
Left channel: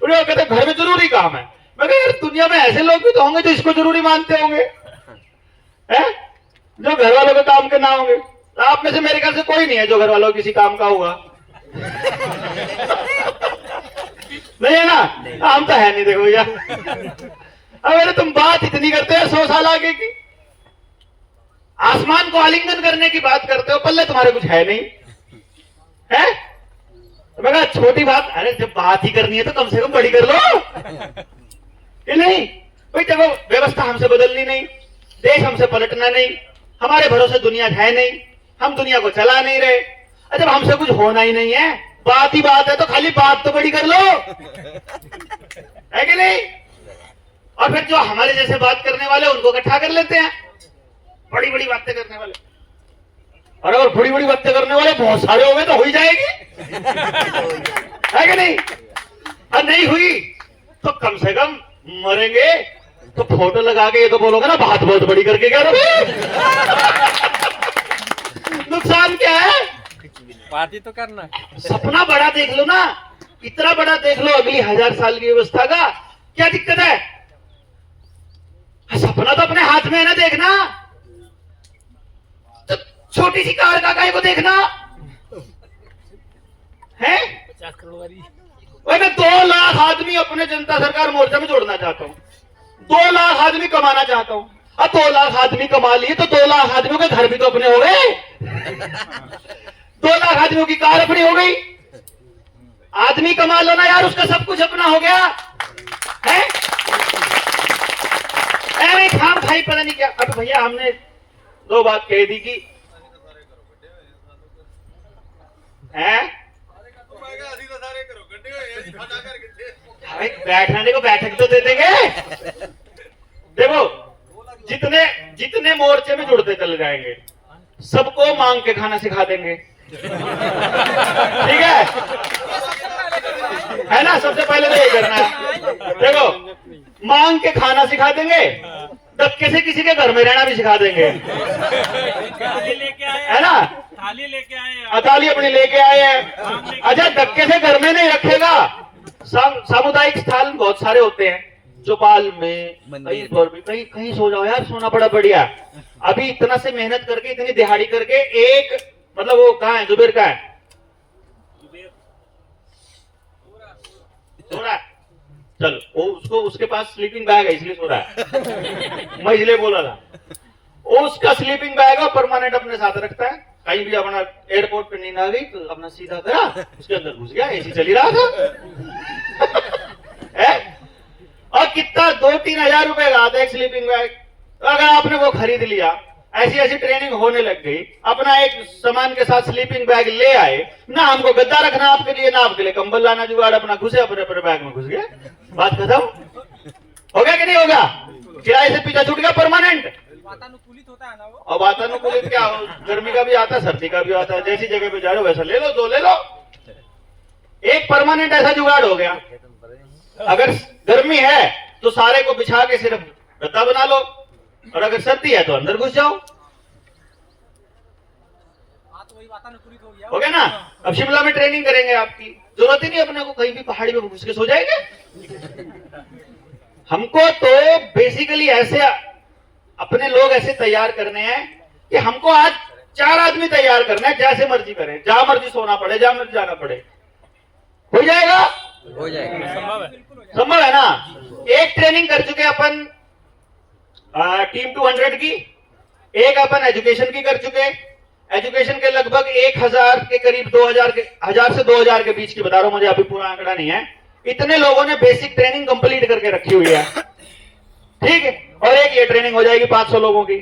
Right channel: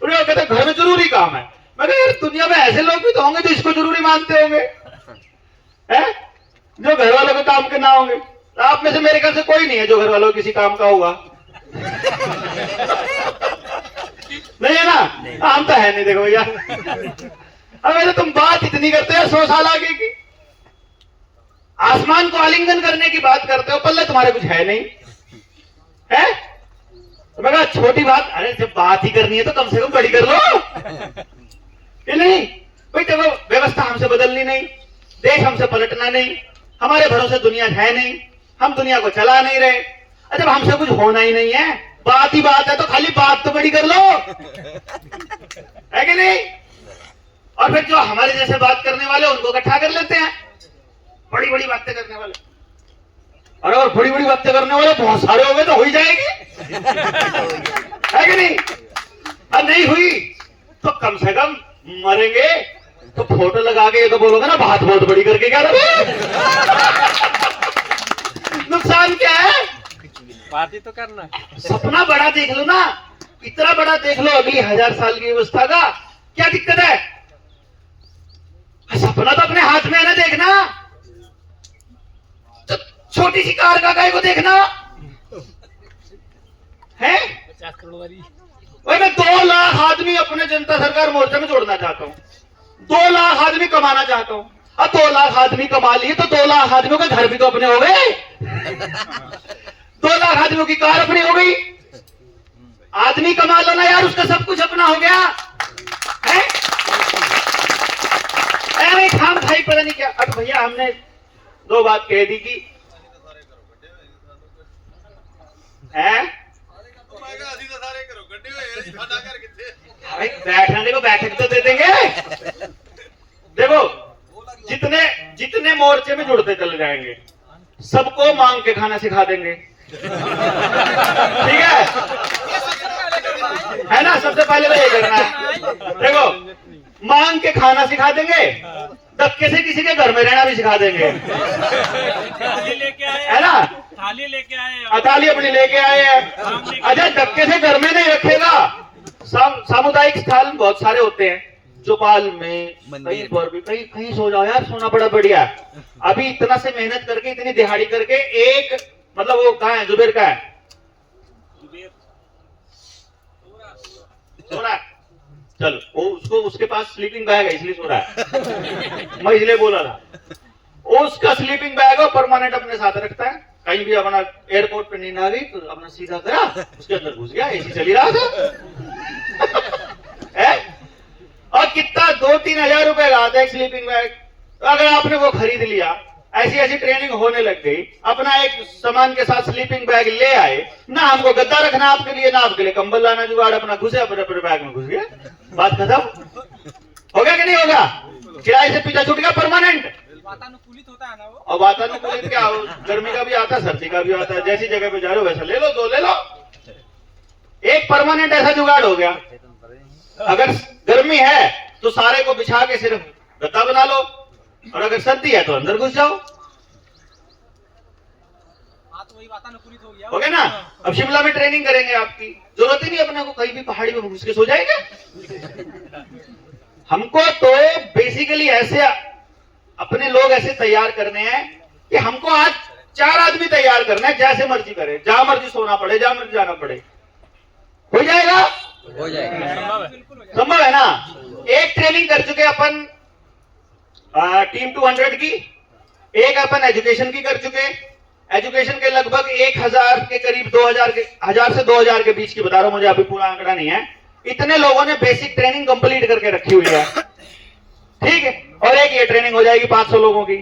उन्हें कहते घर में जरूरी काम है। मैं कहा यार दुनिया में ऐसे लोग भी तो होंगे जो इसको जरूरी मानते होंगे, हैं? जो घर वालों के काम के ना होंगे। आप में से मेरे घर से कोई नहीं है जो घर वालों किसी काम का हुआ नहीं है ना? हम तो है नहीं, देखो भैया। अरे तुम बात इतनी करते हो 100 साल आगे की, आसमान को आलिंगन करने की बात करते हो, पल्ले तुम्हारे कुछ है नहीं है? तो मैं कहा छोटी बात, अरे जब बात ही करनी है तो कम से कम बड़ी कर लो ये नहीं भाई। देखो व्यवस्था हमसे बदलनी नहीं, देश हमसे पलटना नहीं, हमारे भरोसे दुनिया है नहीं, हम दुनिया को चला नहीं रहे। जब हमसे कुछ होना ही नहीं है, बात ही बात है, तो खाली बात तो बड़ी कर लो, है कि नहीं? और फिर जो हमारे जैसे बात करने वाले उनको इकट्ठा कर लेते हैं, बड़ी बड़ी बातें करने वाले। अरे और बड़ी बड़ी बातें करने वाले बहुत सारे हो गए तो हो ही जाएगी है कि नहीं? और नहीं हुई तो कम से कम मरेंगे तो फोटो लगा के ये तो बोलोगे ना बात बहुत बड़ी करके क्या नुकसान क्या है? बात ही तो करना। सपना बड़ा देख लो ना, इतना बड़ा देख लो अगली 1000 साल की व्यवस्था का, क्या दिक्कत है? सपना तो अपने हाथ में है ना देखना, तो छोटी सी कार का गाय को देखना है। 50 करोड़ वाली भाई मैं 2 लाख आदमी अपने जनता सरकार मोर्चा में जोड़ना चाहता हूँ, 2 लाख आदमी कमाना चाहता हूँ। अब 2 लाख आदमी कमा लिए तो 2 लाख आदमियों के घर भी तो अपने हो गए 2 लाख आदमियों की कार अपनी हो गई। आदमी कमा लो ना यार, उसका सब कुछ अपना हो गया है। नहीं खाम खाई पता नहीं क्या। अब भैया हमने 2 बात कह दी कि बैठने को बैठक तो दे देंगे। देखो जितने मोर्चे में जुड़ते चले जाएंगे सबको मांग के खाना सिखा देंगे ठीक है ना? सबसे पहले तो ये करना है। देखो मांग के खाना सिखा देंगे, धक्के से किसी के घर में रहना भी सिखा देंगे, थाली लेके आए, है ना? थाली लेके आए, अताली अपनी लेके आए हैं। अच्छा, धक्के से घर में नहीं रखेगा। सामुदायिक स्थल बहुत सारे होते हैं, चौपाल में, कहीं पर भी, कहीं कहीं सो जाओ यार, सोना बड़ा बढ़िया। अभी इतना से मेहनत करके, इतनी दिहाड़ी करके, एक मतलब वो कहाँ है, जुबेर का है, सो रहा है। चल, वो उसको, उसके पास स्लीपिंग बैग है इसलिए सो रहा है। मैं इसलिए बोला था, उसका स्लीपिंग बैग है परमानेंट अपने साथ रखता है। कहीं भी अपना एयरपोर्ट पे नींद आ गई तो अपना सीधा करा, उसके अंदर घुस गया, एसी चली रहा था। है? और कितना 2-3 हजार रुपए का आता है एक स्लीपिंग बैग। तो अगर आपने वो खरीद लिया, ऐसी ऐसी ट्रेनिंग होने लग गई, अपना एक सामान के साथ स्लीपिंग बैग ले आए ना, हमको गद्दा रखना आपके लिए, ना आपके लिए कंबल लाना जुगाड़, अपना घुसे अपने अपने बैग में घुस गए, बात खत्म। हो गया कि नहीं होगा? किराए से पीछा छूट गया परमानेंट। वातानुकूलित होता है ना वो। और वातानुकूलित क्या, गर्मी का भी आता है, सर्दी का भी आता है, जैसी जगह पे जा रहे हो वैसा ले लो, दो ले लो। एक परमानेंट ऐसा जुगाड़ हो गया। अगर गर्मी है तो सारे को बिछा के सिर्फ गद्दा बना लो, और अगर सर्दी है तो अंदर घुस जाओ। हाँ, तो वही वातानुकूलित हो गया। हो गया ना? अब शिमला में ट्रेनिंग करेंगे, आपकी जरूरत ही नहीं अपने को कहीं भी पहाड़ी में घुस के सो जाएंगे। हमको तो बेसिकली ऐसे अपने लोग ऐसे तैयार करने हैं कि हमको आज 4 आदमी तैयार करना है, जैसे मर्जी करें, जहां मर्जी सोना पड़े, जहां मर्जी जाना पड़े। हो जाएगा? हो जाएगा। संभव है ना? एक ट्रेनिंग कर चुके अपन टीम 200 की, एक अपन एजुकेशन की कर चुके। एजुकेशन के लगभग 1000 के करीब, 1000 से 2000 के बीच की बता रहा हूं, मुझे अभी पूरा आंकड़ा नहीं है। इतने लोगों ने बेसिक ट्रेनिंग कंप्लीट करके रखी हुई है, ठीक है। और एक ये ट्रेनिंग हो जाएगी 500 लोगों की,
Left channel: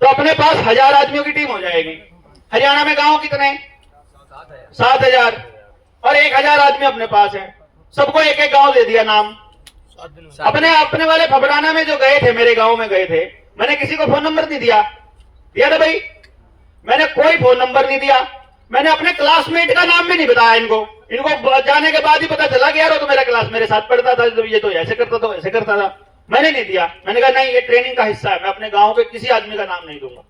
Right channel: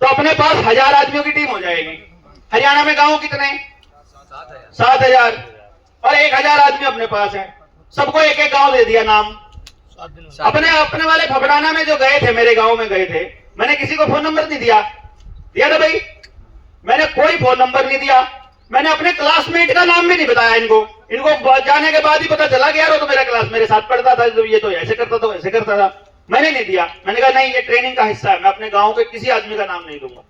तो अपने पास 1000 आदमियों की टीम हो जाएगी। हरियाणा में गांव कितने? 7000, और 1000 आदमी अपने पास है। सबको एक एक गांव दे दिया नाम। अपने वाले फबड़ाना में जो गए थे, मेरे गांव में गए थे, मैंने किसी को फोन नंबर नहीं दिया ना भाई, मैंने कोई फोन नंबर नहीं दिया। मैंने अपने क्लासमेट का नाम भी नहीं बताया इनको जाने के बाद ही पता चला कि यार वो तो मेरा क्लास मेरे साथ पढ़ता था, ये तो ऐसे करता था, वैसे करता था। मैंने नहीं दिया, मैंने कहा नहीं, ये ट्रेनिंग का हिस्सा है, मैं अपने गांव के किसी आदमी का नाम नहीं दूंगा।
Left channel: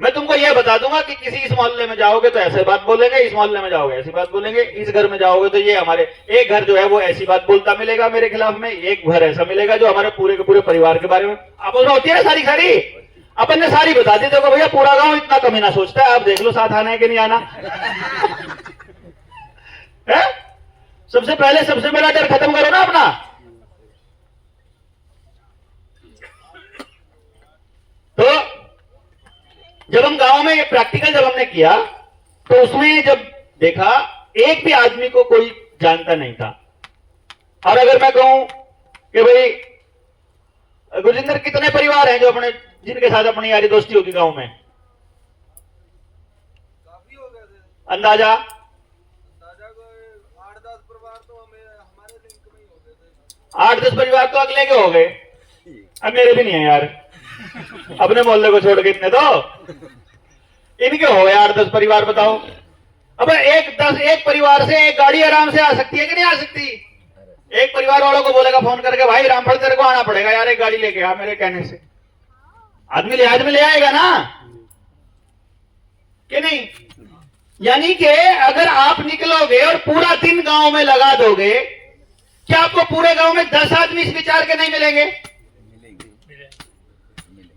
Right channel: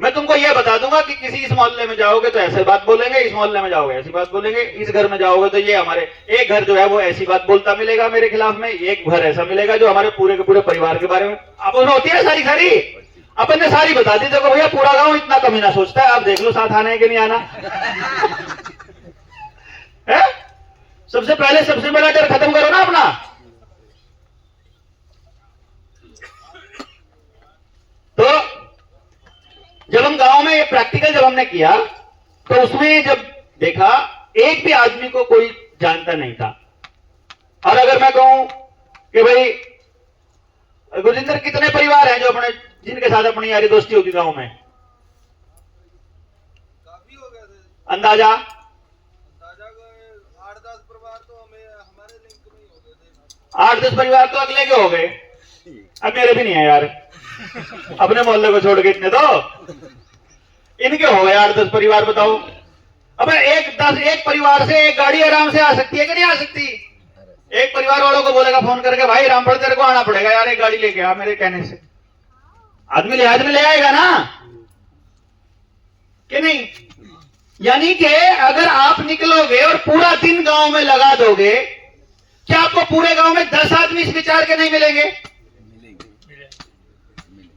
मैं तुमको ये बता दूंगा कि किसी इस मोहल्ले में जाओगे तो ऐसे बात बोलेंगे, इस मोहल्ले में जाओगे ऐसी बात बोलेंगे, इस घर में जाओगे तो ये हमारे एक घर जो है वो ऐसी बात बोलता मिलेगा मेरे खिलाफ में, एक घर ऐसा मिलेगा जो हमारे पूरे के पूरे परिवार के बारे में अपन होती है सारी सारी अपन ने सारी बता दी। देखो भैया, पूरा गांव इतना कमीना सोचता है, आप देख लो साथ आना है कि नहीं आना है? सबसे पहले सबसे बड़ा डर खत्म करो ना अपना। तो जब हम गांव में ये प्रैक्टिकल जब हमने किया तो उसमें जब देखा, एक भी आदमी को कोई जानता नहीं था। और अगर मैं कहूं कि भाई गुरजिंदर, कितने परिवार हैं जो अपने जिनके साथ अपनी यारी दोस्ती होगी गांव में? काफी हो गए थे। अंदाजा 8-10 परिवार तो हमारे लिंक में ही हो गए थे। 8-10 परिवार तो अगले के हो गए, अब मेरे भी नहीं है यार, अपने मोहल्ले को छोड़ के इतने तो इनके हो गए 8-10 परिवार। बताओ, अब एक परिवार से एक गाड़ी आराम से आ सकती है कि नहीं आ सकती? एक परिवार वालों को बोलेगा फोन करके, भाई रामफल तेरे को आना पड़ेगा यार, एक गाड़ी लेके आ, मेरे कहने से आदमी लिहाज में ले आएगा ना कि नहीं? यानी कि अगर आप निकलोगे और पूरा दिन गांव में लगा दोगे, क्या आपको पूरे गांव में 10 आदमी इस विचार के नहीं मिलेंगे?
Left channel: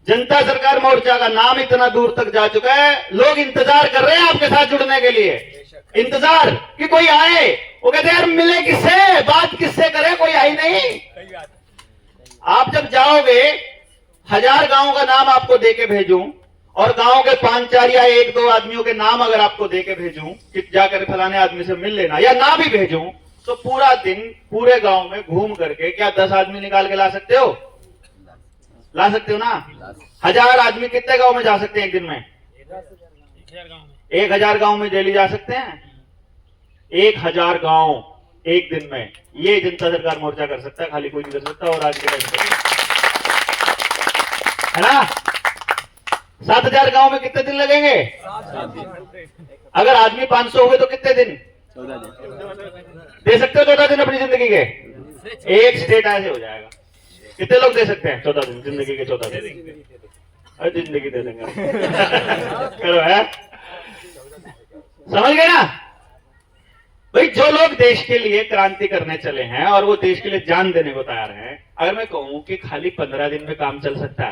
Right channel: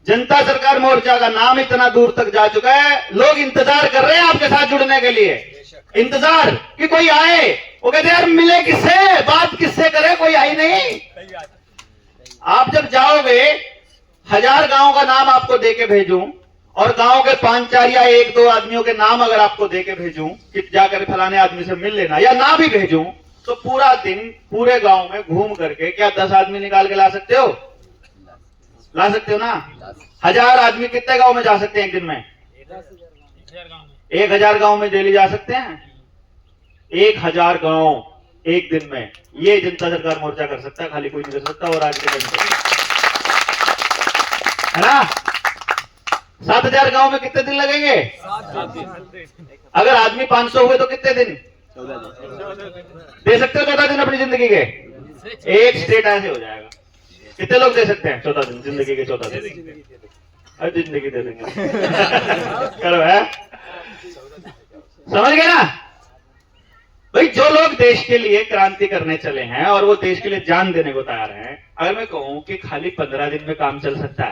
जनता सरकार मोर्चा का नाम इतना दूर तक जा चुका है, लोग इंतजार कर रहे हैं आपके साथ जुड़ने के लिए, इंतजार कि कोई आए। वो कहते हैं यार मिले किससे, बात किससे करें, कोई आई नहीं। आप जब जाओगे, 1000 गांव का नाम आपको देके भेजूं और गांव के 5-4 या 1-2 आदमियों के नाम अगर आपको देके भेजूं कि जाकर फलाने आदमी से मिल लेना, या ना भी भेजूं, तो पूरा दिन पूरे गांव में घूम करके क्या 10 आदमी निकाल के ला सकते हो? ला सकते हो ना? 1000 आदमी कितने गांव में जा सकते हैं एक दिन में? 1000 गांव में डेली जा सकते हैं। 1000 गांव एक दिन में, ये जनता सरकार मोर्चा कर सकता है, खाली कोई नहीं कर सकता। और आज के टाइम है ना, 7000 गांव में कितने दिन लगेंगे? अगर आदमी 500 हुए तो कितने दिन दे सकते हो? 14 दिन अपनी जिंदगी के। एक स्टेट ऐसे हो जाएगा। कितने लोग दे सकते हैं 14 दिन, जिंदगी के 14 दिन? हर जिंदगी दे देंगे। करो है, समझ गए ना भाई? जो लोग देश के लिए क्रांति करने चले हैं और वो देश के लिए जान देने को तैयार हैं, अगर मैं कहूं कि खाली 15 दिन में काम चल सकता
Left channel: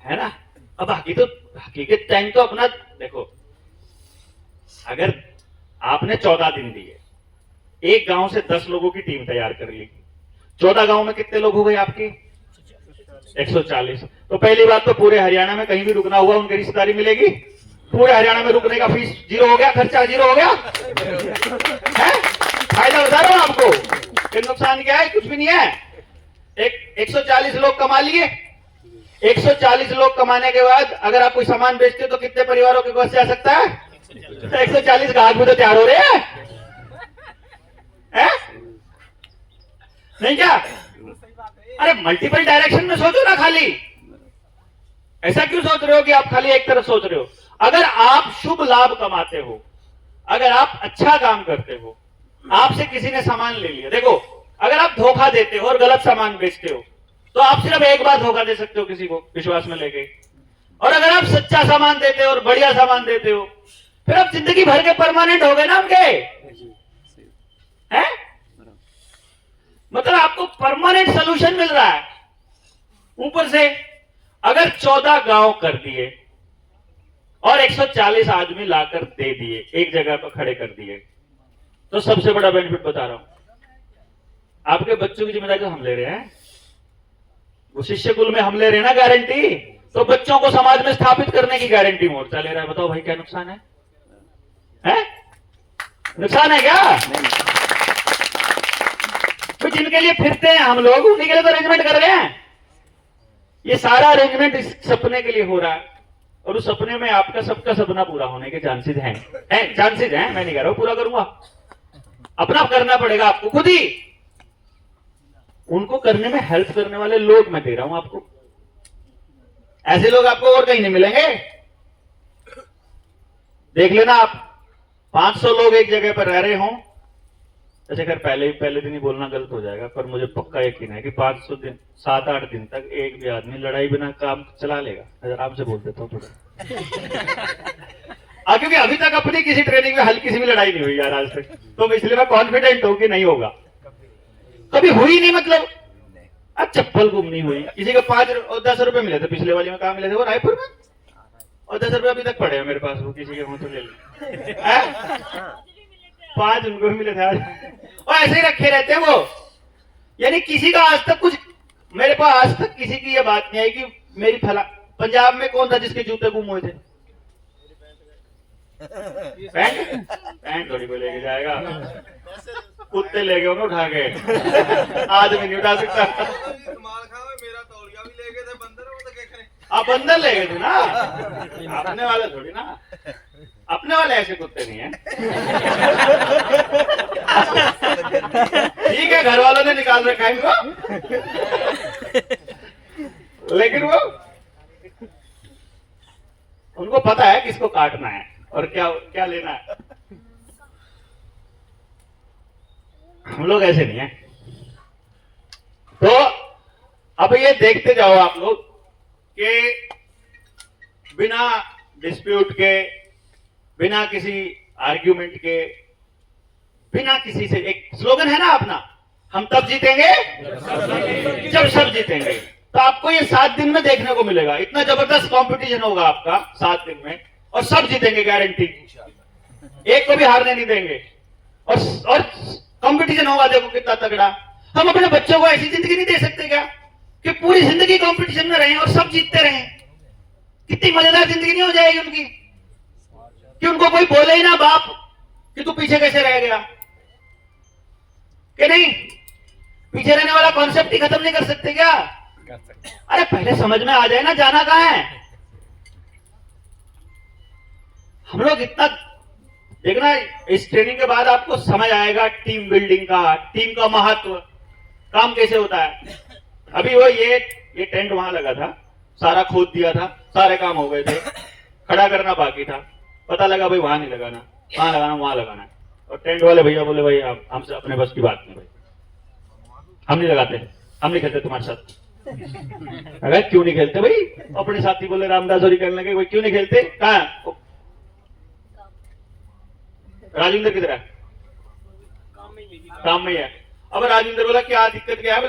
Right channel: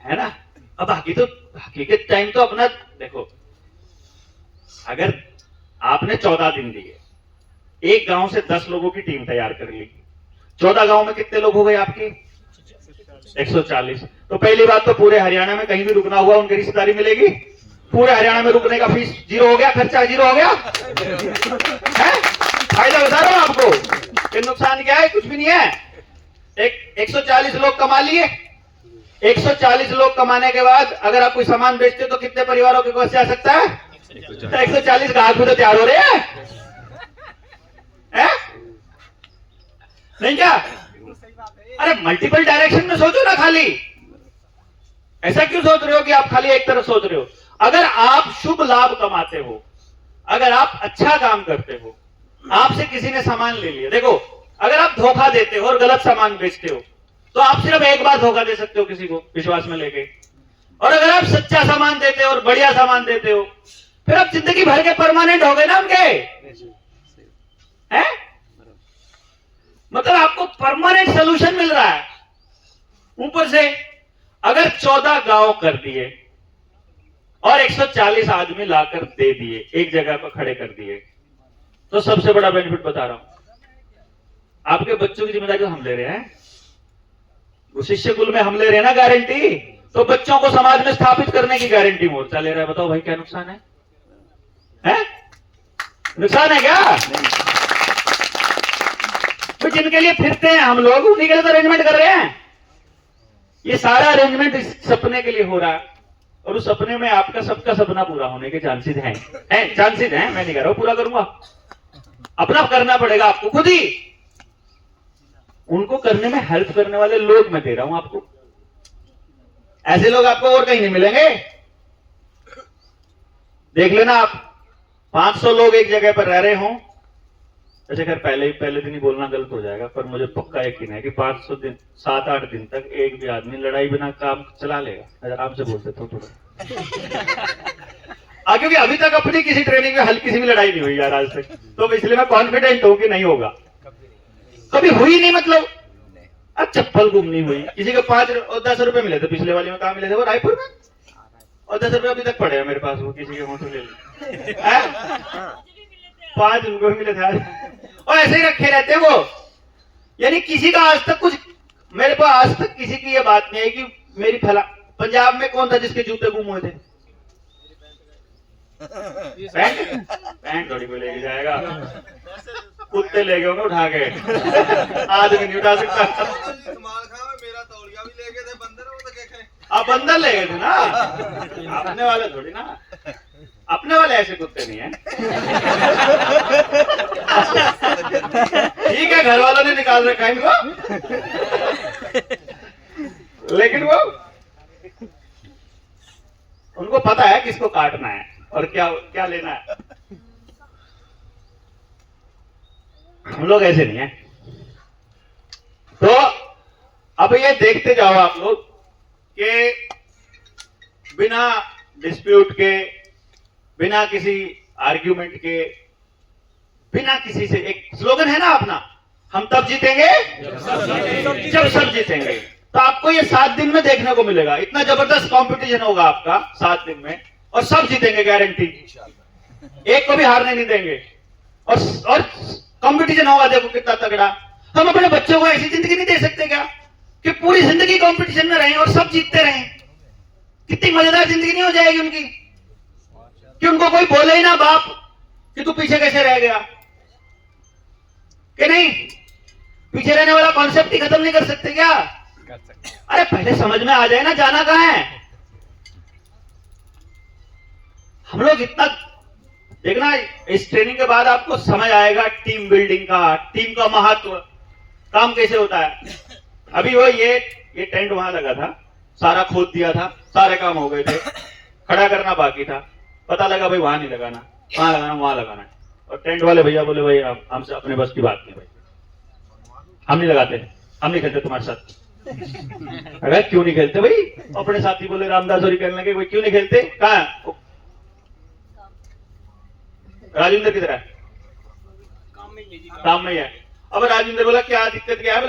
है ना? अब हकीकत टाइम तो अपना देखो, अगर आपने 14 दिन दिए, एक गांव से 10 लोगों की टीम तैयार कर ली, 14 गांव में कितने लोग हो गए आपके? 140। तो पहली बात तो पूरे हरियाणा में कहीं भी रुकना हुआ उनकी रिश्तेदारी मिलेगी? पूरे हरियाणा में रुकने का फीस जीरो हो गया, खर्चा जीरो हो गया है? फायदा बता रहा हूं आपको कि नुकसान क्या है? कुछ भी नहीं है। 140 लोग कमा लिए, 140 लोग कमाने के बाद अगर आप कोई सामान बेचते तो कितने परिवारों के पास जा सकता है? 140 ग्राहक भी तो तैयार हो रहे हैं, है? नहीं क्या? अरे मल्टीपल डायरेक्शन में सोचो ना, खाली ऐसा क्यों सोच रहे हो कि आप खाली एक तरफ सोच रहे हो? अगर आप शुभ लाभ कमाते हो, अगर आप अच्छा काम करते हो, आपसे किसी ने सामान ले लिया, देखो अगर आप धोखा देते हो और गलत सामान बेचते हो तो आप सिर्फ एक बार धोखा दे सकते हो किसी को विश्वास में लेके, और अगर आप सच्चा सामान देते हो और बढ़िया सामान देते हो फिर आप जिंदगी भर के परमानेंट हो गए ना उनके, हैं? मतलब आपको परमानेंट सोल्यूशन मिल रहा है ऊपर से। अगर 14 गांव कर दिए और 140 आदमी लाकर दे दिए, एक जगह पर खड़े कर दिए, तो सबसे बड़ा बेनिफिट बता रहा हूं, आपके बच्चों की जिम्मेदारी तो हम ले रहे हैं, वो शिष्य कुल में हम ले रहे हैं ना गारंटी, तो बच्चों को समाज में स्थापित करने की गारंटी मोर्चा ले रहा है। बताओ भाई क्या नुकसान है? नुकसान है क्या? तो जिनके लिए फिरते हैं हम लोग उन्हीं के लिए तो अरेंजमेंट कर रहे हैं। ये सारा अरेंजमेंट इस सपने के लिए हो रहा है, और उस सपने में आपका सबका सपना पूरा होने के चांसेस हैं, चांसेस हैं। मैं नहीं कह रहा हूं पूरा करूंगा, अपना करना पड़ेगा आपको खुद ही। उनको करने में हेल्प करने वाले लोग मैं दे रहा हूं आपको, ऐसे लोग आपको और कहीं नहीं मिलेंगे। देख लेना आप, 500 लोग एक जगह पर रह रहे हों, ऐसे कर पहले दिन ही बोलना गलत हो जाएगा, पर मुझे पक्का यकीन है कि 500 दिन 7-8 दिन तक एक भी आदमी लड़ाई बिना काम चला लेगा। अगर आपसे बोल देता हूँ थोड़ा क्योंकि अभी तक अपनी किसी ट्रेनिंग में हल्की सी भी लड़ाई नहीं हुई यार आज तक, तो इसलिए मैं कॉन्फिडेंट हूं कि नहीं होगा, कभी हुई नहीं। मतलब चप्पल गुम नहीं हुई, किसी को 5 और 10 रुपए मिले थे पिछले वाले में, कहां मिले थे? वो रायपुर में, और 10 रुपए अभी तक पड़े हैं मेरे पास, वो किसी के मुंह से ले लिए 5 रुपए मिले थे और ऐसे ही रखे रहते हैं वो। यानी किसी का आज तक कुछ, मेरे पास आज तक किसी की ये बात नहीं आई कि मेरी फला। पंजाब में कौन था जिसके जूते गुम हुए थे? पैंट थोड़ी कोई लेके जाएगा, कुत्ते ले गए उन्हें उठा के, आदमी नहीं उठा सकता। मेरा तौलिया भी ले गए थे बंदर, वो तो क्या करें? आप बंदर ले गए थे ना, अपने वाले थोड़ी ना, अपने वाले ऐसे कुत्ते नहीं है। ठीक है घर वालों ने निकाल रखा है इनको, लेकिन वो उनको पता है किसको काटना है और क्या क्या लेना है। हम लोग ऐसे नहीं है। तो अब ये देखते जाओ आप लोग कि बिना डिस्प्यूट के, बिना किसी आर्ग्यूमेंट के, बिना किसी से, एक स्लोगन है ना अपना, हम तब जीतेंगे जब सब जीतेंगे। तो आपको ये 7 दिन में देखने को मिलेगा, इतना जबरदस्त कंपटीशन होगा आपका 7 दिन में, और सब जीतेंगे गारंटी, एक को भी हारने नहीं देंगे। और कंपटीशन होगा, देखो कितना तगड़ा। हम अपने बच्चों को ऐसी जिंदगी नहीं दे सकते क्या कि पूरी जिंदगी कंपटीशन में रहें और सब जीतते रहें? कितनी मजेदार जिंदगी नहीं हो जाएगी उनकी, कि उनको कोई बोले ही ना बाप कि तू पीछे कैसे रह गया, कि नहीं? पीछे रहने वाला कॉन्सेप्ट ही खत्म नहीं कर सकते क्या? अरे पहले समझ में आ जाए ना जाना कहां है। हम लोग इतना देखना, इस ट्रेनिंग के बाद आपको समझ आएगा टीम बिल्डिंग का, टीम का महत्व, काम कैसे होता है। अभी वो ये टेंट वहां लगा था, सारा खोद दिया था, सारे काम हो गए थे, खड़ा करना बाकी था, पता लगा भाई वहां नहीं लगाना, वहां लगाना, वहां लगाना। और टेंट वाले भैया बोले भाई हमसे अपने बस की बात नहीं भाई, हम नहीं लगाते, हम नहीं खेलते तुम्हारे साथ। अरे क्यों नहीं खेलते भाई? अपने साथी बोले रामदास और खेलने के, कोई क्यों नहीं खेलते? कहाँ है राजेंद्र? किधर है? काम में ही है। अब राजेंद्र बोला क्या दिक्कत क्या है?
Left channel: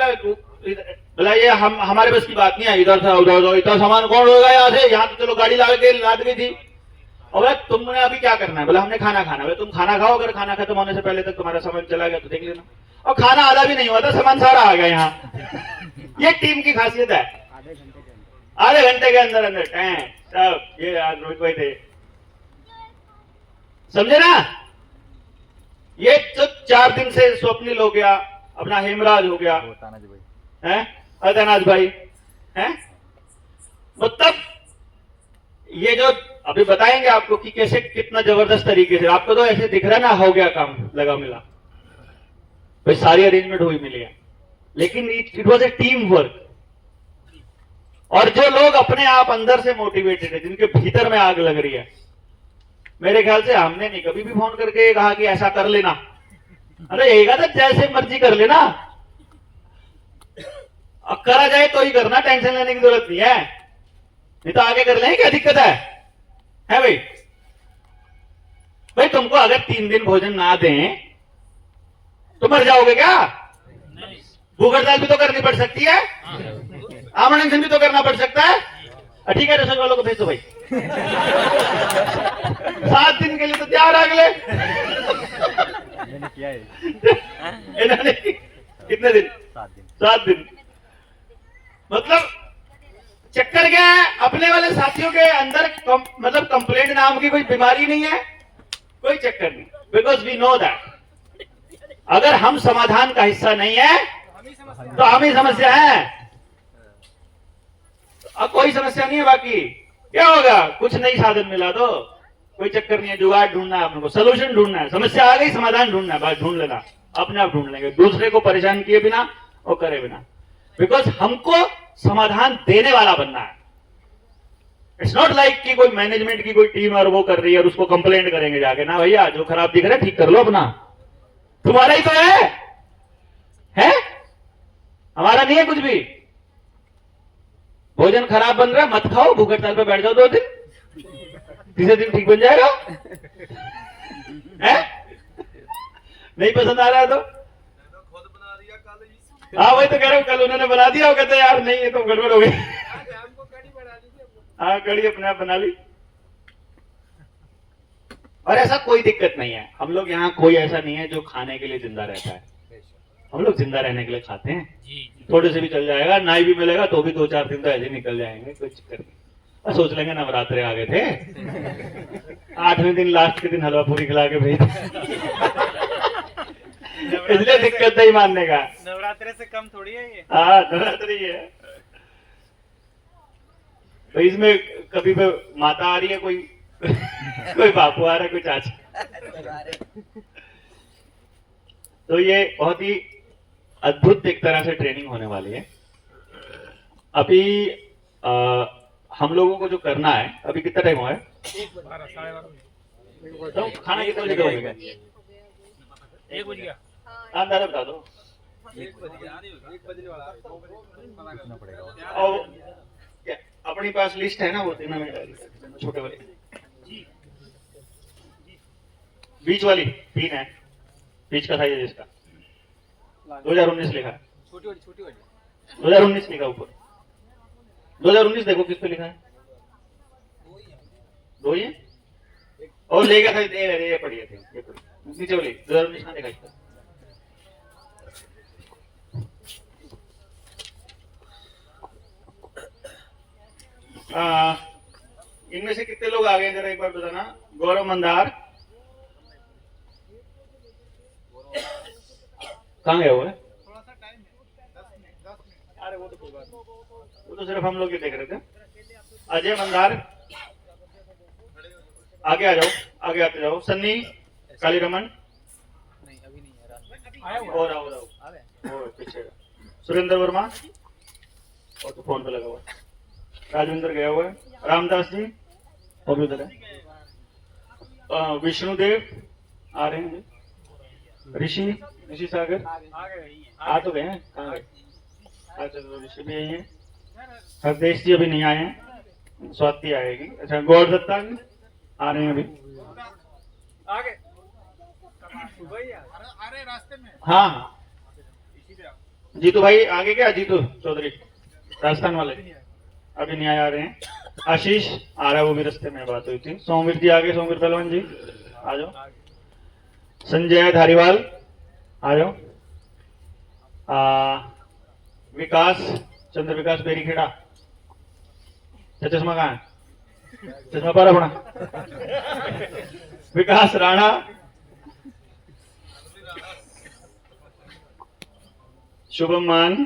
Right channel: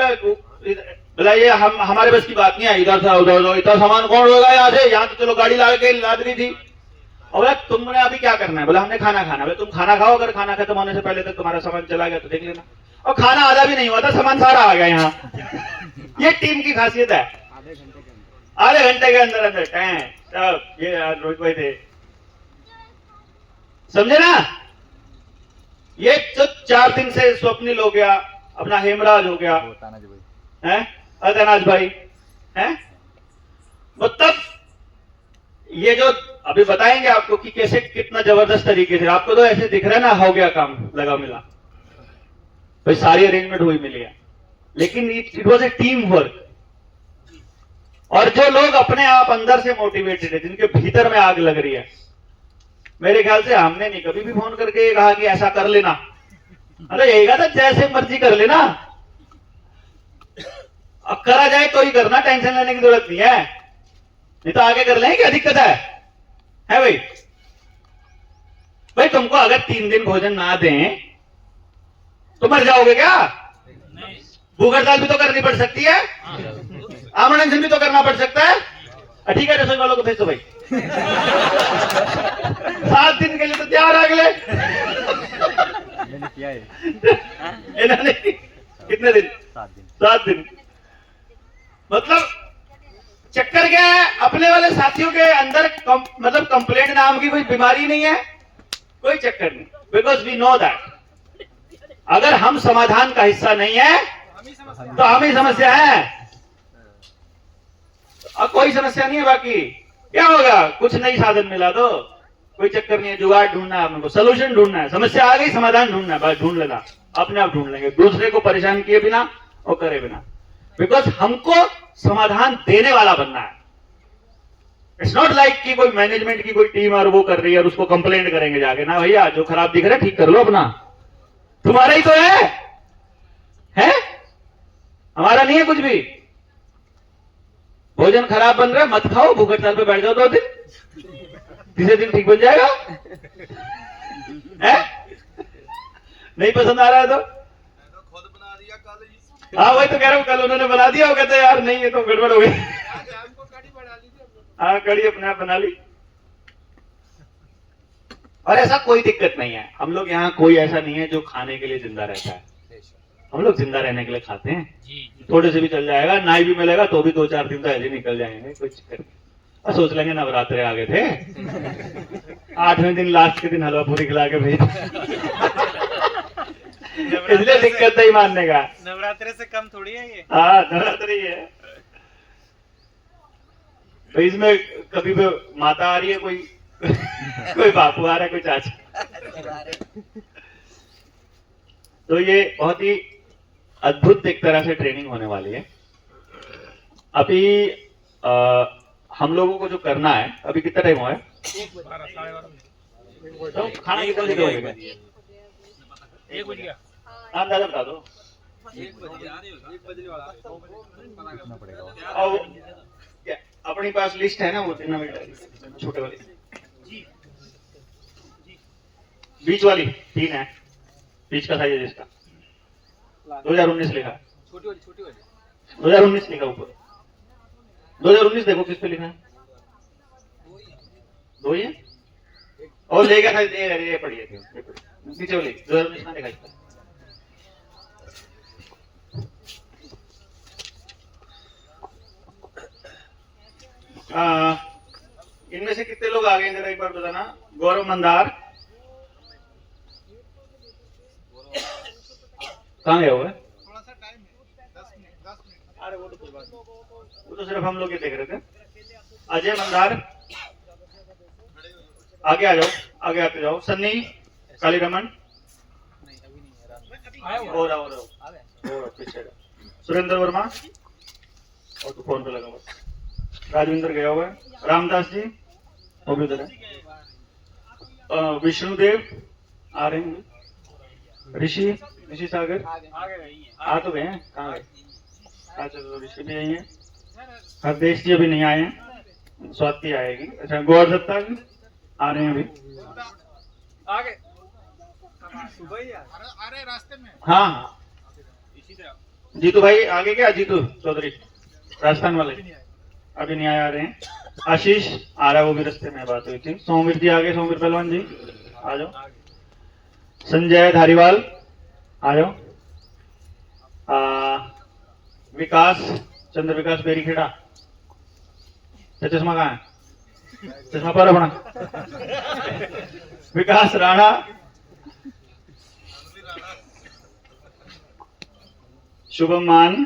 बोला ये हमारे बस की बात नहीं है, इधर से उधर इतना सामान कौन होगा यहाँ से, यहाँ तो चलो गाड़ी ला के लाद रही थी। और बोला तुमने अभी क्या करना है? बोला हमने खाना खाना। बोला तुम खाना खाओ, अगर खाना खत्म होने से पहले तक तुम्हारा सामान चला गया तो देख लेना। और खाना आधा भी नहीं हुआ था, सामान सारा आ गया यहाँ। ये टीम की खासियत है। आधे घंटे के अंदर अंदर सब ये आज रोहित भाई थे, समझे ना? ये जो 4 दिन से स्वप्निल हो गया, अपना हेमराज हो गया, हैं अतनाज भाई हैं, मतलब ये जो अभी बताएंगे आपको कि कैसे कितना जबरदस्त तरीके से। आपको तो ऐसे दिख रहा है ना, हो गया काम, लगा मिला भाई, सारी अरेंजमेंट हुई मिली है, लेकिन it was a team work. और जो लोग अपने आप अंदर से मोटिवेटेड है, जिनके भीतर में आग लग रही है, मेरे ख्याल से हमने नहीं कभी भी फोन करके ये कहा कि ऐसा कर लेना। अरे यही कहा था जैसे मर्जी कर लेना, अब करा जाए तो ही करना, टेंशन लेने की जरूरत नहीं है, नहीं तो आगे कर लेंगे, क्या दिक्कत है भाई? भाई तुमको अगर 3 दिन भोजन ना दें तो मर जाओगे क्या? भूख हड़ताल भी तो करनी पड़ सकती है, आमरण भी तो करना पड़ सकता है। ठीक है, रसोई वालों को भेज दो भाई। 7 दिन के लिए तो तैयार अगले मैंने किया है। इन्होंने कितने दिन? 7 दिन। मतलब चक्कर क्या है, अपने वाले साथियों के अंदर मतलब कंप्लेंट नाम की कोई बीमारी नहीं है, कोई चक्कर नहीं, बिकॉज वी नो दैट अगर हम समाधान का हिस्सा नहीं है तो हम ही समस्या है। अब कोई समस्या नहीं है, बाकी क्या होगा? कुछ नई साधन मिला तो कोई चक्कर नहीं है, जुगाड़ ढूंढना है आपको, सोल्यूशन ढूंढना है, समस्या आ गई समाधान ढूंढना है, बस ढूंढ लेना, अपने आप ढूंढ लेंगे, दूसरे को परेशान किए बिना और करे बिना, बिकॉज हमको समाधान देने वाला बनना है। इट्स नॉट लाइक कि कोई मैनेजमेंट की कोई टीम और वो कर रही है और उसको कंप्लेंट करेंगे जाके, ना भैया जो खराब दिख रहा है ठीक कर लो अपना, तुम्हारा ही तो है? हमारा नहीं है कुछ भी। भोजन खराब बन रहा है, मत खाओ, भूख हड़ताल पे बैठ जाओ 2 दिन, तीसरे दिन ठीक बन जाएगा। है? नहीं पसंद आ रहा है तो खुद बना दिया कल ही। हाँ वही तो कह रहा हूँ, कल उन्होंने बना दिया, वो कहते यार नहीं ये तो गड़बड़ हो गई। हाँ कड़ी अपने आप बना ली। और ऐसा कोई दिक्कत नहीं है, हम लोग यहाँ कोई ऐसा नहीं है जो खाने के लिए जिंदा रहता है, हम लोग जिंदा रहने के लिए खाते हैं। थोड़े से भी चल जाएगा, नाई भी मिलेगा तो भी 2-4 दिन तो ऐसे निकल जाएंगे, कोई चक्कर नहीं। और सोच लेंगे नवरात्रे आ गए थे, 8वें दिन लास्ट के दिन हलवा पूरी खिला के भेज, इसलिए दिक्कत नहीं मानने का। नवरात्रे से कम थोड़ी है ये। हाँ नवरात्रि है तो इसमें कभी भी माता आ रही है, कोई कोई बापू आ रहा है, कोई चाचा। तो ये बहुत ही अद्भुत एक तरह से ट्रेनिंग होने वाली है। अभी हम लोगों को जो करना है, अभी कितना टाइम हुआ है? तो खाना कितना बजे होगा? 1 बज गया। हाँ दादा बता दो। 1 बजने वाला पूछना पड़ेगा। और क्या अपनी पास लिस्ट है ना, वो 3 मिनट छोटे वाली, बीच वाली 3 है, बीच का साइज है जिसका 2019 लिखा है, छोटी वाली 2019 लिखा ऊपर, 2019 देखो किस पे लिखा है, 2 ही है और लेगा साइज ये पढ़िए थे नीचे वाली 2019 ना लिखा इसका। इनमें से कितने लोग आ गए जरा एक बार बताना। गौरव मंदार कहाँ गया हुआ है? अरे वो तो कोई बात नहीं, वो तो सिर्फ हम लोग ये देख रहे थे। अजय मंदार आगे आ जाओ, आगे आते जाओ। सन्नी काली रमन और पीछे सुरेंद्र वर्मा और तो फोन पे लगा हुआ। राजविंदर गया हुआ है। रामदास जी और भी उधर है। विष्णुदेव आ रहे हैं। ऋषि ऋषि सागर आगे नहीं है। आ तो गए हैं, कहाँ गए? अच्छा तो ऋषि भी यही है, हरदेश जी अभी नहीं आए हैं, स्वाति आएगी। अच्छा गौर दत्ता जी आ रहे हैं अभी। आगे वही है। हाँ हाँ जीतू भाई आगे क्या, जीतू चौधरी राजस्थान वाले अभी नहीं आ रहे हैं। आशीष आ रहा है, वो भी रास्ते में बात हुई थी। सोमवीर जी आगे, सोमवीर पहलवान जी आ जाओ। संजय धारीवाल आ जाओ। विकास चंद्र विकास बेरीखेड़ा, चश्मा कहाँ है? चश्मा पर अपना विकास राणा, शुभम मान,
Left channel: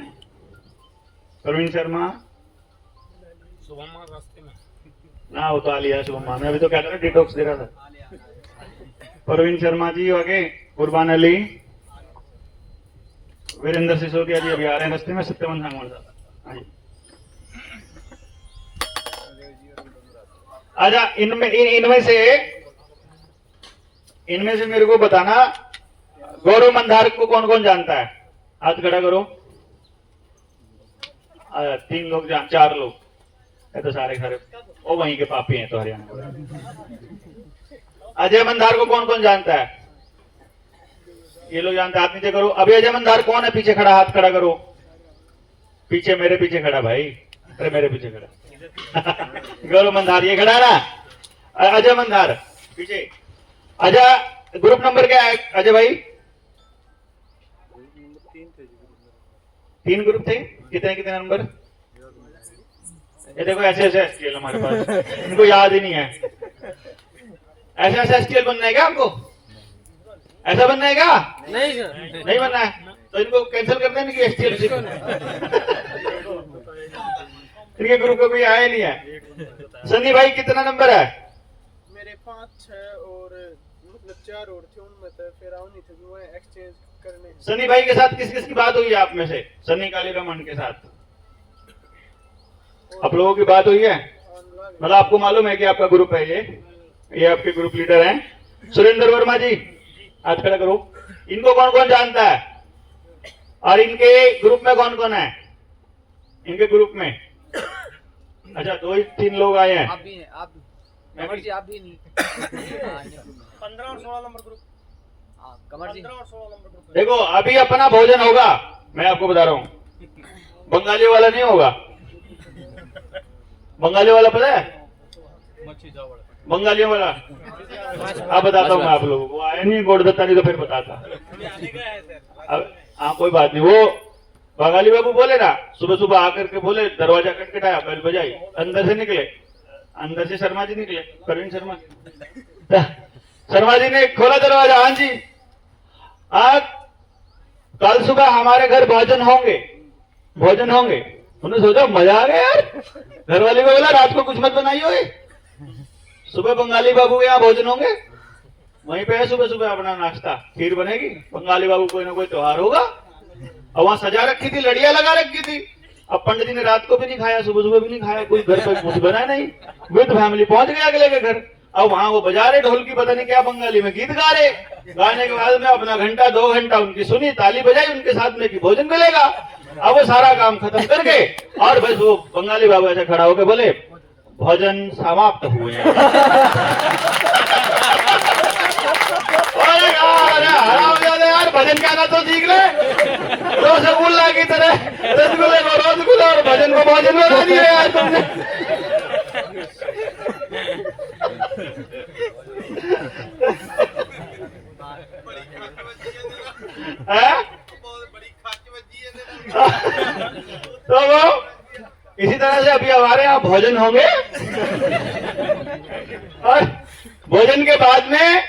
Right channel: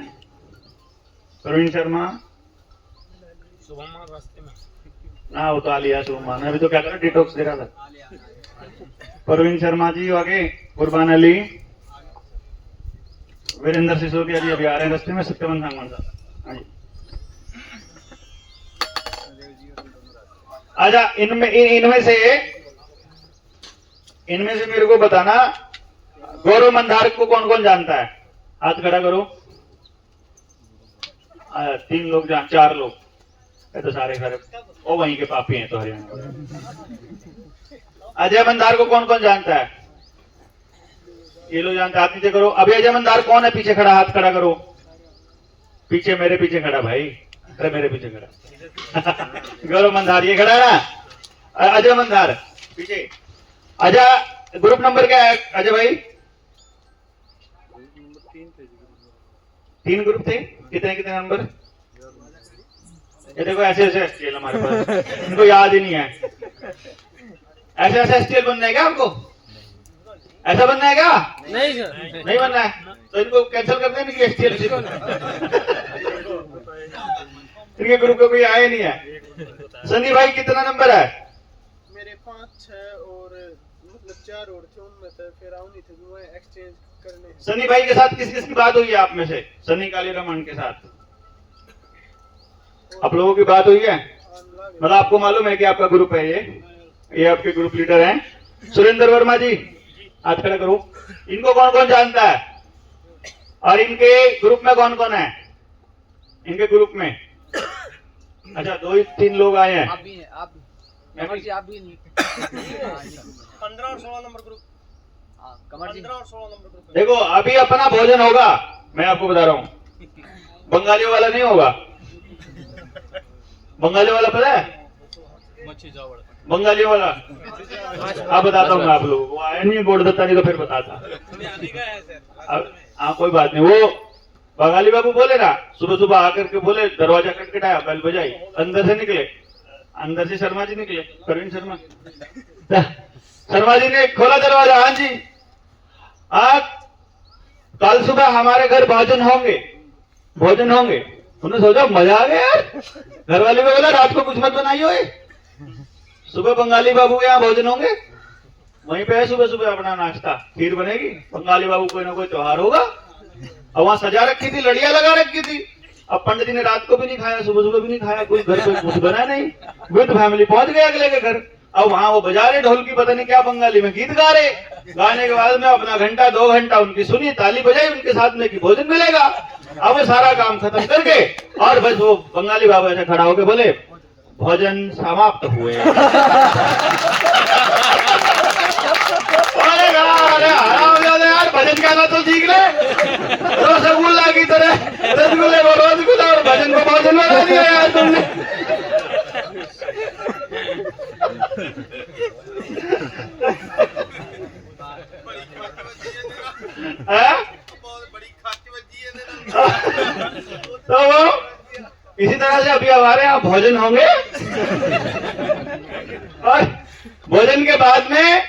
प्रवीण शर्मा, ना वो तो आ लिया शुभम मान, अभी तो क्या करा डिटॉक्स दे रहा था। प्रवीण शर्मा जी आगे, कुर्बान अली, वीरेंद्र सिसोदिया जी अभी आ रहे हैं रास्ते में। सत्यवन सांगवान साहब अच्छा, इनमें से मेरे को बताना गौरव मंदार को कौन कौन जानता है? हाथ खड़ा करो। 3 लोग 4 लोग, ये तो सारे खड़े, वो वहीं के पापी हैं तो हरियाणा। अजय मंदार को कौन कौन जानता है? ये लोग जानते, हाथ नीचे करो। अभी अजय मंदार कौन है पीछे खड़ा? हाथ खड़ा करो। पीछे, मेरे पीछे खड़ा भाई, अरे मेरे पीछे खड़ा गौरव मंदार ये खड़ा ना, अजय मंदार पीछे। अजय ग्रुप नंबर क्या है अजय भाई? 3 ग्रुप थे। कितने कितने नंबर? ये देखो ऐसे ऐसे एसटीएल हमारे पास, इनको याद ही नहीं है। ऐसे ऐसे एसटीएल बनना है क्या आपको? ऐसा बनना है क्या? नहीं सर, नहीं बनना है तो इनको कैंसिल कर देंगे कि एसटीएल से। इनके ग्रुप में कोई आया नहीं है। सनी भाई कितना नंबर है? मेरे 5 6 और मतलब 4 और थे, उनमें तो फिर आओ नहीं थे, वो एक्सचेंज करने। सनी भाई के साथ किस किस की बात हुई है आप में से? सनी काली रमन के साथ आप लोगों की बात हुई है? मतलब आपको मालूम है कि आपका ग्रुप है ये आपके ग्रुप लीडर हैं। सुरेंद्र वर्मा जी हाथ खड़ा करो। इनको कौन कौन जानता है? और इनके ग्रुप में कौन कौन है? इनके ग्रुप में अच्छा 2-3 लोग आए हैं। आप भी हैं, आप भी मैं जी, आप भी नहीं। 15 और 16 नंबर ग्रुप। हां कमर जी 15 और 16 नंबर ग्रुप। देखो अभी अपना भोजन होगा, मैं आपको बता रहा हूँ, बंगाली वाला नहीं होगा। बंगाली वाला पता है? बंगाली वाला आप बताता हूँ मैं आप लोगों को। आया नहीं गोड़ दत्ता नहीं तो फिर बताता। हाँ कोई बात नहीं। वो बंगाली बाबू बोले ना, सुबह सुबह आकर के बोले, दरवाजा खटखटाया, बेल बजाई, अंदर से निकले, अंदर से शर्मा जी निकले, प्रवीण शर्मा। शर्मा जी ने खोला दरवाजा। हाँ जी, आज कल सुबह हमारे घर भोजन होंगे, भोजन होंगे। उन्होंने सोचा मजा आ गया यार। घर वाले को बोला रात को कुछ मत बनाइयो, सुबह बंगाली बाबू के यहाँ भोजन होंगे, वहीं पे है सुबह सुबह अपना नाश्ता, खीर बनेगी। बंगाली बाबू कोई ना कोई त्योहार होगा। और वहां सजा रखी थी, लड़ियां लगा रखी थी। अब पंडित जी ने रात को भी नहीं खाया, सुबह सुबह भी नहीं खाया, कोई घर पे कुछ बना नहीं। विद फैमिली पहुंच गए अगले के घर। अब वहां वो बजा रहे ढोल की, पता नहीं क्या बंगाली में गीत गा रहे। गाने के बाद में अपना घंटा 2 घंटा उनकी सुनी, ताली बजाई उनके साथ में कि भोजन मिलेगा। अब वो सारा काम खत्म करके और बस वो बंगाली बाबा ऐसे खड़ा होकर बोले भोजन समाप्त हुए। अरे हरामजादे यार, भजन कहना तो सीख ले। रसगुल्ला की तरह रसगुल्ले को रसगुल्ला और भजन को भोजन बना दिया यार तुमने। तो वो इसी तरह से अभी हमारे यहाँ भोजन होंगे और भोजन के बाद में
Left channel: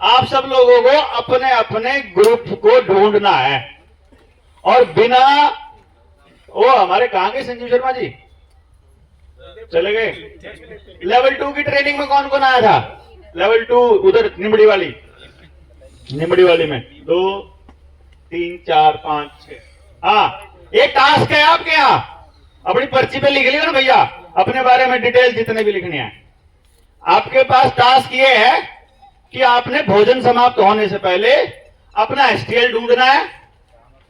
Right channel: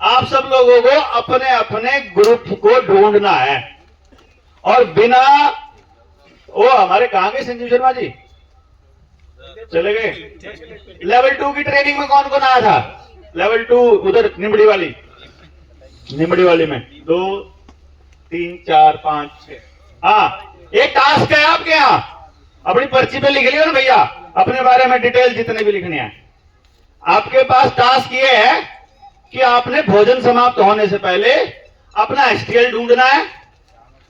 आप सब लोगों को अपने अपने ग्रुप को ढूंढना है। और बिना वो हमारे कहाँ गए संजीव शर्मा जी? चले गए। लेवल 2 की ट्रेनिंग में कौन कौन आया था? लेवल 2 उधर निमड़ी वाली में 2 3 4 5 6। हाँ एक टास्क है आपके यहाँ, अपनी पर्ची पे लिख लियो ना भैया, अपने बारे में डिटेल जितने भी लिखने हैं। आपके पास टास्क ये है कि आपने भोजन समाप्त होने से पहले अपना एसटीएल ढूंढना है,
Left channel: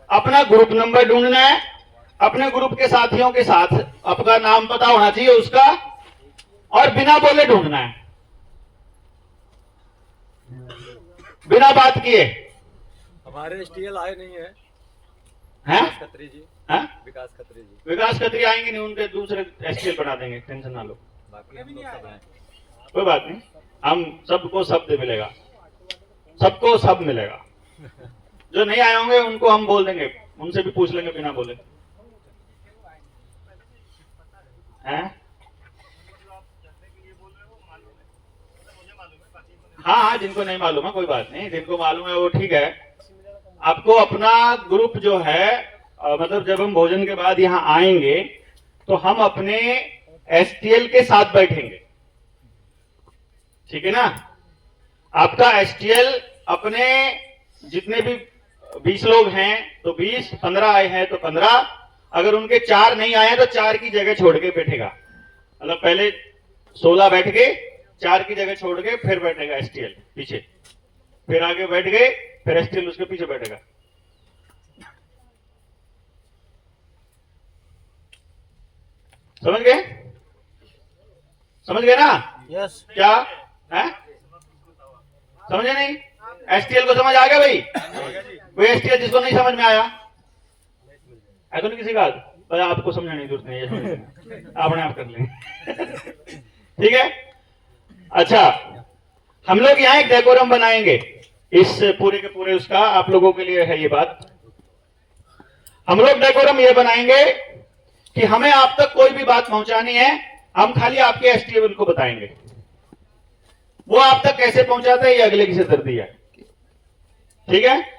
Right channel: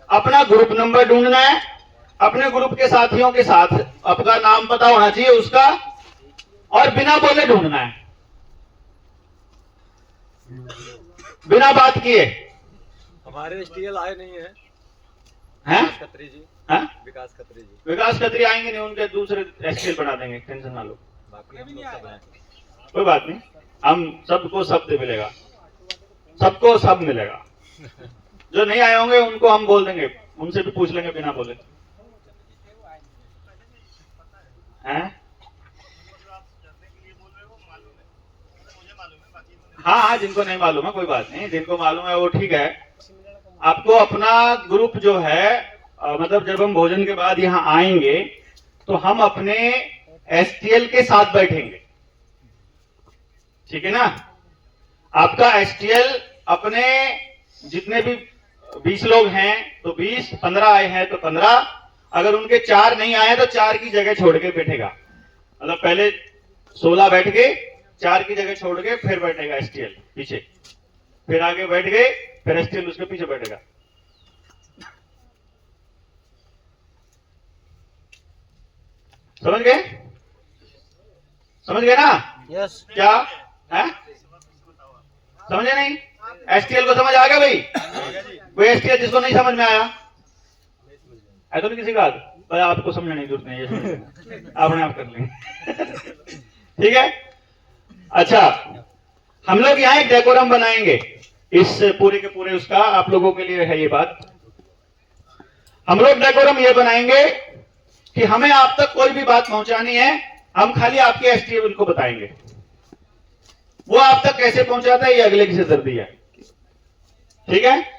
अपना ग्रुप नंबर ढूंढना है, अपने ग्रुप के साथियों के साथ आपका नाम पता होना चाहिए उसका, और बिना बोले ढूंढना है, बिना बात किए। हमारे एसटीएल आए नहीं है हैं? खत्री जी, हैं? विकास खत्री जी, विकास खत्री आएंगे नहीं, उनके दूसरे एसटीएल बना देंगे, टेंशन ना लो, बाकी हम लोग सब हैं। कोई बात नहीं, हम सबको शब्द मिलेगा, सबको सब मिलेगा। जो नहीं आए होंगे उनको हम बोल देंगे, उनसे भी पूछ लेंगे बिना बोले। हैं? हाँ हाँ, जिनको नहीं मालूम है कोई बात नहीं, जिनको मालूम है वो ठीक है। आपको अपना ग्रुप जो है मतलब जब हम भोजन के बाद यहाँ आएंगे तो हम अपने एसटीएल के साथ बैठेंगे, ठीक है ना। आपका एसटीएल अपने जितने भी 20 लोग हैं तो 20, 15 आए हैं तो 15, अगर उनके 4 नहीं आए तो 4 की जगह छोड़ के बैठेगा, मतलब पहले 16 बैठ के 4 की जगह छोड़ के फिर बैठेगा एसटीएल पीछे, फिर आगे बैठ गए, फिर एसटीएल उसके पीछे बैठेगा। समझ गए? समझ गए ना? यस। क्या है? समझे नहीं? एसटीएल को समझ आ गया भाई? कोई एसटीएल जिसको नहीं समझ में आया है तो नहीं किसी बात, पर आपको समझाने की जरूरत नहीं है, अपने आप कर लेंगे। ठीक है, अच्छा हम लोग यहाँ एक डेकोरम बनाएंगे, इस पूरे के पूरे उसका आप लोगों के लिए है ये बात। हम लोग डेकोरम ये बनाएंगे कि हमें आप तक कोई भी बात पहुंचानी है, हम खाली आपके एसटीएल को बताएंगे, वो आप तक कैसे पहुंचाता है ये अगले की सिरदर्दी है, ठीक है।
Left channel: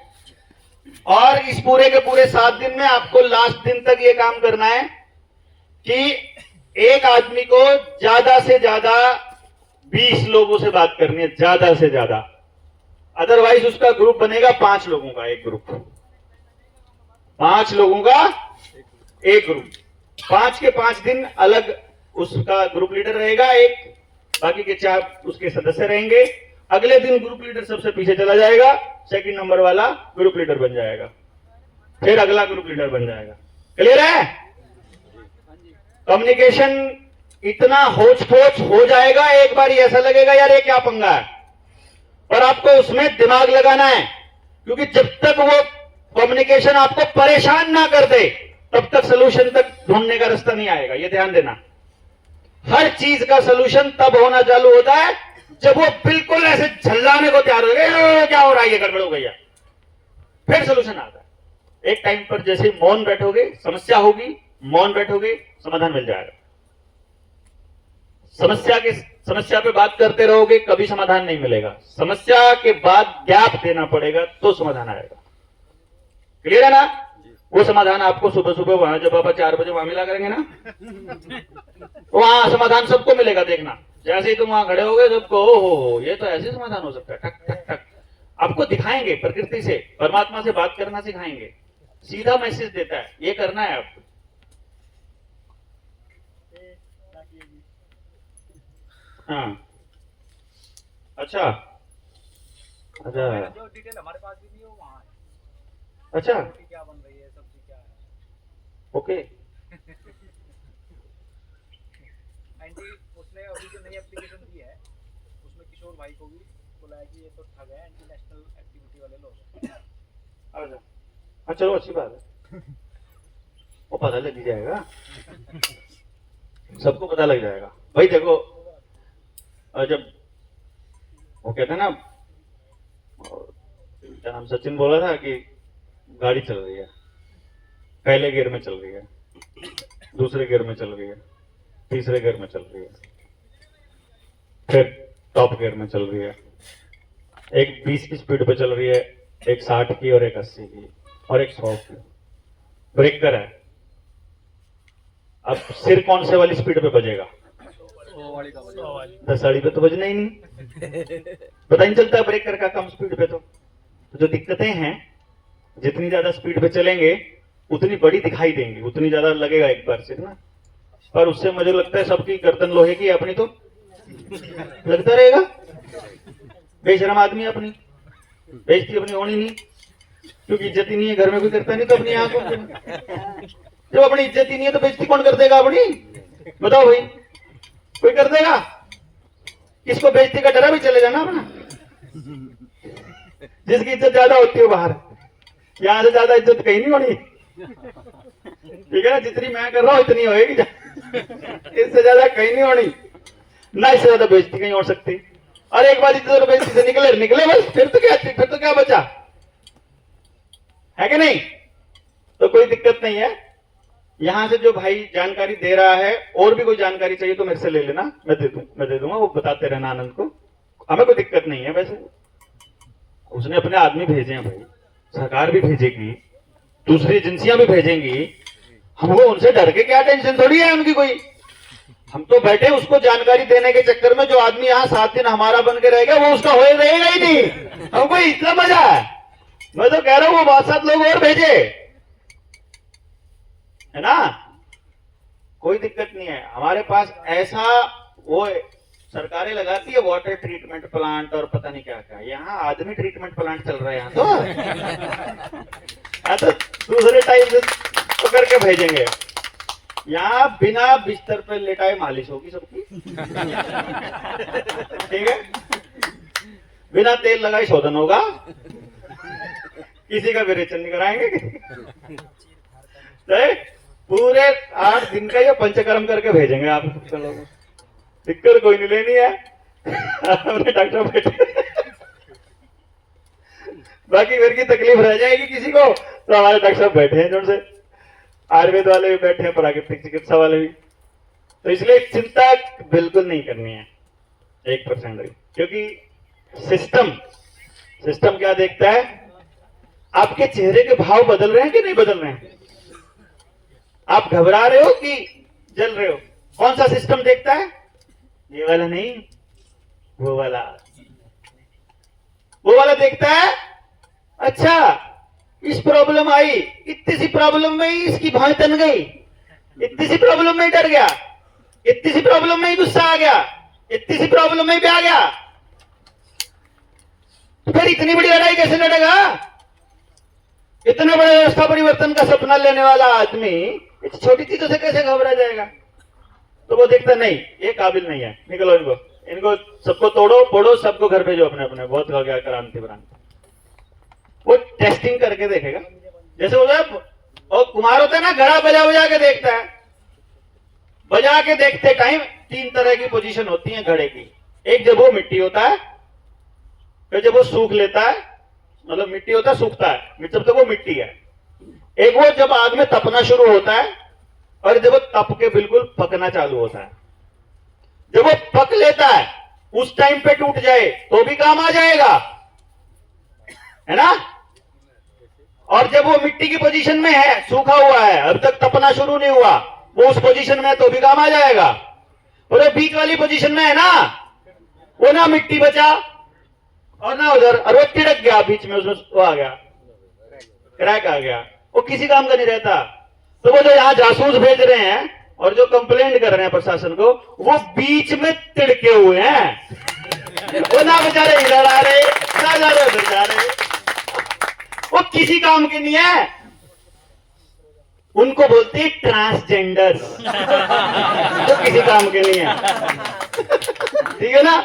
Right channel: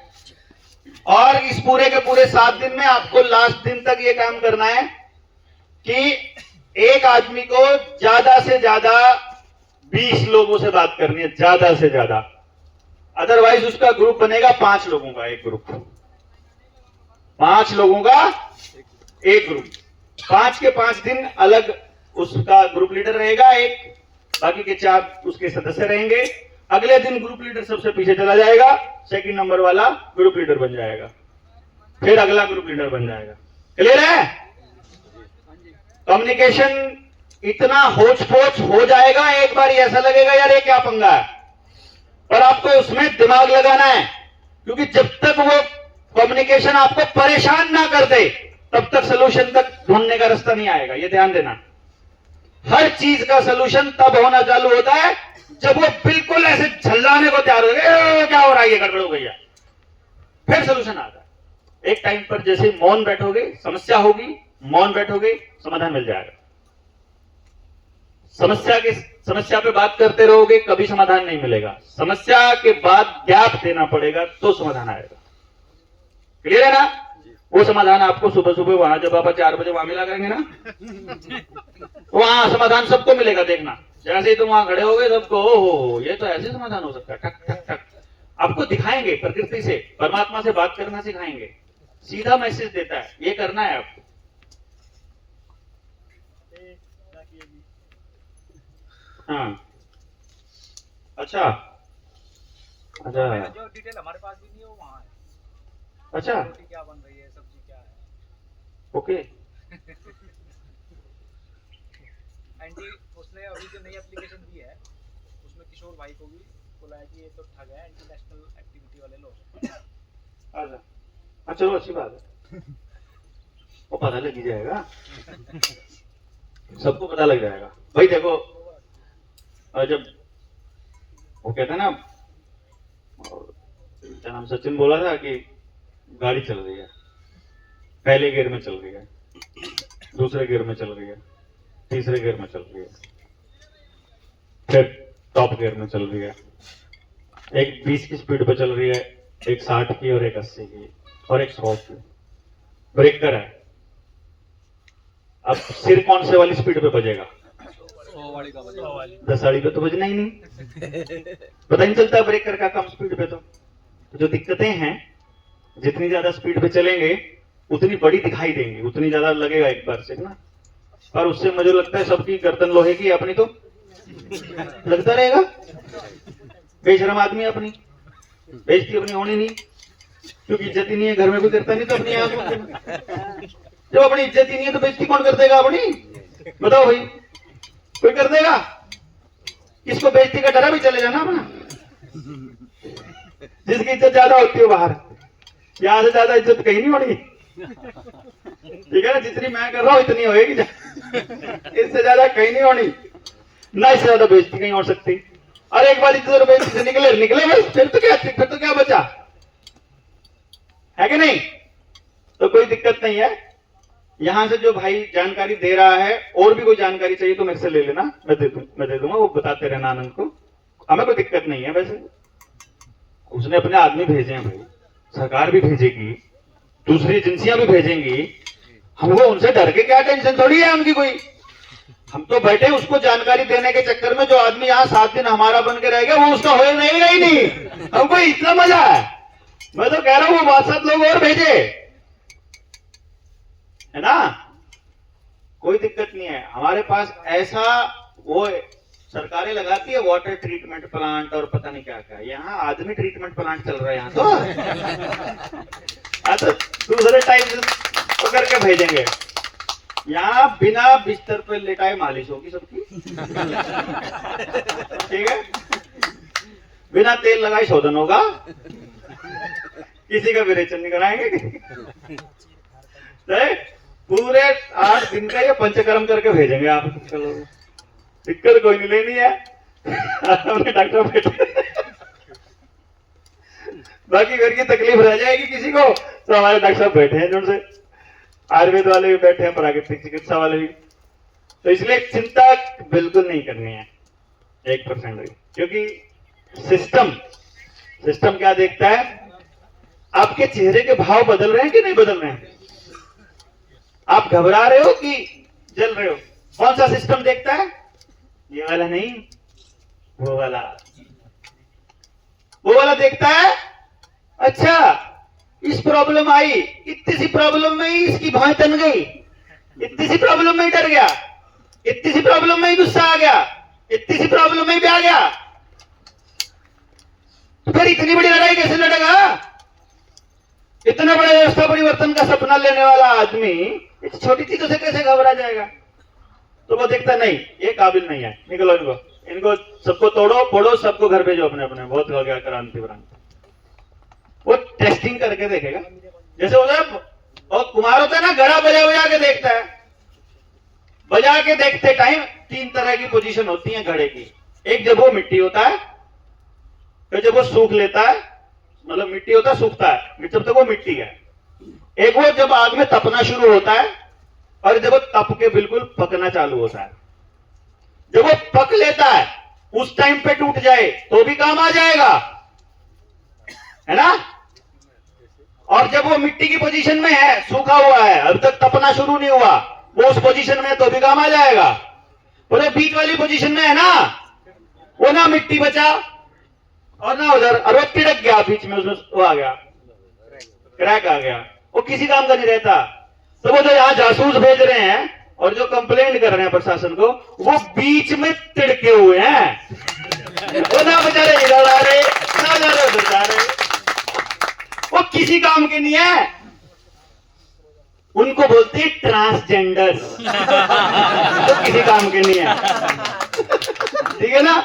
और इस पूरे के पूरे 7 दिन में आपको लास्ट दिन तक ये काम करना है कि एक आदमी को ज्यादा से ज्यादा 20 लोगों से बात करनी है, ज्यादा से ज्यादा, अदरवाइज उसका ग्रुप बनेगा 5 लोगों का एक ग्रुप, 5 लोगों का एक ग्रुप, 5 के 5 दिन अलग उसका ग्रुप लीडर रहेगा एक, बाकी के 4 उसके सदस्य रहेंगे। अगले दिन ग्रुप लीडर सबसे पीछे चला जाएगा, सेकंड नंबर वाला ग्रुप लीडर बन जाएगा, फिर अगला ग्रुप लीडर बन जाएगा। क्लियर है? कम्युनिकेशन इतना होच पोच हो जाएगा, एक बार ऐसा लगेगा यार ये क्या पंगा है, पर आपको उसमें दिमाग लगाना है, क्योंकि जब तक वो कम्युनिकेशन आपको परेशान ना कर दे तब तक सोल्यूशन तक ढूंढने का रास्ता नहीं आएगा, ये ध्यान देना। हर चीज का सोल्यूशन तब होना चालू होता है जब वो बिल्कुल ऐसे झल्लाने को तैयार हो गए, क्या हो रहा है, ये गड़बड़ हो गई है, फिर सोल्यूशन आता है। एक टाइम पर जैसे मौन बैठोगे, समस्या होगी, मौन बैठोगे, समाधान मिल जाएगा। समस्या पे बात करते रहोगे, कभी समाधान नहीं मिलेगा, समस्या के बाद गैप देना पड़ेगा तो समाधान आएगा। क्लियर है ना? वो समाधान आपको सुबह सुबह वहां जब आप 4 बजे वहां मिला करेंगे ना, वहां समाधान सबको मिलेगा, देखना जैसे ही तुम वहां खड़े हो गए सबको, ओहो ये तो ऐसे समाधान हो सकता है, टक टक टक। आपको दिखाएंगे, प्रकृति से, परमात्मा से बात करना सिखाएंगे, सीधा मैसेज देता है, ये करना है आपको। हाँ अच्छा अच्छा जो डिटेल हमारे पास भी नहीं है वो वहाँ है, अच्छा रोटी क्या बन रही है, सब्जी क्या है। ओके। एंटी उसने अभी जो नई एप्लीकेशन दी है उसमें किशोर भाई को भी बोला है कि ये तो ठग है, इंटरनेशनल एक्टिविटी वाले लोग। अच्छा हाँ चलो अच्छी बात है, वो पता लग ही जाएगा, सबको पता लग जाएगा भाई। देखो जब वो कहते हैं ना, क्या नाम, सचिन बोला था कि गाड़ी चल रही है, पहले गियर में चल रही है, दूसरे गियर में चल रही है, तीसरे गियर में चल रही है, फिर टॉप गियर में चल रही है, एक 20 की स्पीड पे चल रही है, एक 60 की और एक 80 की और एक 100 की, ब्रेकर है। अब सिर कौन से वाली स्पीड पे बजेगा? 10 वाली पे तो बजना ही नहीं, पता नहीं चलता ब्रेकर का कम स्पीड पे। तो जो दिक्कतें हैं, जितनी ज्यादा स्पीड पे चलेंगे उतनी बड़ी दिखाई देंगी, उतनी ज्यादा लगेगा एक बार से ना, पर उससे मुझे लगता है सबकी गर्दन लोहे की, अपनी तो लगता रहेगा। बेशरम आदमी, अपनी बेइज्जती अपनी होनी नहीं, क्योंकि इज्जत ही नहीं है, घर में भी करता नहीं तो अपनी आंखों से। जो अपनी इज्जत ही नहीं है तो बेइज्जती कौन कर देगा अपनी? बताओ भाई, कोई कर देगा? किसको बेइज्जती का डर है भी चले जाना जिसकी इज्जत ज्यादा होती है बाहर, यहाँ से ज्यादा इज्जत कहीं नहीं होनी, ठीक है ना? जितनी मैं कर रहा हूँ इतनी होगी, इससे ज्यादा कहीं नहीं होनी, ना इससे ज्यादा बेइज्जती कहीं हो सकती। और एक बार इज्जत और बेइज्जती से निकले बस, फिर तो क्या बचा है कि नहीं? तो कोई दिक्कत नहीं है। यहां से जो भाई जानकारी दे रहा है, और भी कोई जानकारी चाहिए तो मेरे से ले लेना, मैं दे दूंगा, वो बताते रहना आनंद को, हमें कोई दिक्कत नहीं है। वैसे उसने अपने आदमी भेजे हैं भाई, सरकार भी भेजेगी, दूसरी एजेंसियां भी भेजेंगी, हमको उनसे डर के क्या टेंशन थोड़ी है उनकी कोई। हम तो बैठे उसको जानकारी देने के चक्कर में, जो आदमी यहाँ 7 दिन हमारा बन के रहेगा वो उसका हो रहेगा ही नहीं। हमको इतना मजा है, मैं तो कह रहा हूं वो 5-7 लोग और भेजे, है ना? कोई दिक्कत नहीं है हमारे पास। ऐसा वो सरकारें लगाती है वाटर ट्रीटमेंट प्लांट और पता नहीं क्या क्या, यहाँ आदमी ट्रीटमेंट प्लांट चल रहा है यहाँ तो दूसरे टाइप से तो करके भेजेंगे। यहाँ बिना बिस्तर पर लेटाए मालिश होगी सबकी, ठीक है? बिना तेल लगाए शोधन होगा, किसी का विरेचन नहीं कराएंगे। पूरे 8 दिन का ये पंचकर्म करके भेजेंगे आप लोग, दिक्कत कोई नहीं लेनी है। डॉक्टर बैठे, बाकी घर की तकलीफ रह जाएगी किसी को तो हमारे डॉक्टर बैठे हैं, जो से आयुर्वेद वाले भी बैठे हैं, प्राकृतिक चिकित्सा वाले भी। तो इसलिए चिंता बिल्कुल नहीं करनी है 1% भी, क्योंकि सिस्टम क्या देखता है? आपके चेहरे के भाव बदल रहे हैं कि नहीं बदल रहे हैं? आप घबरा रहे हो कि जल रहे हो? कौन सा सिस्टम देखता है? ये वाला नहीं, वो वाला देखता है। अच्छा, इस प्रॉब्लम आई, इतनी सी प्रॉब्लम में ही इसकी भौं तन गई, इतनी सी प्रॉब्लम में ही डर गया, इतनी सी प्रॉब्लम में ही गुस्सा आ गया, इतनी सी प्रॉब्लम में ही भी आ गया, तो फिर इतनी बड़ी लड़ाई कैसे लड़ेगा? इतना बड़ा व्यवस्था परिवर्तन का सपना लेने वाला आदमी इस छोटी चीजों से कैसे घबरा जाएगा? तो वो देखता नहीं, ये काबिल नहीं है, निकलो इनको सबको तोड़ो फोड़ो, सबको घर भेजो अपने अपने, बहुत हो गया क्रांति भ्रांति। वो टेस्टिंग करके देखेगा, जैसे और कुमार होता है ना, घड़ा बजा के देखता है। बजा के देखते टाइम 3 तरह की पोजीशन होती है घड़े की। एक जब वो मिट्टी होता है, फिर जब वो सूख लेता है, मतलब मिट्टी होता है सूखता है, जब तक वो मिट्टी है। एक वो जब आग में तपना शुरू होता है, और जब वो तप के बिल्कुल पकना चालू होता है। जब वो पक लेता है उस टाइम पे टूट जाए तो भी काम आ जाएगा, है ना? और जब वो मिट्टी की पोजीशन में है, सूखा हुआ है, अभी तक तपना शुरू नहीं हुआ, वो उस पोजीशन में है तो भी काम आ जाएगा। और बीच वाली पोजीशन में है ना, वो ना मिट्टी बचा और ना उधर, और वो तिड़क गया बीच में, उसमें वो आ गया, क्रैक आ गया, वो किसी काम का नहीं रहता। तो वो जो यहाँ जासूस भेज रहे हैं और जो कंप्लेंट कर रहे हैं प्रशासन को, वो बीच में तिड़के हुए हैं, वो ना बेचारे इधर आ रहे ना जा रहे, वो किसी काम के नहीं है। उनको बोलते हैं ट्रांसजेंडर, तो किसी काम के नहीं है, ठीक है ना?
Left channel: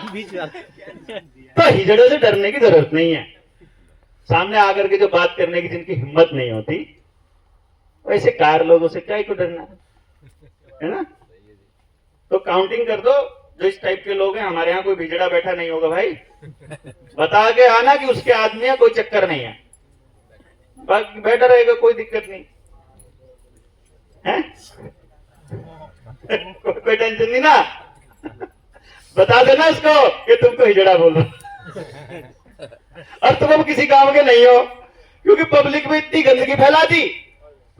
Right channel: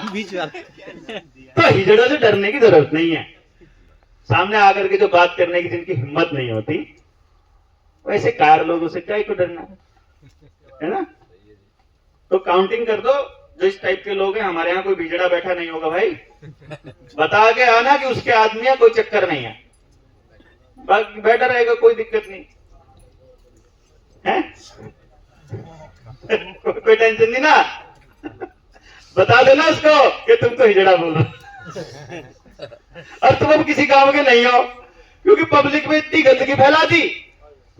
तो हिजड़ों से डरने की जरूरत नहीं है। सामने आकर के जो बात करने की जिनकी हिम्मत नहीं होती, वैसे कार लोगों से क्या ही को डरना है ना? तो काउंटिंग कर दो, जो इस टाइप के लोग हैं। हमारे यहाँ कोई बिजड़ा बैठा नहीं होगा भाई, बता के आना कि उसके आदमी है, कोई चक्कर नहीं है, बाकी बैठा रहेगा, कोई दिक्कत नहीं है। कोई टेंशन नहीं ना, बता देना उसको कि तुमको हिजड़ा बोल रहा, और तुम अब किसी काम के नहीं हो, क्योंकि पब्लिक में इतनी गंदगी फैला दी,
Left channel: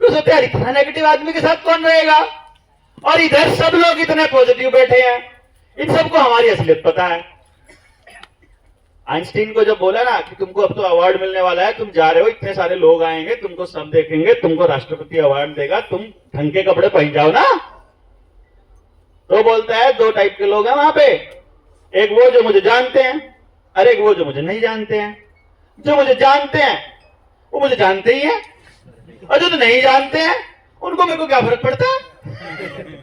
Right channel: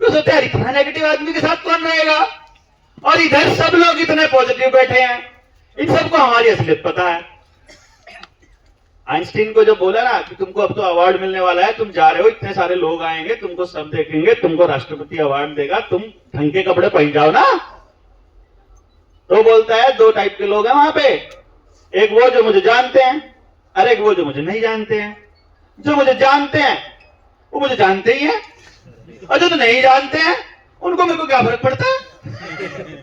तो सोचते हैं इतना नेगेटिव आदमी के साथ कौन रहेगा, और इधर सब लोग इतने पॉजिटिव बैठे हैं, इन सबको हमारी असलियत पता है। आइंस्टीन को जो बोला ना कि तुमको अब तो अवार्ड मिलने वाला है, तुम जा रहे हो, इतने सारे लोग आएंगे, तुमको सब देखेंगे, तुमको राष्ट्रपति अवार्ड देगा, तुम ढंग के कपड़े पहन जाओ ना। तो बोलता है 2 टाइप के लोग हैं वहां पे, एक वो जो मुझे जानते हैं, और एक वो जो मुझे नहीं जानते हैं। जो मुझे जानते हैं वो मुझे जानते ही हैं, और जो तो नहीं जानते हैं उनको मेरे को क्या फर्क पड़ता है,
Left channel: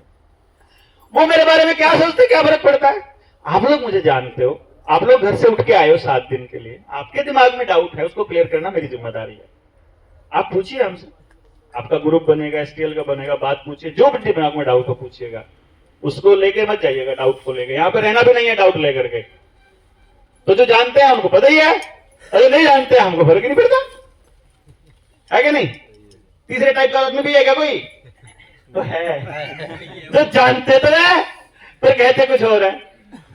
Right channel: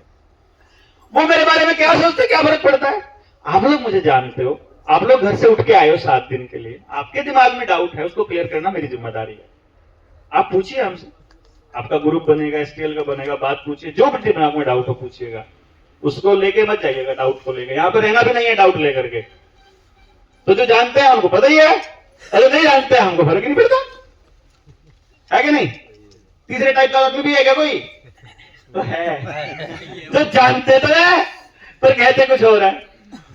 वो मेरे बारे में क्या सोचते, क्या फर्क पड़ता है। आप लोग मुझे जानते हो, आप लोग घर से उठ के आए हो 7 दिन के लिए, आपके दिमाग में डाउट है, उसको क्लियर करना मेरी जिम्मेदारी है। आप पूछिए हमसे, आपका ग्रुप बनेगा, एसटीएल का बनेगा, बात पूछिए, जो भी दिमाग में डाउट हो पूछिएगा, उसको लेके मत जाइएगा डाउट को लेके, यहाँ पे रहना भी नहीं है डाउट लेकर के। तो जो जानते हैं हमको पता ही है, अगर नहीं जानते हैं हमको फर्क ही नहीं पड़ता, है कि नहीं। तीसरे टाइप का आदमी भी है क्या कोई, तो है, जो जानते तो है पर कहते कुछ और है,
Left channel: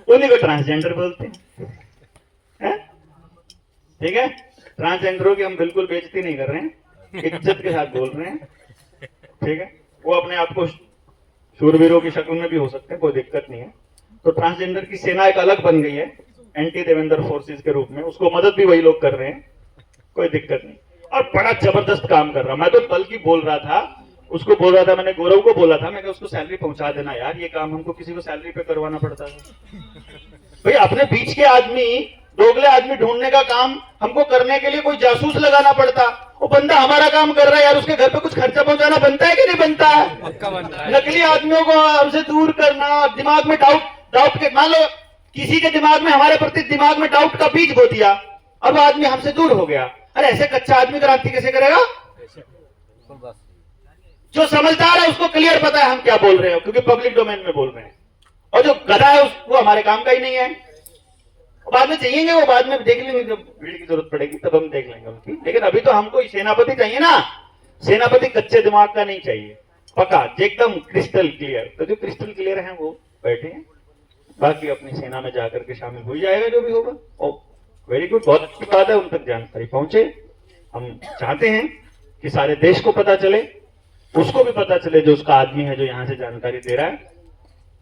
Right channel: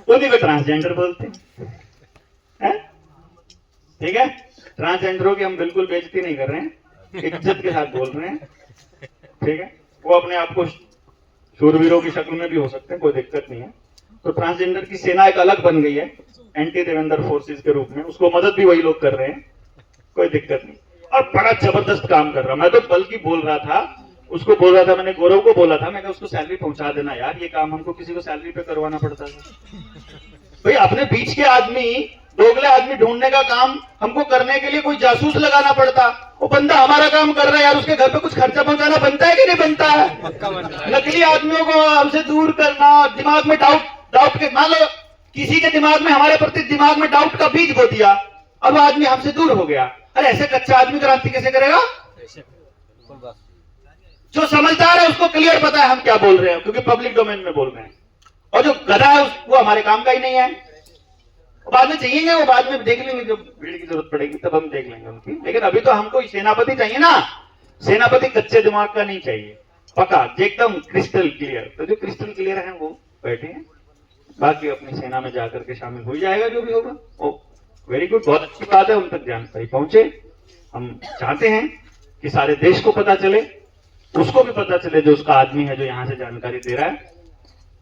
उन्हीं को ट्रांसजेंडर बोलते हैं। ठीक है, ट्रांसजेंडरों की हम बिल्कुल बेइज्जती नहीं कर रहे हैं, इज्जत के साथ बोल रहे हैं। ठीक है, वो अपने आप को शूरवीरों की शक्ल में भी हो सकते हैं, कोई दिक्कत नहीं है। तो ट्रांसजेंडर की सेना एक अलग बन गई है एंटी देवेंद्र फोर्सेस के रूप में, उसको मदद भी वही लोग कर रहे हैं, कोई दिक्कत नहीं। और बड़ा जबरदस्त काम कर रहा, मैं तो बल्कि बोल रहा था, उसको बोल रहा था, मैंने गौरव को बोला था, मैं कहा उसको सैलरी पहुंचा देना यार, ये काम हमको किसी को सैलरी पे करवाना पड़ता है। भाई अपने बीच के आदमी, दोगले आदमी ढूंढने का काम हमको करने के लिए कोई जासूस लगाना पड़ता, वो बंदा हमारा काम कर रहा है यार, उसके घर पे कुछ खर्चा पहुंचाना बनता है कि नहीं बनता है। नकली आदमियों को हमसे दूर करना, दिमाग में डाउट के, मान लो किसी के दिमाग में, हमारे प्रति दिमाग में डाउट का बीज बो दिया, अब आदमी हमसे दूर हो गया। अरे ऐसे कच्चा आदमी क्रांति कैसे करेगा। जो समझदार है उसको क्लियर पता है हम क्या बोल रहे हैं, क्योंकि पब्लिक डोमेन में बोल रहे हैं। और जो गधा है वो हमारे काम का ही नहीं है। बाद में चाहिए, वो बाद में देख लेंगे, जब भीड़ की जरूरत पड़ेगी तब हम देख लेंगे उनकी। लेकिन अभी तो हमको सेनापति चाहिए ना, सेनापति कच्चे दिमाग का नहीं चाहिए, पक्का एकदम क्रिस्टल क्लियर। तो जो क्रिस्टल क्लियर है वो बैठे हैं, बाकी अपनी सेना में जाकर के शामिल हो जाएगा जो भी होगा। ओ वेरी गुड, बहुत अच्छी बात है, उन तक जानकारी पहुंचे। हम चाहते हैं कि सारे देश को पता चले, उसको भी पता चले जो उसका आदमी है, जो यहाँ से जानकारी दे रहा है,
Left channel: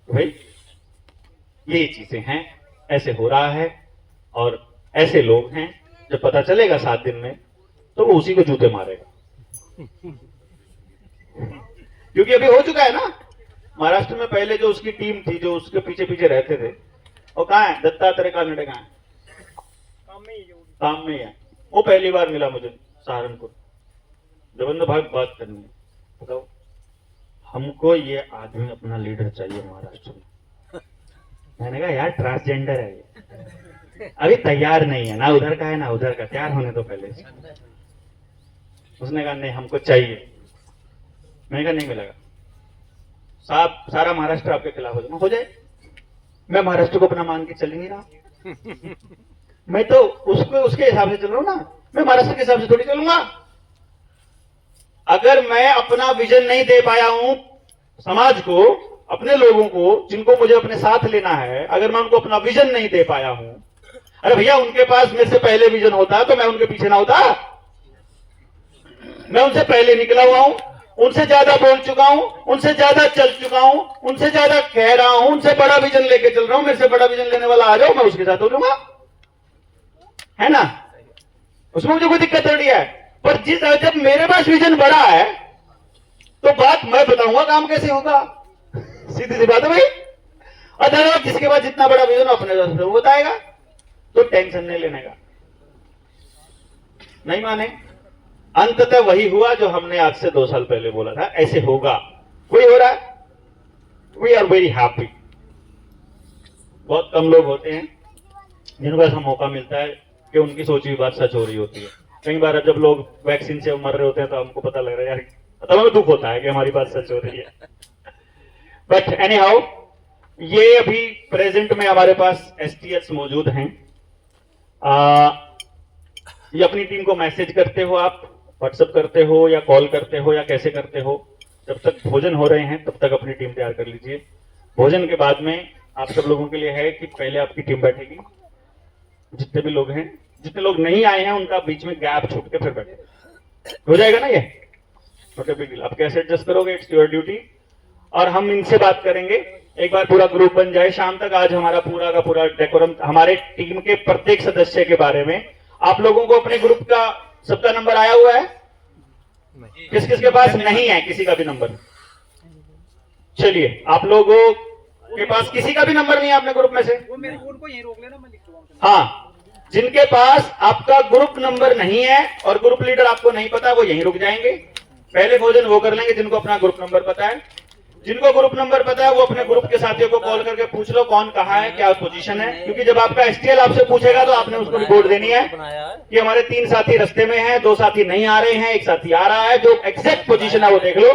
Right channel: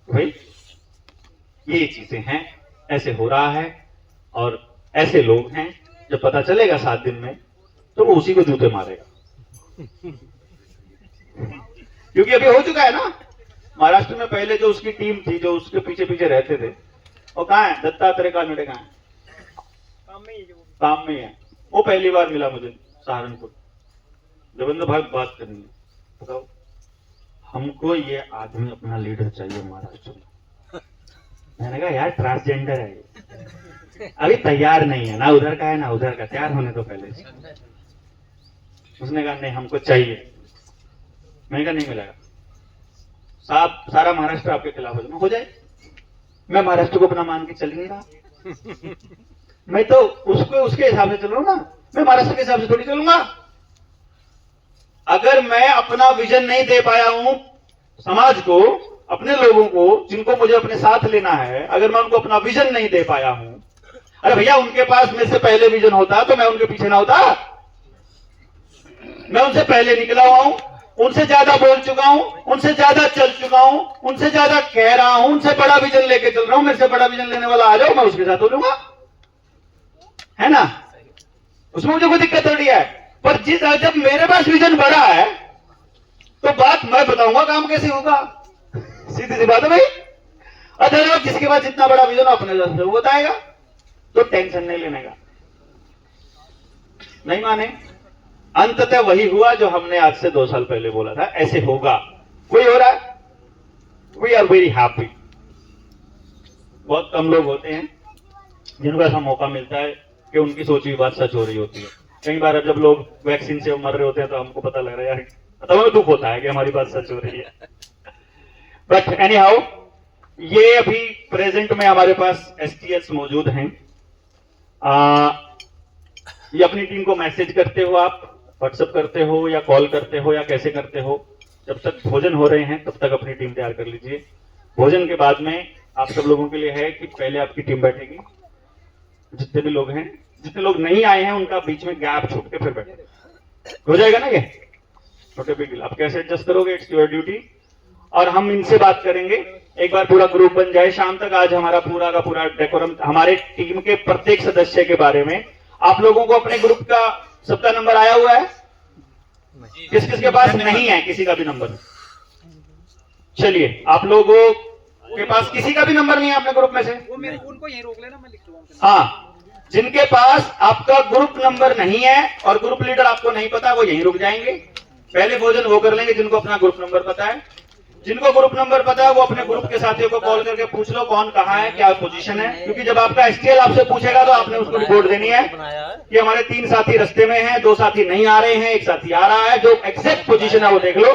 भाई ये चीजें हैं, ऐसे हो रहा है और ऐसे लोग हैं। जब पता चलेगा 7 दिन में तो वो उसी को जूते मारेगा, क्योंकि अभी हो चुका है ना। महाराष्ट्र में पहले जो उसकी टीम थी, जो उसके पीछे पीछे रहते थे, वो कहाँ है, दत्तात्रेय कानडे कहाँ है, काम में ही है। वो पहली बार मिला मुझे सहारनपुर, देवेंद्र भाई बात करनी है, बताओ हमको ये आदमी अपना लीडर चाहिए महाराष्ट्र में। मैंने कहा यार ट्रांसजेंडर है ये, अभी तैयार नहीं है, ना उधर का है ना उधर का, तैयार होने तो पहले से। उसने कहा नहीं हमको चाहिए। मैंने कहा नहीं मिलेगा, सारा महाराष्ट्र आपके खिलाफ हो जाए। मैं महाराष्ट्र को अपना मान के चल नहीं रहा, मैं तो उसको उसके हिसाब से चल रहा हूं ना, मैं महाराष्ट्र के हिसाब से थोड़ी चलूंगा। अगर मैं अपना विजन नहीं दे पाया हूं समाज को, अपने लोगों को जिनको मुझे अपने साथ लेना है, अगर मैं उनको अपना विजन नहीं दे पाया हूं, अरे भैया उनके पास मेरे से पहले विजन होता तो मैं उनके पीछे ना होता। मैं उनसे पहले निकला हुआ हूं, उनसे ज्यादा बोल चुका हूं, उनसे ज्यादा चल चुका हूं, उनसे ज्यादा कह रहा हूं, उनसे बड़ा विजन लेके चल रहा हूं। मेरे से बड़ा विजन लेने वाला आ जाओ, मैं उसके साथ हो लूंगा, है ना। उसमें मुझे कोई दिक्कत थोड़ी है। पर जब मेरे पास विजन बड़ा है तो बात मैं बताऊंगा काम कैसे होगा, सीधी सी बात है भाई। अदरवाइज जिसके पास जितना बड़ा विजन अपने पास वो बताएगा, तो टेंशन नहीं लेने का। नहीं माने, अंततः वही हुआ जो हमने आज से 2 साल पहले बोला था, ऐसे होगा। कोई हो रहा है, वी आर वेरी हैप्पी। बहुत कम लोग होते हैं जिनको ऐसा मौका मिलता है कि उनकी सोची हुई बात सच हो रही होती है। कई बार जब लोग वैक्सीन से मर रहे होते हैं तो हमको पता लग रहा है यार, तब हमें दुख होता है कि हमारी बात सच हो रही है। बट एनी हाउ, ये अभी प्रेजेंट में हमारे पास एसटीएस मौजूद हैं। ये अपनी टीम को मैसेज करते हो, आप व्हाट्सएप करते हो या कॉल करते हो या कैसे करते हो। जब तक भोजन हो रहे हैं तब तक अपनी टीम तैयार कर लीजिए। भोजन के बाद में आप सब लोगों के लिए है कि पहले आपकी टीम बैठेगी, जितने भी लोग हैं, जितने लोग नहीं आए हैं उनका बीच में गैप छूट के फिर बैठे हो जाएगा ना। ये छोटे बिग डील, आप कैसे एडजस्ट करोगे, इट्स योर ड्यूटी। और हम इनसे बात करेंगे, एक बार पूरा ग्रुप बन जाए शाम तक। आज हमारा पूरा का पूरा डेकोरम, हमारे टीम के प्रत्येक सदस्य के बारे में आप लोगों को अपने ग्रुप का सबका नंबर आया हुआ है, किस किस के पास नहीं है किसी का भी नंबर। चलिए, आप लोगों के पास किसी का भी नंबर नहीं है अपने ग्रुप में से? वो मेरे फोन को यहीं रोक लेना, मैं लिख दूंगा। हाँ, जिनके पास आपका ग्रुप नंबर नहीं है और ग्रुप लीडर आपको नहीं पता, वो यहीं रुक जाएंगे। पहले भोजन वो कर लेंगे जिनको अपना ग्रुप नंबर पता है। जिनको ग्रुप नंबर पता है वो अपने ग्रुप के साथियों को कॉल करके पूछ लो कौन कहाँ है, क्या पोजीशन है, क्योंकि जब आपका एसटीएल आपसे पूछेगा तो आपने उसको रिपोर्ट देनी है कि हमारे 3 साथी रास्ते में हैं, 2 साथी नहीं आ रहे हैं, 1 साथी आ रहा है। जो एग्जैक्ट पोजीशन है वो देख लो,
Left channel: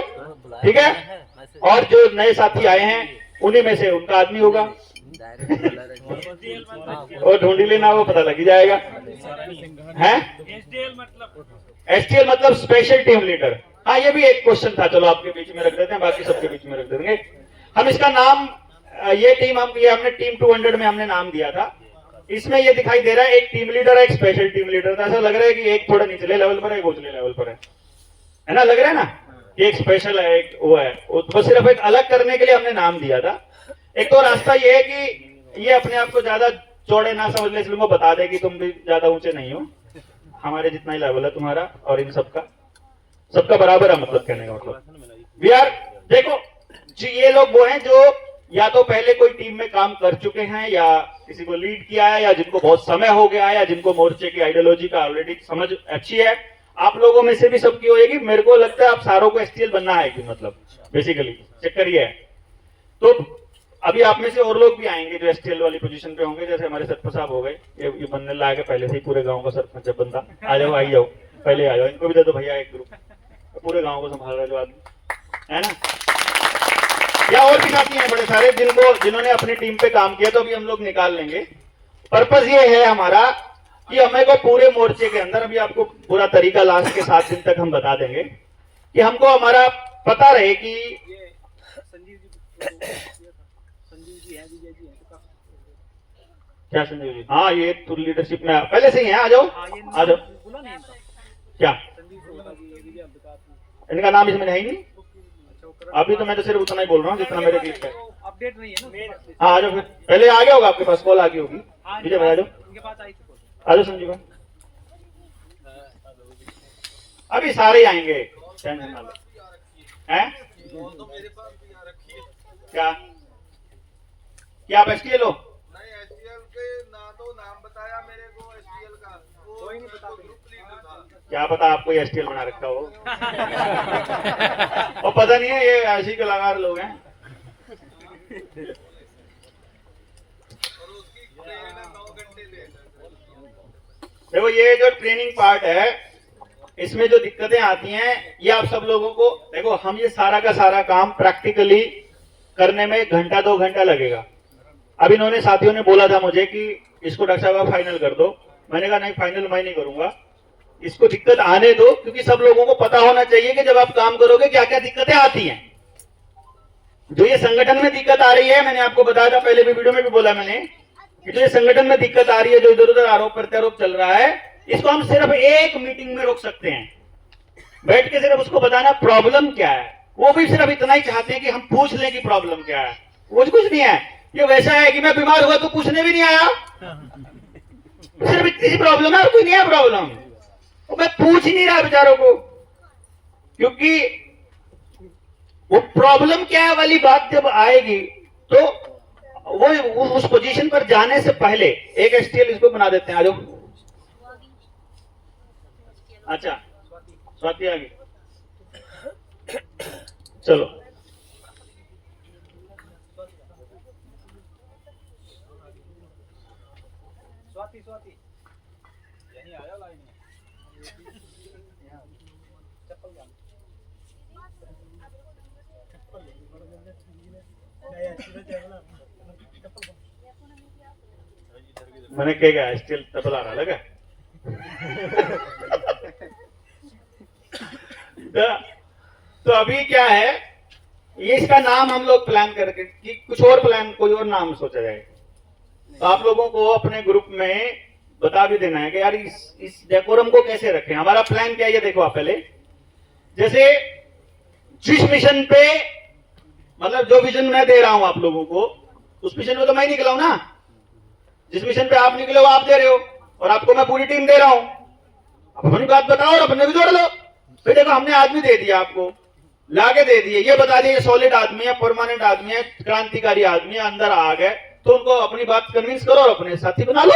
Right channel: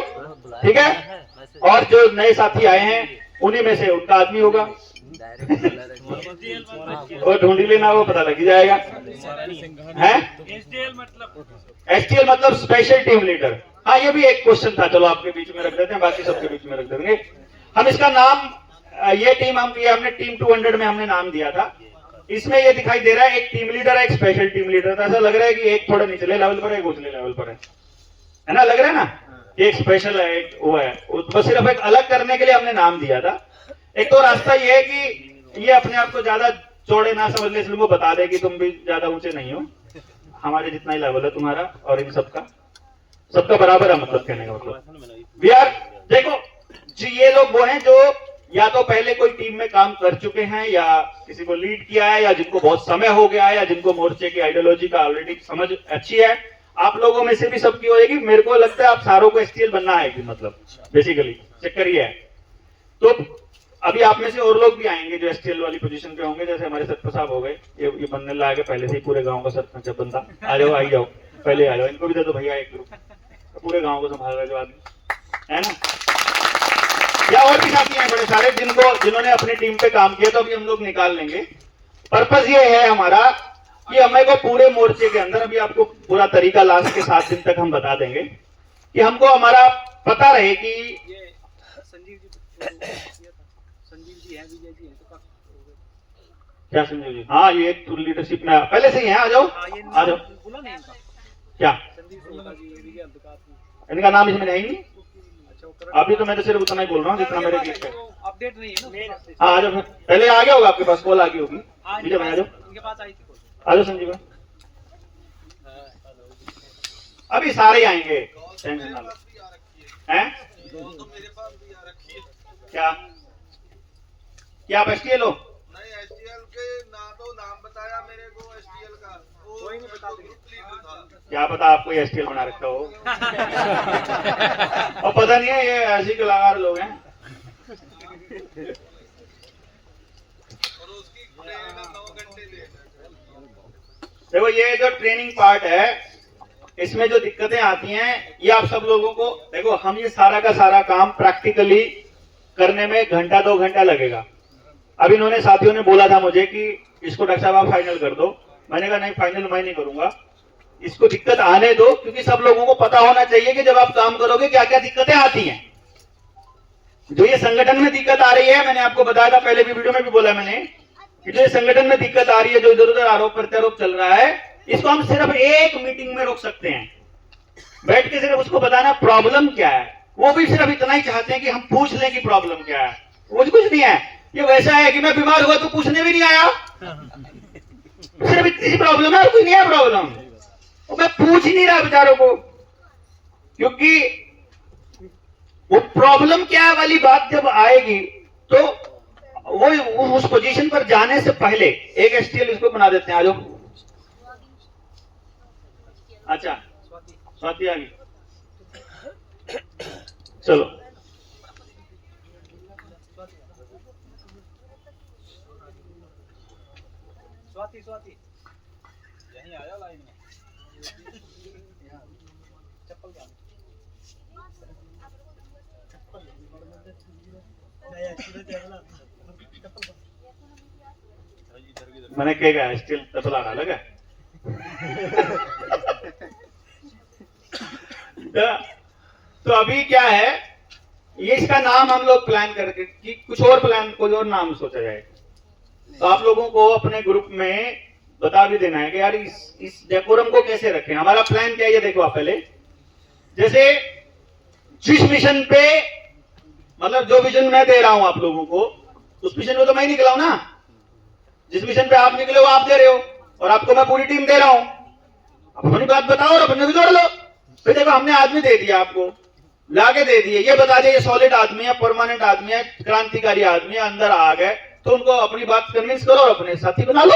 ठीक है। और जो नए साथी आए हैं उन्हीं में से उनका आदमी होगा, वो ढूंढी लेना, वो पता लग ही जाएगा। है एसटीएल मतलब स्पेशल टीम लीडर। हाँ, ये भी एक क्वेश्चन था, चलो आपके बीच में रख देते हैं, बाकी सबके बीच में रख देंगे। हम इसका नाम, ये टीम हमने टीम 200 में हमने नाम दिया था। इसमें ये दिखाई दे रहा है एक टीम लीडर है, एक स्पेशल टीम लीडर था। ऐसा लग रहा है कि एक थोड़ा निचले लेवल पर है, एक ऊंचले लेवल पर है ना, लग रहा है ना। एक स्पेशल है, एक वो है, बस सिर्फ एक अलग करने के लिए हमने नाम दिया था। एक तो रास्ता ये है कि ये अपने आप को ज्यादा चौड़े ना समझ ले, इसलिए वो बता दे कि तुम भी ज्यादा ऊंचे नहीं हो, हमारे जितना ही लेवल है तुम्हारा और इन सबका बराबर है, मतलब कहने का मतलब वी आर। देखो जी, ये लोग वो हैं जो या तो पहले कोई टीम में काम कर चुके हैं, या किसी को लीड किया है, या जिनको बहुत समय हो गया है, या जिनको मोर्चे की आइडियोलॉजी का ऑलरेडी समझ अच्छी है। आप लोगों में से भी सबकी होगी। मेरे को लगता है आप सारों को एसटीएल बनना है कि मतलब बेसिकली चक्कर ये है। तो अभी आप में से और लोग भी आएंगे जो एसटीएल वाली पोजीशन पे होंगे, जैसे हमारे सरपंच साहब हो गए, ये बनने लागे पहले से ही पूरे गांव का सरपंच है बंदा। आ जाओ, आई जाओ, पहले आ जाओ, इनको भी दे दो भैया एक ग्रुप, पूरे गांव को संभाल रहे जो आदमी है ना। या और भी साथी हैं बड़े सारे जिन्होंने अपनी टीम पे काम किया, तो अभी हम लोग निकाल लेंगे। पर्पस ये है हमारा कि हमें को पूरे मोर्चे के अंदर, अभी आपको पूरा तरीका लास्ट के 7 दिन तक हम बता देंगे, कि हमको हमारा पता रहे कि ये संजीव जी हैं, विजय जी हैं, तो क्या संजीव जी। हाँ, ये लीडरशिप में पहले से ही है। आ जाओ, आ जाओ। बोला नहीं इनका, क्या संजीव सोता जी, ये विजय अंधकार जी। इनका नाम इसमें नहीं। अच्छा, वो कर अभी तो मैं तो सिर्फ उतना ही बोल रहा हूँ जितना मेरे बीच है। अपडेट नहीं है ना। हाँ, आ जाओ, पहले आ गया होगा आपके पास, कॉल आ गई होगी। हाँ, ठीक है भाई, आ जाओ, इनके पास आई थी कॉल। आ जाओ संजीव भाई। अभी सारे आएंगे, टेंशन ना लो। हैं? क्या क्या आप एसटीएल हो? नहीं, एसटीएल के ना तो नाम बताया मेरे को एसटीएल का, वो नहीं बता था। क्या पता आपको एसटीएल बना रखा हो। और पता नहीं है, ये ऐसे कलाकार लोग हैं। और उसकी ट्रेनिंग 9 घंटे दे। देखो, ये जो ट्रेनिंग पार्ट है, इसमें जो दिक्कतें आती हैं, ये आप सब लोगों को देखो, हम ये सारा का सारा काम प्रैक्टिकली करने में 1-2 घंटा लगेगा। अब इन्होंने साथियों ने बोला था मुझे कि इसको डॉक्टर साहब आप फाइनल कर दो। मैंने कहा नहीं, फाइनल मैं नहीं करूंगा, इसको दिक्कत आने दो, क्योंकि सब लोगों को पता होना चाहिए कि जब आप काम करोगे क्या क्या दिक्कतें आती हैं। जो ये संगठन में दिक्कत आ रही है, मैंने आपको बताया था पहले भी वीडियो में भी बोला मैंने, कि जो ये संगठन में दिक्कत आ रही है, जो इधर उधर आरोप प्रत्यारोप चल रहा है, इसको हम सिर्फ एक मीटिंग में रोक सकते हैं। बैठ के सिर्फ उसको बताना प्रॉब्लम क्या है। वो भी सिर्फ इतना ही चाहते हैं कि हम पूछ लें कि प्रॉब्लम क्या है। वो कुछ नहीं है, ये वैसा है कि मैं बीमार हुआ तो पूछने भी नहीं आया, सिर्फ इतनी प्रॉब्लम है, कोई नहीं है प्रॉब्लम। मैं पूछ ही नहीं रहा बेचारों को, क्योंकि वो प्रॉब्लम क्या है वाली बात जब आएगी तो वो उस पोजीशन पर जाने से पहले एक एसटीएल इसको बना देते हैं। आ जाओ। अच्छा, स्वाति आ गई, चलो। स्वाति यहीं आया लाइन में। चप्पल क्या? मैंने क्या एसटीएल तबला आ लगा। तो अभी क्या है, ये इसका नाम हम लोग प्लान करके कि कुछ और प्लान, कोई और नाम सोचा जाए। तो आप लोगों को अपने ग्रुप में बता भी देना है कि यार इस डेकोरम को कैसे रखें। हमारा प्लान क्या है ये देखो आप पहले। जैसे जिस मिशन पे, मतलब जो विजन मैं दे रहा हूं आप लोगों को, उस मिशन पे तो मैं ही निकला हूं ना। जिस मिशन पे आप निकले हो आप दे रहे हो, और आपको मैं पूरी टीम दे रहा हूं। अब अपनी बात बताओ और अपने भी जोड़ लो। फिर देखो, हमने आदमी दे दिया आपको, लाके दे दिए, ये बता दिए सॉलिड आदमी है, परमानेंट आदमी है, क्रांतिकारी आदमी है, अंदर आ गए, तो उनको अपनी बात कन्विंस करो और अपने साथी बना लो।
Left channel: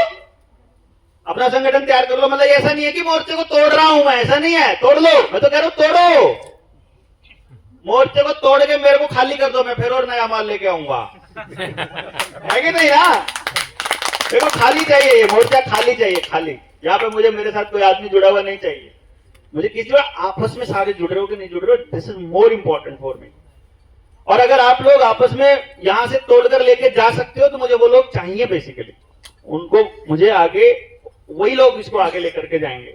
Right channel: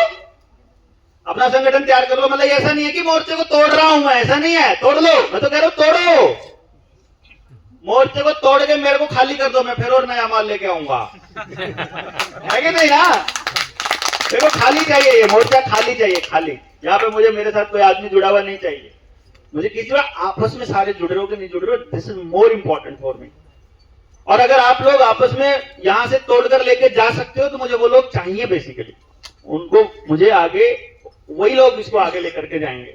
अपना संगठन तैयार कर लो। मतलब ऐसा नहीं है कि मोर्चे को तोड़ रहा हूं मैं, ऐसा नहीं है, तोड़ लो, मैं तो कह रहा हूं तोड़ो। मोर्चे को तोड़ के मेरे को खाली कर दो, मैं फिर और नया माल लेके आऊंगा। है कि नहीं यार? देखो खाली चाहिए, ये मोर्चा खाली चाहिए, खाली। यहाँ पे मुझे मेरे साथ कोई आदमी जुड़ा हुआ नहीं चाहिए। मुझे किसी बार आपस में सारे जुड़ रहे हो कि नहीं जुड़ रहे हो, this is more important for me. और अगर आप लोग आपस में यहां से तोड़कर लेके जा सकते हो तो मुझे वो लोग चाहिए बेसिकली। उनको मुझे आगे, वही लोग इसको आगे लेकर के जाएंगे।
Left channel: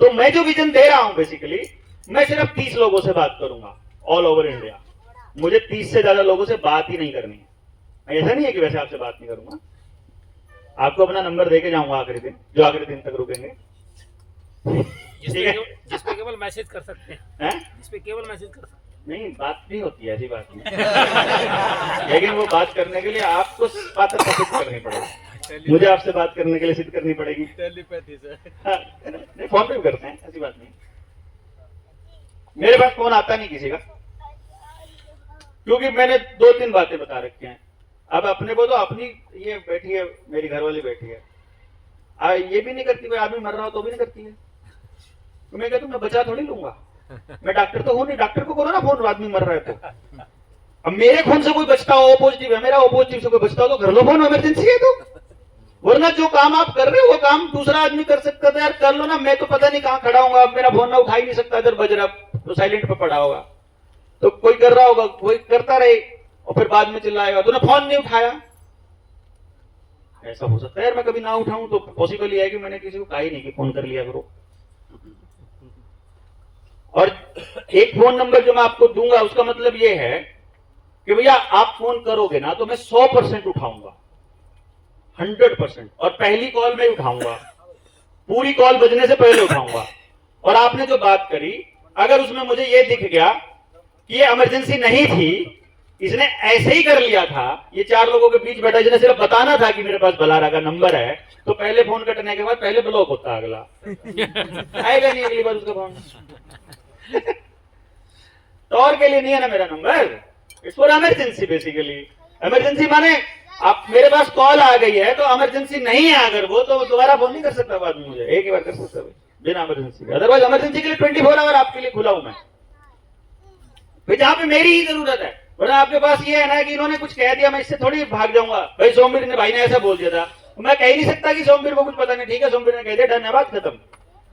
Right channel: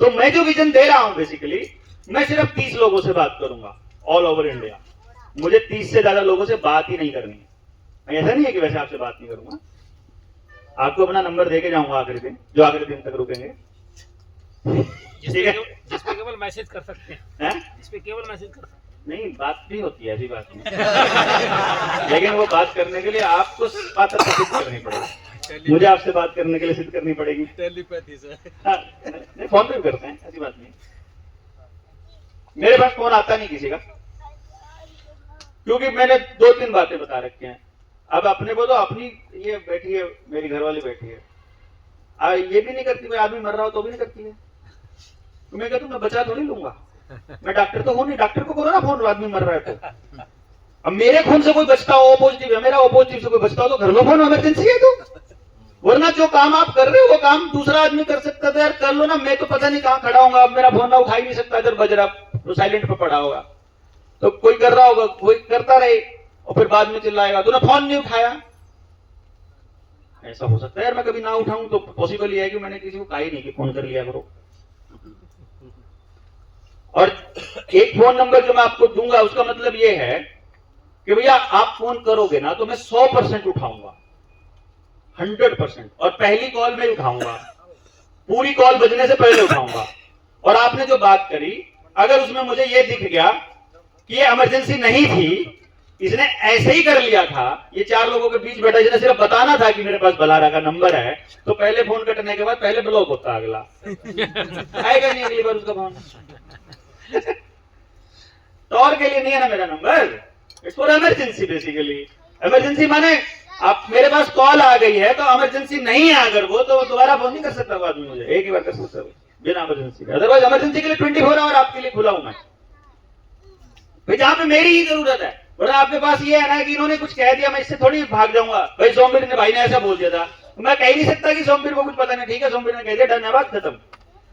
तो मैं जो विजन दे रहा हूं बेसिकली, मैं सिर्फ 30 लोगों से बात करूंगा ऑल ओवर इंडिया। मुझे 30 से ज्यादा लोगों से बात ही नहीं करनी है। ऐसा नहीं है कि वैसे आपसे बात नहीं करूंगा, आपको अपना नंबर देके जाऊंगा आखिरी दिन, जो आखिरी दिन तक रुकेंगे। ठीक है, जिसपे केवल मैसेज कर सकते हैं, जिसपे केवल मैसेज कर सकते हैं। नहीं बात नहीं होती है, ऐसी बात नहीं। लेकिन वो बात करने के लिए आपको पात्रता सिद्ध करनी पड़ेगी, मुझे आपसे बात करने के लिए सिद्ध करनी पड़ेगी। टेलीपैथी से हाँ, नहीं फोन पे भी करते हैं, ऐसी बात नहीं। मेरे पास फोन आता नहीं किसी का, क्योंकि मैंने 2-3 बातें बता रखी हैं। अब अपने को तो अपनी, ये बैठी है मेरी घरवाली बैठी है, ये भी नहीं करती, मैं आदमी मर रहा हो तो भी नहीं करती है। तो मैं कहता हूं मैं बचा थोड़ी लूंगा, मैं डॉक्टर तो हूं नहीं, डॉक्टर को करो ना फोन, आदमी मर रहा है तो। अब मेरे खून से कोई बचता हो, ओ पॉजिटिव है मेरा, ओ पॉजिटिव से कोई बचता हो तो घर लो फोन, इमरजेंसी है तो। वरना जो काम आप कर रहे हो वो काम दूसरा आदमी कर सकता था यार, कर लो ना। मैं तो पता नहीं कहाँ खड़ा हूँ, अब मेरा फोन ना उठा ही नहीं सकता, इधर बज रहा तो साइलेंट पे पड़ा होगा, तो कोई कर रहा होगा, कोई करता रहे और फिर बाद में चिल्लाएगा तूने फोन नहीं उठाया। ऐसा हो सकता है यार, मैं कभी ना उठाऊं तो पॉसिबल ही है कि मैंने किसी को कहा ही नहीं कि फोन कर लिया करो। और एक फोन नंबर जो मैं आपको दूंगा उसका मतलब ये है कि भैया आप फोन करोगे ना तो मैं 100% उठाऊंगा, 100%। और पहली कॉल में उठाऊंगा, पूरी कॉल बजने से पहले उठाऊंगा। और आपने जो बात करी, अगर उसमें मुझे ये दिख गया कि ये इमरजेंसी नहीं थी, इसने ऐसे ही कर लिया था, ये 4 लोगों के बीच बैठा, जिन्हें सिर्फ बताना था कि मेरे पास बलारा का नंबर है, तो पहले फोन कटने के बाद पहले ब्लॉक होता अगला। आएगा नहीं अगली बार उसका फोन। टॉर के लिए नहीं है ना मेरा number, it's for emergency basically. Emergency माने आप मेरे पास कॉल आ गई है तो इमरजेंसी नहीं है, अगर वो तो दोबारा फोन नहीं कर सकता बाद में, मुझे एक ही बार कर सकता बिना इमरजेंसी। अदरवाइज इमरजेंसी के लिए 24 आवर आपके लिए खुला हूं मैं भाई, जहां पे मेरी ही जरूरत है। वरना आपके पास ये है ना कि इन्होंने कुछ कह दिया मैं इससे थोड़ी भाग जाऊंगा, भाई सोमवीर ने भाई ने ऐसा बोल दिया था, मैं कह ही नहीं सकता कि सोमवीर को कुछ पता नहीं। ठीक है सोमवीर ने कह दिया, डन है, बात खत्म,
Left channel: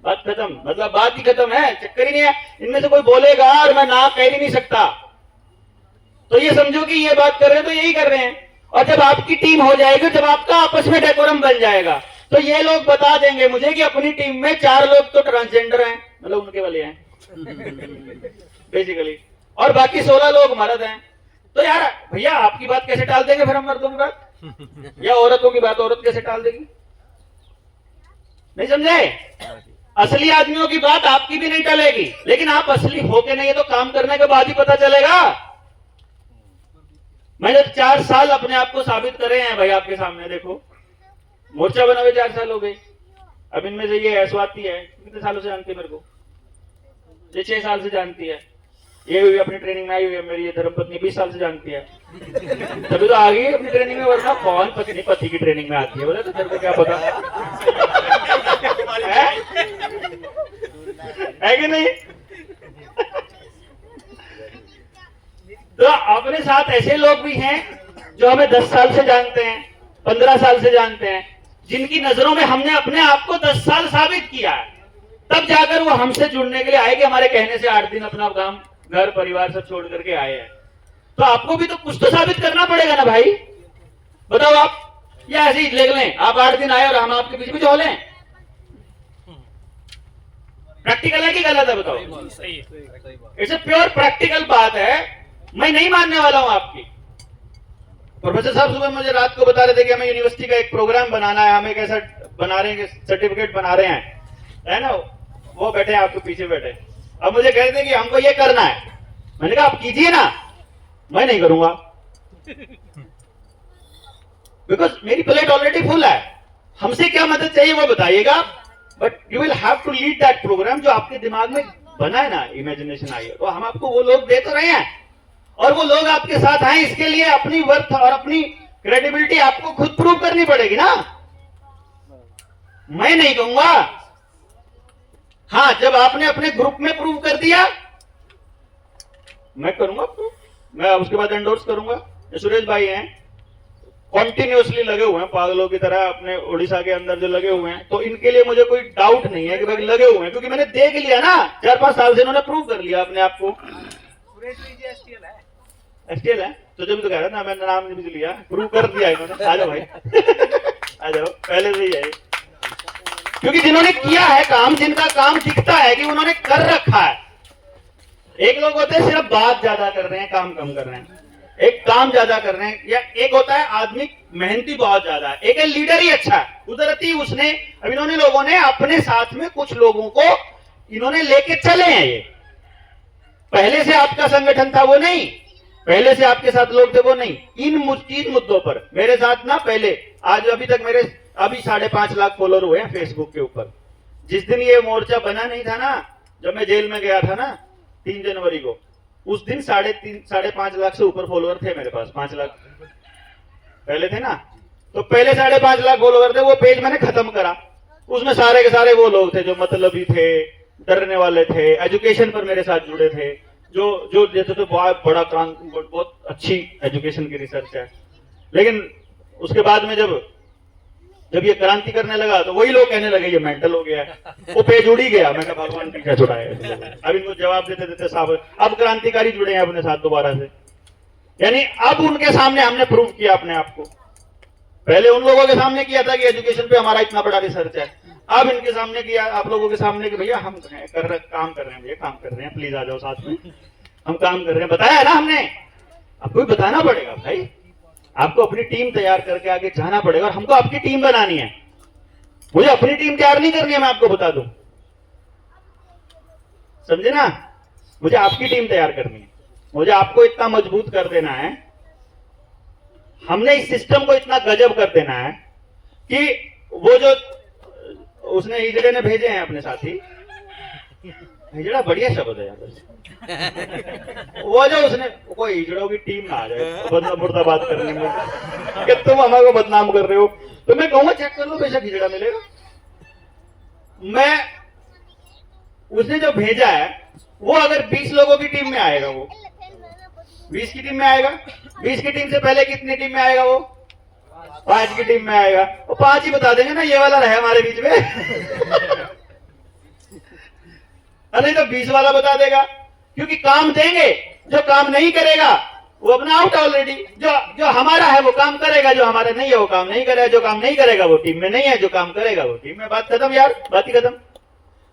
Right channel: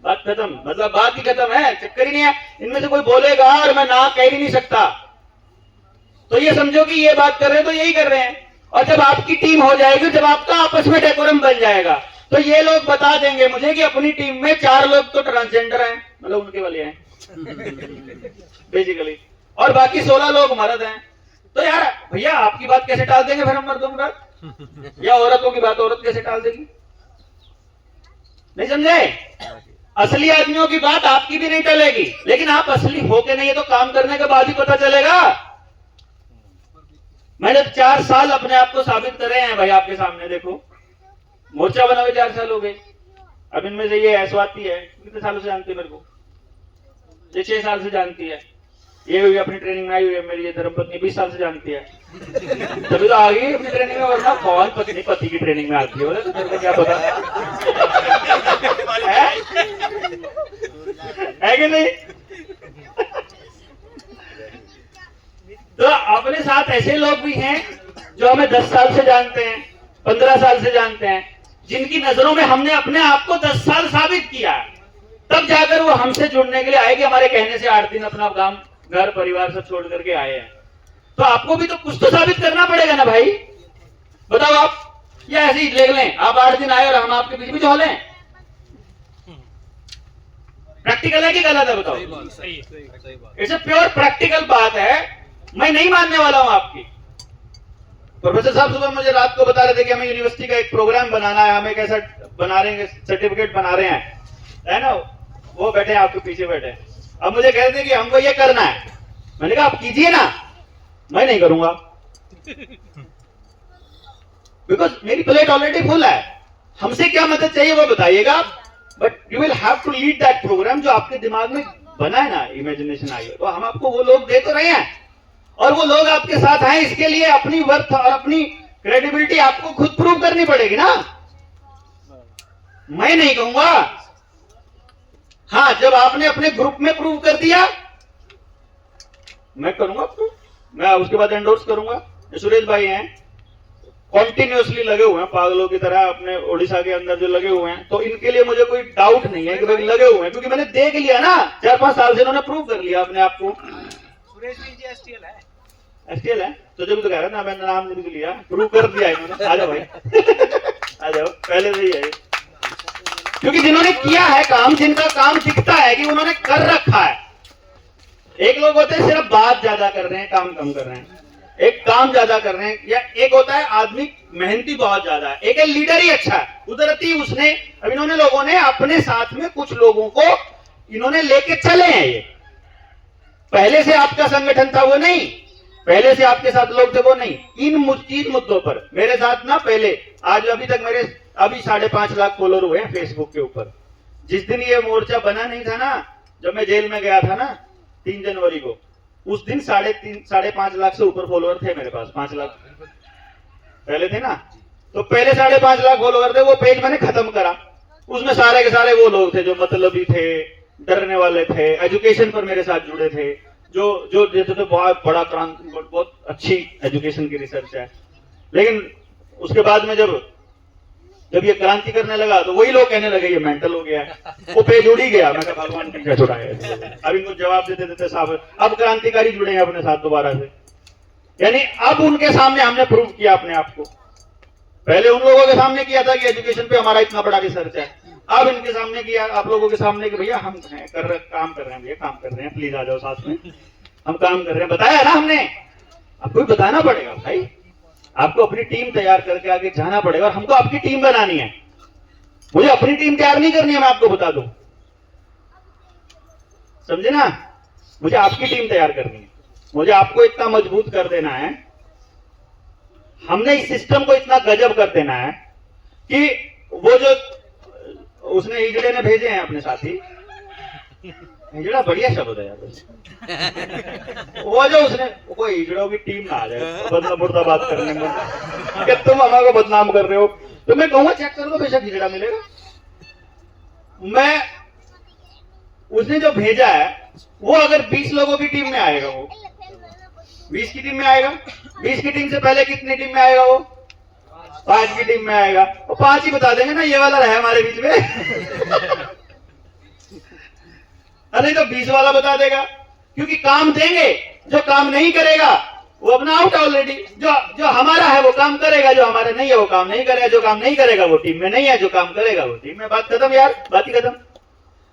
बात खत्म, मतलब बात ही खत्म है, चक्कर ही नहीं है। इनमें से कोई बोलेगा और मैं ना कह ही नहीं सकता, तो ये समझो कि ये बात कर रहे हैं तो यही कर रहे हैं। और जब आपकी टीम हो जाएगी, जब आपका आपस में डेकोरम बन जाएगा, तो ये लोग बता देंगे मुझे कि अपनी टीम में 4 लोग तो ट्रांसजेंडर हैं, मतलब उनके वाले हैं बेसिकली, और बाकी 16 लोग मर्द हैं। तो यार भैया आपकी बात कैसे टाल देंगे फिर हम मर्दों की बात, या औरतों की बात औरत कैसे टाल देगी? नहीं समझे? असली आदमियों की बात आपकी भी नहीं टलेगी, लेकिन आप असली हो के नहीं है तो काम करने के बाद ही पता चलेगा। मैंने 4 साल अपने आप को साबित करे हैं भाई, आपके सामने देखो, मोर्चा बना हुए 4 साल हो गए। अब इनमें से ये ऐसवाती है, कितने सालों से जानती है मेरे को, ये 6 साल से जानती है, ये भी अपनी ट्रेनिंग में आई हुई है, मेरी ये धर्मपत्नी 20 साल से जानती है, तभी तो आ गई अपनी ट्रेनिंग में। वरना कौन पत्नी पति की ट्रेनिंग में आती है, बोले तो तेरे को क्या पता है कि नहीं? तो अपने साथ ऐसे लोग भी हैं जो हमें 10 साल से जानते हैं, 15 साल से जानते हैं, जिनकी नजरों में हमने अपने आप को 10 साल साबित किया है, तब जाकर वो हमसे जुड़ने के लिए आए कि हमारे कहने से 8 दिन अपना काम घर परिवार सब छोड़ करके आए हैं। तो आपको भी तो कुछ तो साबित करना पड़ेगा ना भाई, बताओ आप, या ऐसे ही ले लें आप 8 दिन आए और हम आपके बीच में जो लें? प्रैक्टिकल है कि गलत है बताओ? इट्स अ प्योर प्रैक्टिकल बात है, मैं नहीं मानने वाला हूं आपकी। प्रोफेसर साहब सुबह मुझे रात को बता रहे थे कि हमें यूनिवर्सिटी का एक प्रोग्राम बनाना है, हमें कैसा बना रहे हैं, सर्टिफिकेट बना रहे हैं, है ना, वो बैठे हैं आपके पीछे बैठे। अब मुझे कह रहे थे कि हमको ये करना है, मैंने कहा आप कीजिए ना, मैं नहीं करूंगा बिकॉज मेरी प्लेट ऑलरेडी फुल है। हमसे क्या मदद चाहिए वो बताइएगा, but you will have to lead that program. जो आपके दिमाग में बना है ना, इमेजिनेशन आई है, तो हम आपको वो लोग दे तो रहे हैं, और वो लोग आपके साथ आए, इसके लिए अपनी वर्थ और अपनी क्रेडिबिलिटी आपको खुद प्रूव करनी पड़ेगी ना। मैं नहीं कहूंगा। हाँ, जब आपने अपने ग्रुप में प्रूव कर दिया मैं करूंगा प्रूव, मैं उसके बाद एंडोर्स करूंगा। ये सुरेश भाई हैं, कॉन्टिन्यूअसली लगे हुए हैं पागलों की तरह अपने उड़ीसा के अंदर जो लगे हुए हैं, तो इनके लिए मुझे कोई डाउट नहीं है कि भाई लगे हुए हैं, क्योंकि मैंने देख लिया ना 4-5 साल से इन्होंने प्रूव कर लिया अपने आप को। सुरेश वीर जी एसटीएल है। एसटीएल है तो जब तो कह रहा था ना, मैंने नाम लिख लिया, प्रूव कर दिया इन्होंने। आ जाओ भाई आ जाओ, पहले से ही है, क्योंकि जिन्होंने किया है काम, जिनका काम दिखता है कि उन्होंने कर रखा है। एक लोग होते हैं सिर्फ बात ज्यादा कर रहे हैं, काम कम कर रहे हैं, एक काम ज्यादा कर रहे हैं, या एक होता है आदमी मेहनती बहुत ज्यादा है, एक है लीडर ही अच्छा है, कुदरती उसने। अब इन्होंने लोगों ने अपने साथ में कुछ लोगों को इन्होंने लेके चले हैं। ये पहले से आपका संगठन था वो नहीं, पहले से आपके साथ लोग थे वो नहीं। इन मुद्दों पर मेरे साथ ना पहले, आज अभी तक मेरे अभी 5.5 लाख फॉलोअर हुए हैं फेसबुक के ऊपर। जिस दिन ये मोर्चा बना नहीं था ना, जब मैं जेल में गया था ना 3 जनवरी को, उस दिन 3.5 लाख से ऊपर फॉलोअर थे मेरे पास। 5 लाख पहले थे ना, तो पहले 5.5 लाख फॉलोअर थे। वो पेज मैंने खत्म करा, उसमें सारे के सारे वो लोग थे जो मतलबी थे, डरने वाले थे, एजुकेशन पर मेरे साथ जुड़े थे, जो देते थे बहुत बड़ा बहुत अच्छी एजुकेशन की रिसर्च है। लेकिन उसके बाद में जब ये क्रांति करने लगा तो वही लोग कहने लगे ये मेंटल हो गया है, वो पेज उड़ ही गया। मैं कहा भगवान पीछे छुड़ाए। अब इनको जवाब देते देते साहब अब क्रांतिकारी जुड़े हैं अपने साथ दोबारा से, यानी अब उनके सामने हमने प्रूव किया अपने आप को। पहले उन लोगों के सामने किया था कि एजुकेशन पे हमारा इतना बड़ा रिसर्च है, अब इनके सामने किया आप लोगों के सामने कि भैया हम काम कर रहे हैं, भैया काम कर रहे हैं, प्लीज आ जाओ साथ में, हम काम कर रहे हैं। बताया है ना हमने, आपको भी बताना पड़ेगा भाई, आपको अपनी टीम तैयार करके आगे जाना पड़ेगा, और हमको आपकी टीम बनानी है। मुझे अपनी टीम तैयार नहीं करनी है, मैं आपको बता दूं, समझे ना, मुझे आपकी टीम तैयार करनी है। मुझे आपको इतना मजबूत कर देना है, हमने इस सिस्टम को इतना गजब कर देना है कि वो जो उसने हिजड़े ने भेजे हैं अपने साथी, हिजड़ा बढ़िया शब्द है यार, वो जो उसने कोई हिजड़ों की टीम ना आ जाए बदला मुर्दा बात करने में कि तुम हमारे को बदनाम कर रहे हो, तो मैं कहूंगा चेक कर लो, बेशक हिजड़ा मिलेगा। मैं उसने जो भेजा है वो अगर 20 लोगों की टीम में आएगा, वो 20 की टीम में आएगा, 20 की टीम से पहले कितनी टीम में आएगा, वो 5 की टीम में आएगा, वो 5 ही बता देंगे ना ये वाला रहे हमारे बीच में नहीं तो 20 वाला बता देगा, क्योंकि काम देंगे, जो काम नहीं करेगा वो अपना आउट ऑलरेडी। जो हमारा है वो काम करेगा, जो हमारे नहीं है वो काम नहीं करेगा, जो काम नहीं करेगा वो टीम में नहीं है, जो काम करेगा वो टीम में। बात खत्म यार, बात ही खत्म।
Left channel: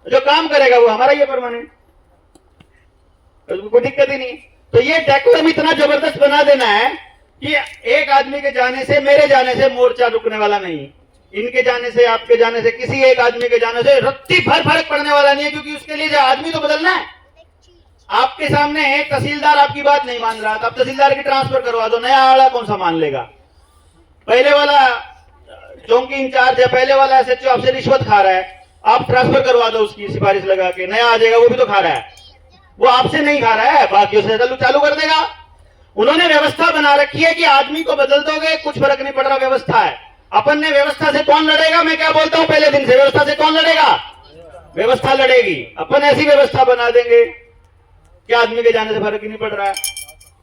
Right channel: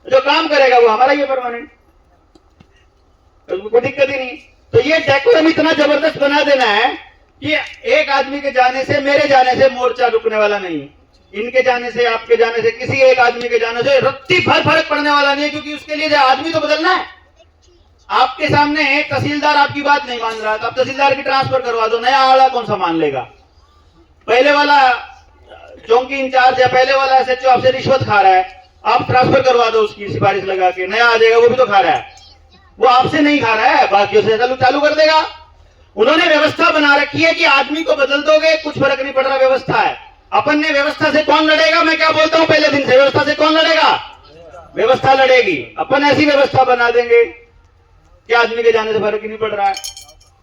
जो काम करेगा वो हमारा ही है परमानेंट, कोई दिक्कत ही नहीं। तो ये डेकोरम इतना जबरदस्त बना देना है कि एक आदमी के जाने से, मेरे जाने से मोर्चा रुकने वाला नहीं, इनके जाने से, आपके जाने से, किसी एक आदमी के जाने से रत्ती भर फर्क पड़ने वाला नहीं है, क्योंकि उसके लिए आदमी तो बदलना है। आपके सामने तहसीलदार आपकी बात नहीं मान रहा, तो आप तहसीलदार की ट्रांसफर करवा दो, नया वाला कौन सा मान लेगा? पहले वाला चौकी इंचार्ज है, पहले वाला एसएचओ आपसे रिश्वत खा रहा है, आप ट्रांसफर करवा दो उसकी सिफारिश लगा के, नया आ जाएगा, वो भी तो खा रहा है, वो आपसे नहीं खा रहा है, बाकियों से चालू कर देगा। उन्होंने व्यवस्था बना रखी है कि आदमी को बदल दोगे कुछ फर्क नहीं पड़ रहा, व्यवस्था है। अपन ने व्यवस्था से कौन लड़ेगा? मैं क्या बोलता हूं पहले दिन से, व्यवस्था से कौन लड़ेगा? व्यवस्था लड़ेगी। अपन ऐसी व्यवस्था बना देंगे कि आदमी के जाने से फर्क ही नहीं पड़ रहा है,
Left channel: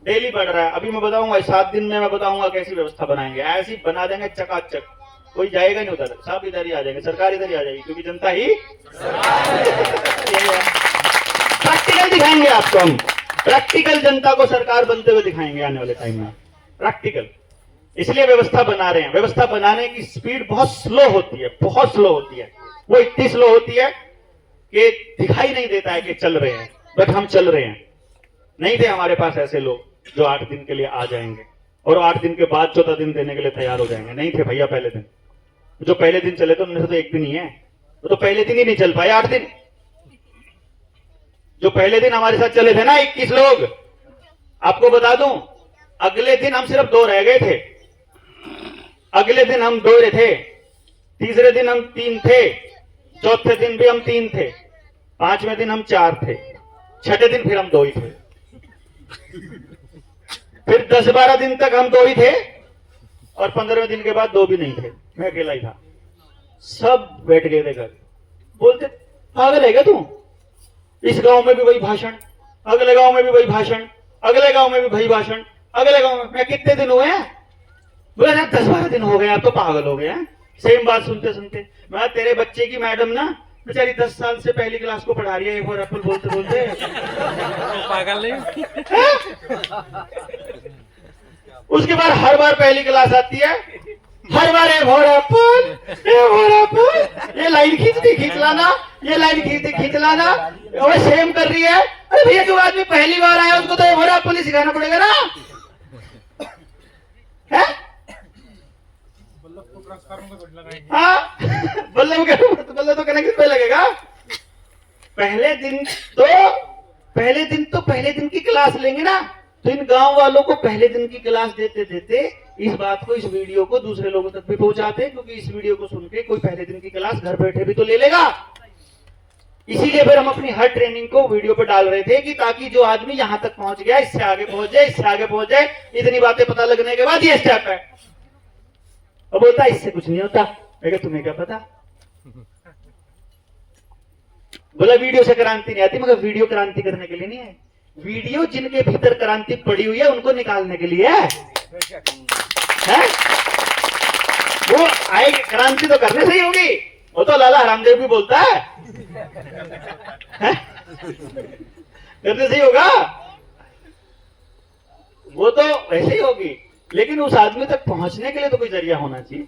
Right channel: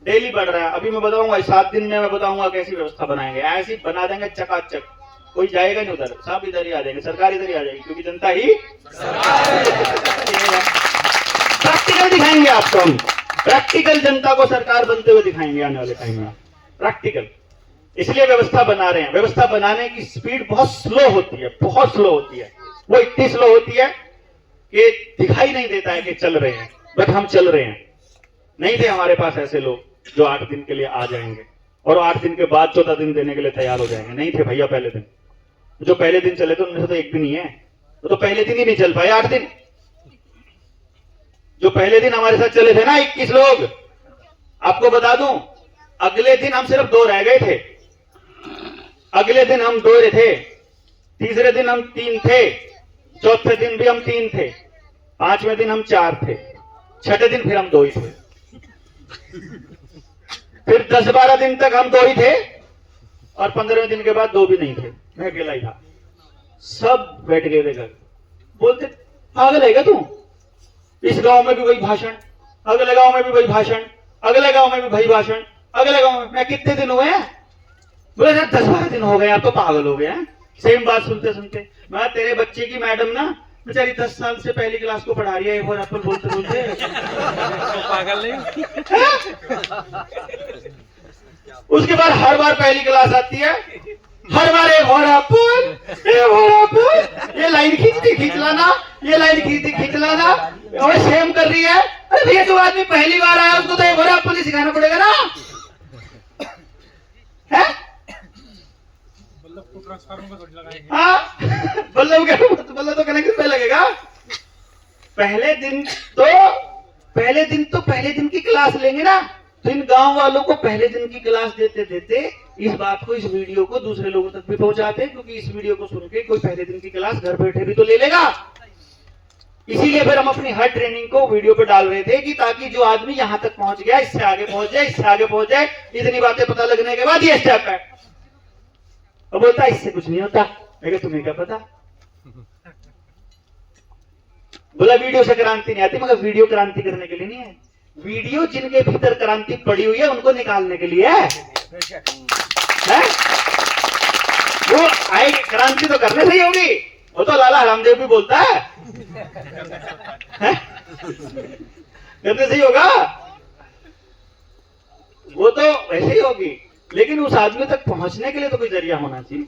डेली बढ़ रहा है। अभी मैं बताऊंगा 7 दिन में, मैं बताऊंगा कैसी व्यवस्था बनाएंगे, ऐसी बना देंगे चकाचक, कोई जाएगा नहीं उधर, सब इधर ही आ जाएंगे, सरकार इधर ही आ जाएगी, क्योंकि जनता ही प्रैक्टिकल दिखाएंगे आपको हम, प्रैक्टिकल जनता को सरकार बनते हुए दिखाएंगे आने वाले टाइम में, प्रैक्टिकल। इसलिए व्यवस्था बना रहे हैं। व्यवस्था बनाने की स्पीड बहुत स्लो होती है, बहुत स्लो होती है, वो इतनी स्लो होती है कि दिखाई नहीं देता है कि चल रहे हैं, बट हम चल रहे हैं। नहीं थे हमारे पास ऐसे लोग जो 8 दिन के लिए आ जाएंगे और 8 दिन के बाद 14 दिन देने के लिए तैयार हो जाएंगे, नहीं थे भैया पहले दिन। जो पहले दिन चले थे उनमें से तो एक भी नहीं है, वो तो पहले दिन ही नहीं चल पाए 8 दिन। जो पहले दिन हमारे साथ चले थे ना 21 लोग, आपको बता दूं, अगले दिन हम सिर्फ 2 रह गए थे, अगले दिन हम 2 थे, तीसरे दिन हम 3 थे, चौथे दिन भी हम 3 थे, 5वें दिन हम 4 थे, 6ठे दिन फिर हम 2 ही थे, फिर 10-12 दिन तक हम 2 ही थे, और 15वें दिन के बाद 2 भी नहीं थे, मैं अकेला ही था। सब बैठ गए थे घर, बोलते पागल है क्या तू, इस गांव में भी वही भाषण, अगले गांव में भी वही भाषण, अगले गांव में भी वही भाषण, अगले गांव में। मैं कितने दिन हुए हैं? बोला यार 10-12 दिन हो गए, आप तो पागल हो गए हैं सेम बात सुनते सुनते। मैं तेरे बच्चे की मैडम ना बेचारी 10 साल से पहली क्लास को पढ़ा रही है, एक और एप्पल बोलते बोलते पागल नहीं। उसके बाद हर बार पहली क्लास आती है, हर बार ये लाइन खींच लाना, ये लाइन खींच लाना, और सेम कर रही है। अरे भैया जो आदमी पहली बार आया उसको तो ये भोरा एप्पल ही सिखाना पड़ेगा ना, है? हाँ, बल्लभ तो कनेक्शन पे लगेगा। पहले दिन की क्लास लेंगे ना, तो इन गांव वालों को पहले दिन की क्लास देते देते इस बात को, इस वीडियो को दूसरे लोगों तक भी पहुंचाते हैं, क्योंकि इस वीडियो को सुन के कोई पहले दिन की क्लास घर बैठे भी तो ले लेगा। इसीलिए फिर हम अपनी हर ट्रेनिंग को वीडियो पे डाल रहे थे कि ताकि जो आदमी यहाँ तक पहुंच गया, इससे आगे पहुंच जाए, इससे आगे पहुंच जाए। इतनी बातें पता लगने के बाद ये स्टेप है। और बोलता इससे कुछ नहीं होता। मैं कहा तुम्हें क्या पता? बोला वीडियो से क्रांति नहीं आती, मगर वीडियो क्रांति करने के लिए नहीं है, वीडियो जिनके भीतर क्रांति पड़ी हुई है उनको निकालने के लिए है? वो आए क्रांति तो करने से ही होगी। वो तो लाला रामदेव भी बोलता है, करने से ही होगा, वो तो वैसे ही होगी। लेकिन उस आदमी तक पहुंचने के लिए तो कोई जरिया होना चाहिए।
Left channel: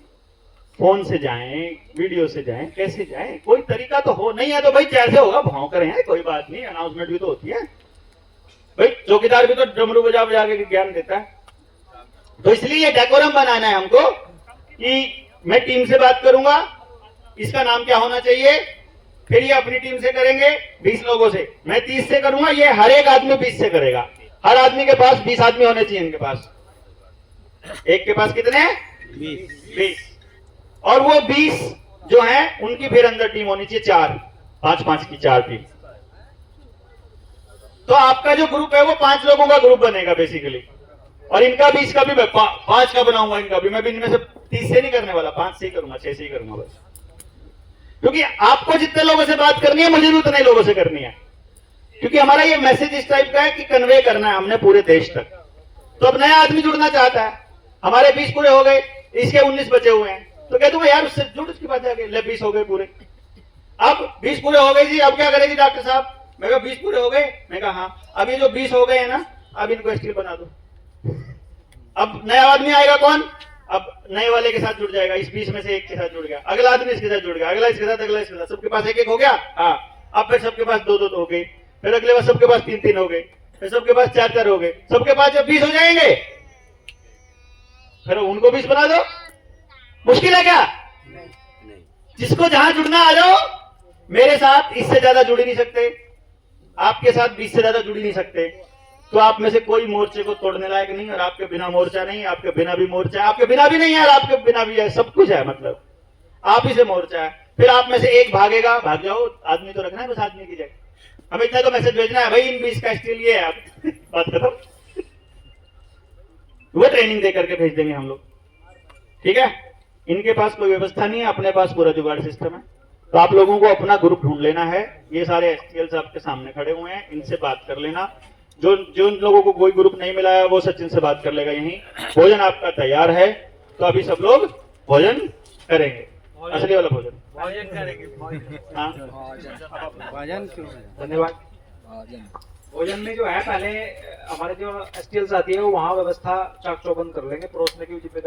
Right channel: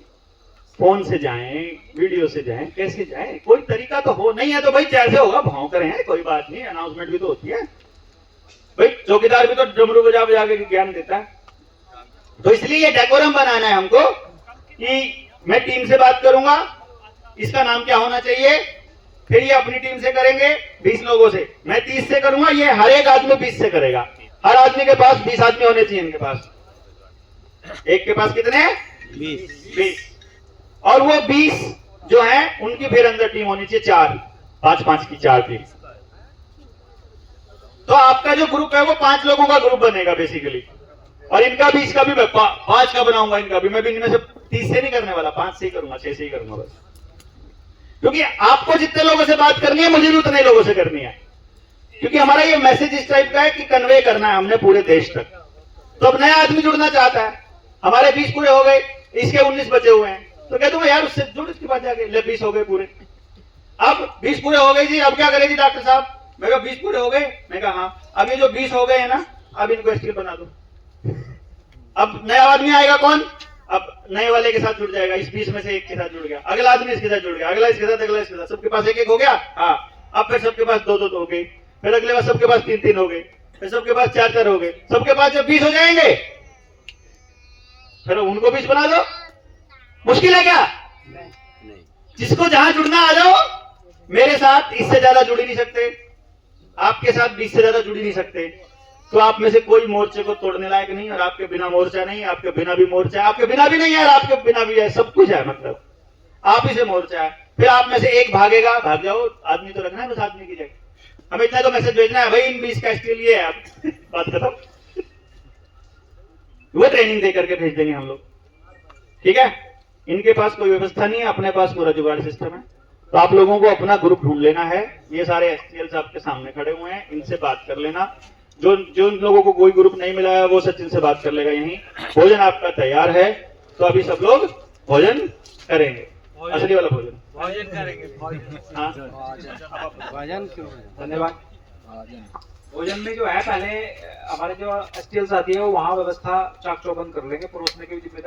फोन से जाएं, वीडियो से जाएं, कैसे जाएं, कोई तरीका तो हो। नहीं है तो भाई जैसे होगा भाव करें, कोई बात नहीं, अनाउंसमेंट भी तो होती है भाई। चौकीदार भी तो डमरू बजा बजा के ज्ञान देता है। तो इसलिए ये डेकोरम बनाना है हमको कि मैं टीम से बात करूंगा, इसका नाम क्या होना चाहिए, फिर ये अपनी टीम से करेंगे 20 लोगों से, मैं 30 से करूंगा, ये हर एक आदमी 20 से करेगा। हर आदमी के पास 20 आदमी होने चाहिए। इनके पास एक के पास कितने? 20। और वो 20 जो है उनकी फिर अंदर टीम होनी चाहिए 4, 5-5 की 4 टीम। तो आपका जो ग्रुप है वो 5 लोगों का ग्रुप बनेगा बेसिकली। और इनका भी, इसका भी मैं 5 का बनाऊंगा। इनका भी मैं भी इनमें से 30 से नहीं करने वाला, 5 से ही करूंगा, 6 से ही करूंगा बस। क्योंकि आपको जितने लोगों से बात करनी है मुझे भी उतने लोगों से करनी है। क्योंकि हमारा ये मैसेज इस टाइप का है कि कन्वे करना है हमने पूरे देश तक। तो अब नया आदमी जुड़ना चाहता है, हमारे 20 पूरे हो गए, इसके 19 बचे हुए हैं, तो कह दूंगा यार उससे जुड़, उसके बाद जाके ले 20 हो गए पूरे। अब 20 पूरे हो गए जी, अब क्या करेंगे डॉक्टर साहब? मैं कहा 20 पूरे हो गए? मैं कहा हाँ। अब ये जो 20 हो गए हैं ना, अब इनको स्किल बना दो। अब नया आदमी आएगा कौन? अब नए वाले के साथ जुड़ जाएगा, इस 20 में से एक के साथ जुड़ गया, अगला आदमी इसके साथ जुड़ गया, अगला इसके साथ, अगला इसके साथ, सबके पास 1-1 हो गया। हाँ, अब फिर सबके पास 2-2 हो गई, फिर अगले बार सबके पास 3-3 हो गए, फिर सबके पास 4-4 हो गए। सबके पास जब 20 हो जाएंगे फिर उनको 20 बना दो। मुश्किल है क्या? जिसको जहां जुड़ना आ जाओ। मेरे साथ इससे ज्यादा जुड़ नहीं सकते, आपके साथ 20 से ज्यादा जुड़ नहीं सकते। तो आप में से कोई मोर्चे को तोड़ने लायक नहीं, और आपके बिना मोर्चा नहीं, आपके बिना भी मोर्चा है, आपके बिना भी नहीं है और आपके बिना भी है, सब कुछ है। मतलब आप ही से मोर्चा है। फिर आप में से एक भागेगा, भाग जाओ, आदमी तो रखना है, बस आदमी की जगह हमें इतना तो मैसेज भेजना है भाई इन 20 का इसके लिए है। आप बात खत्म। वो ट्रेनिंग दे करके भेज देंगे हम लोग, ठीक है। इनके पास कोई व्यवस्था नहीं है, अपने पास पूरा जुगाड़ सिस्टम है। तो आप लोगों को अपना ग्रुप ढूंढ लेना है। ये सारे STLs आपके सामने खड़े हुए हैं, इनसे बात कर लेना। जो लोगों को कोई ग्रुप नहीं मिला है वो सचिन से बात कर लेगा। यहीं भोजन आपका तैयार है, तो अभी सब लोग भोजन करेंगे, असली वाला भोजन करेंगे। हाँ, धन्यवाद। भोजन में जो है पहले हमारे जो STLs आती है वो वहाँ व्यवस्था चाक चौबंद कर लेंगे, परोसने की भी जिम्मेदारी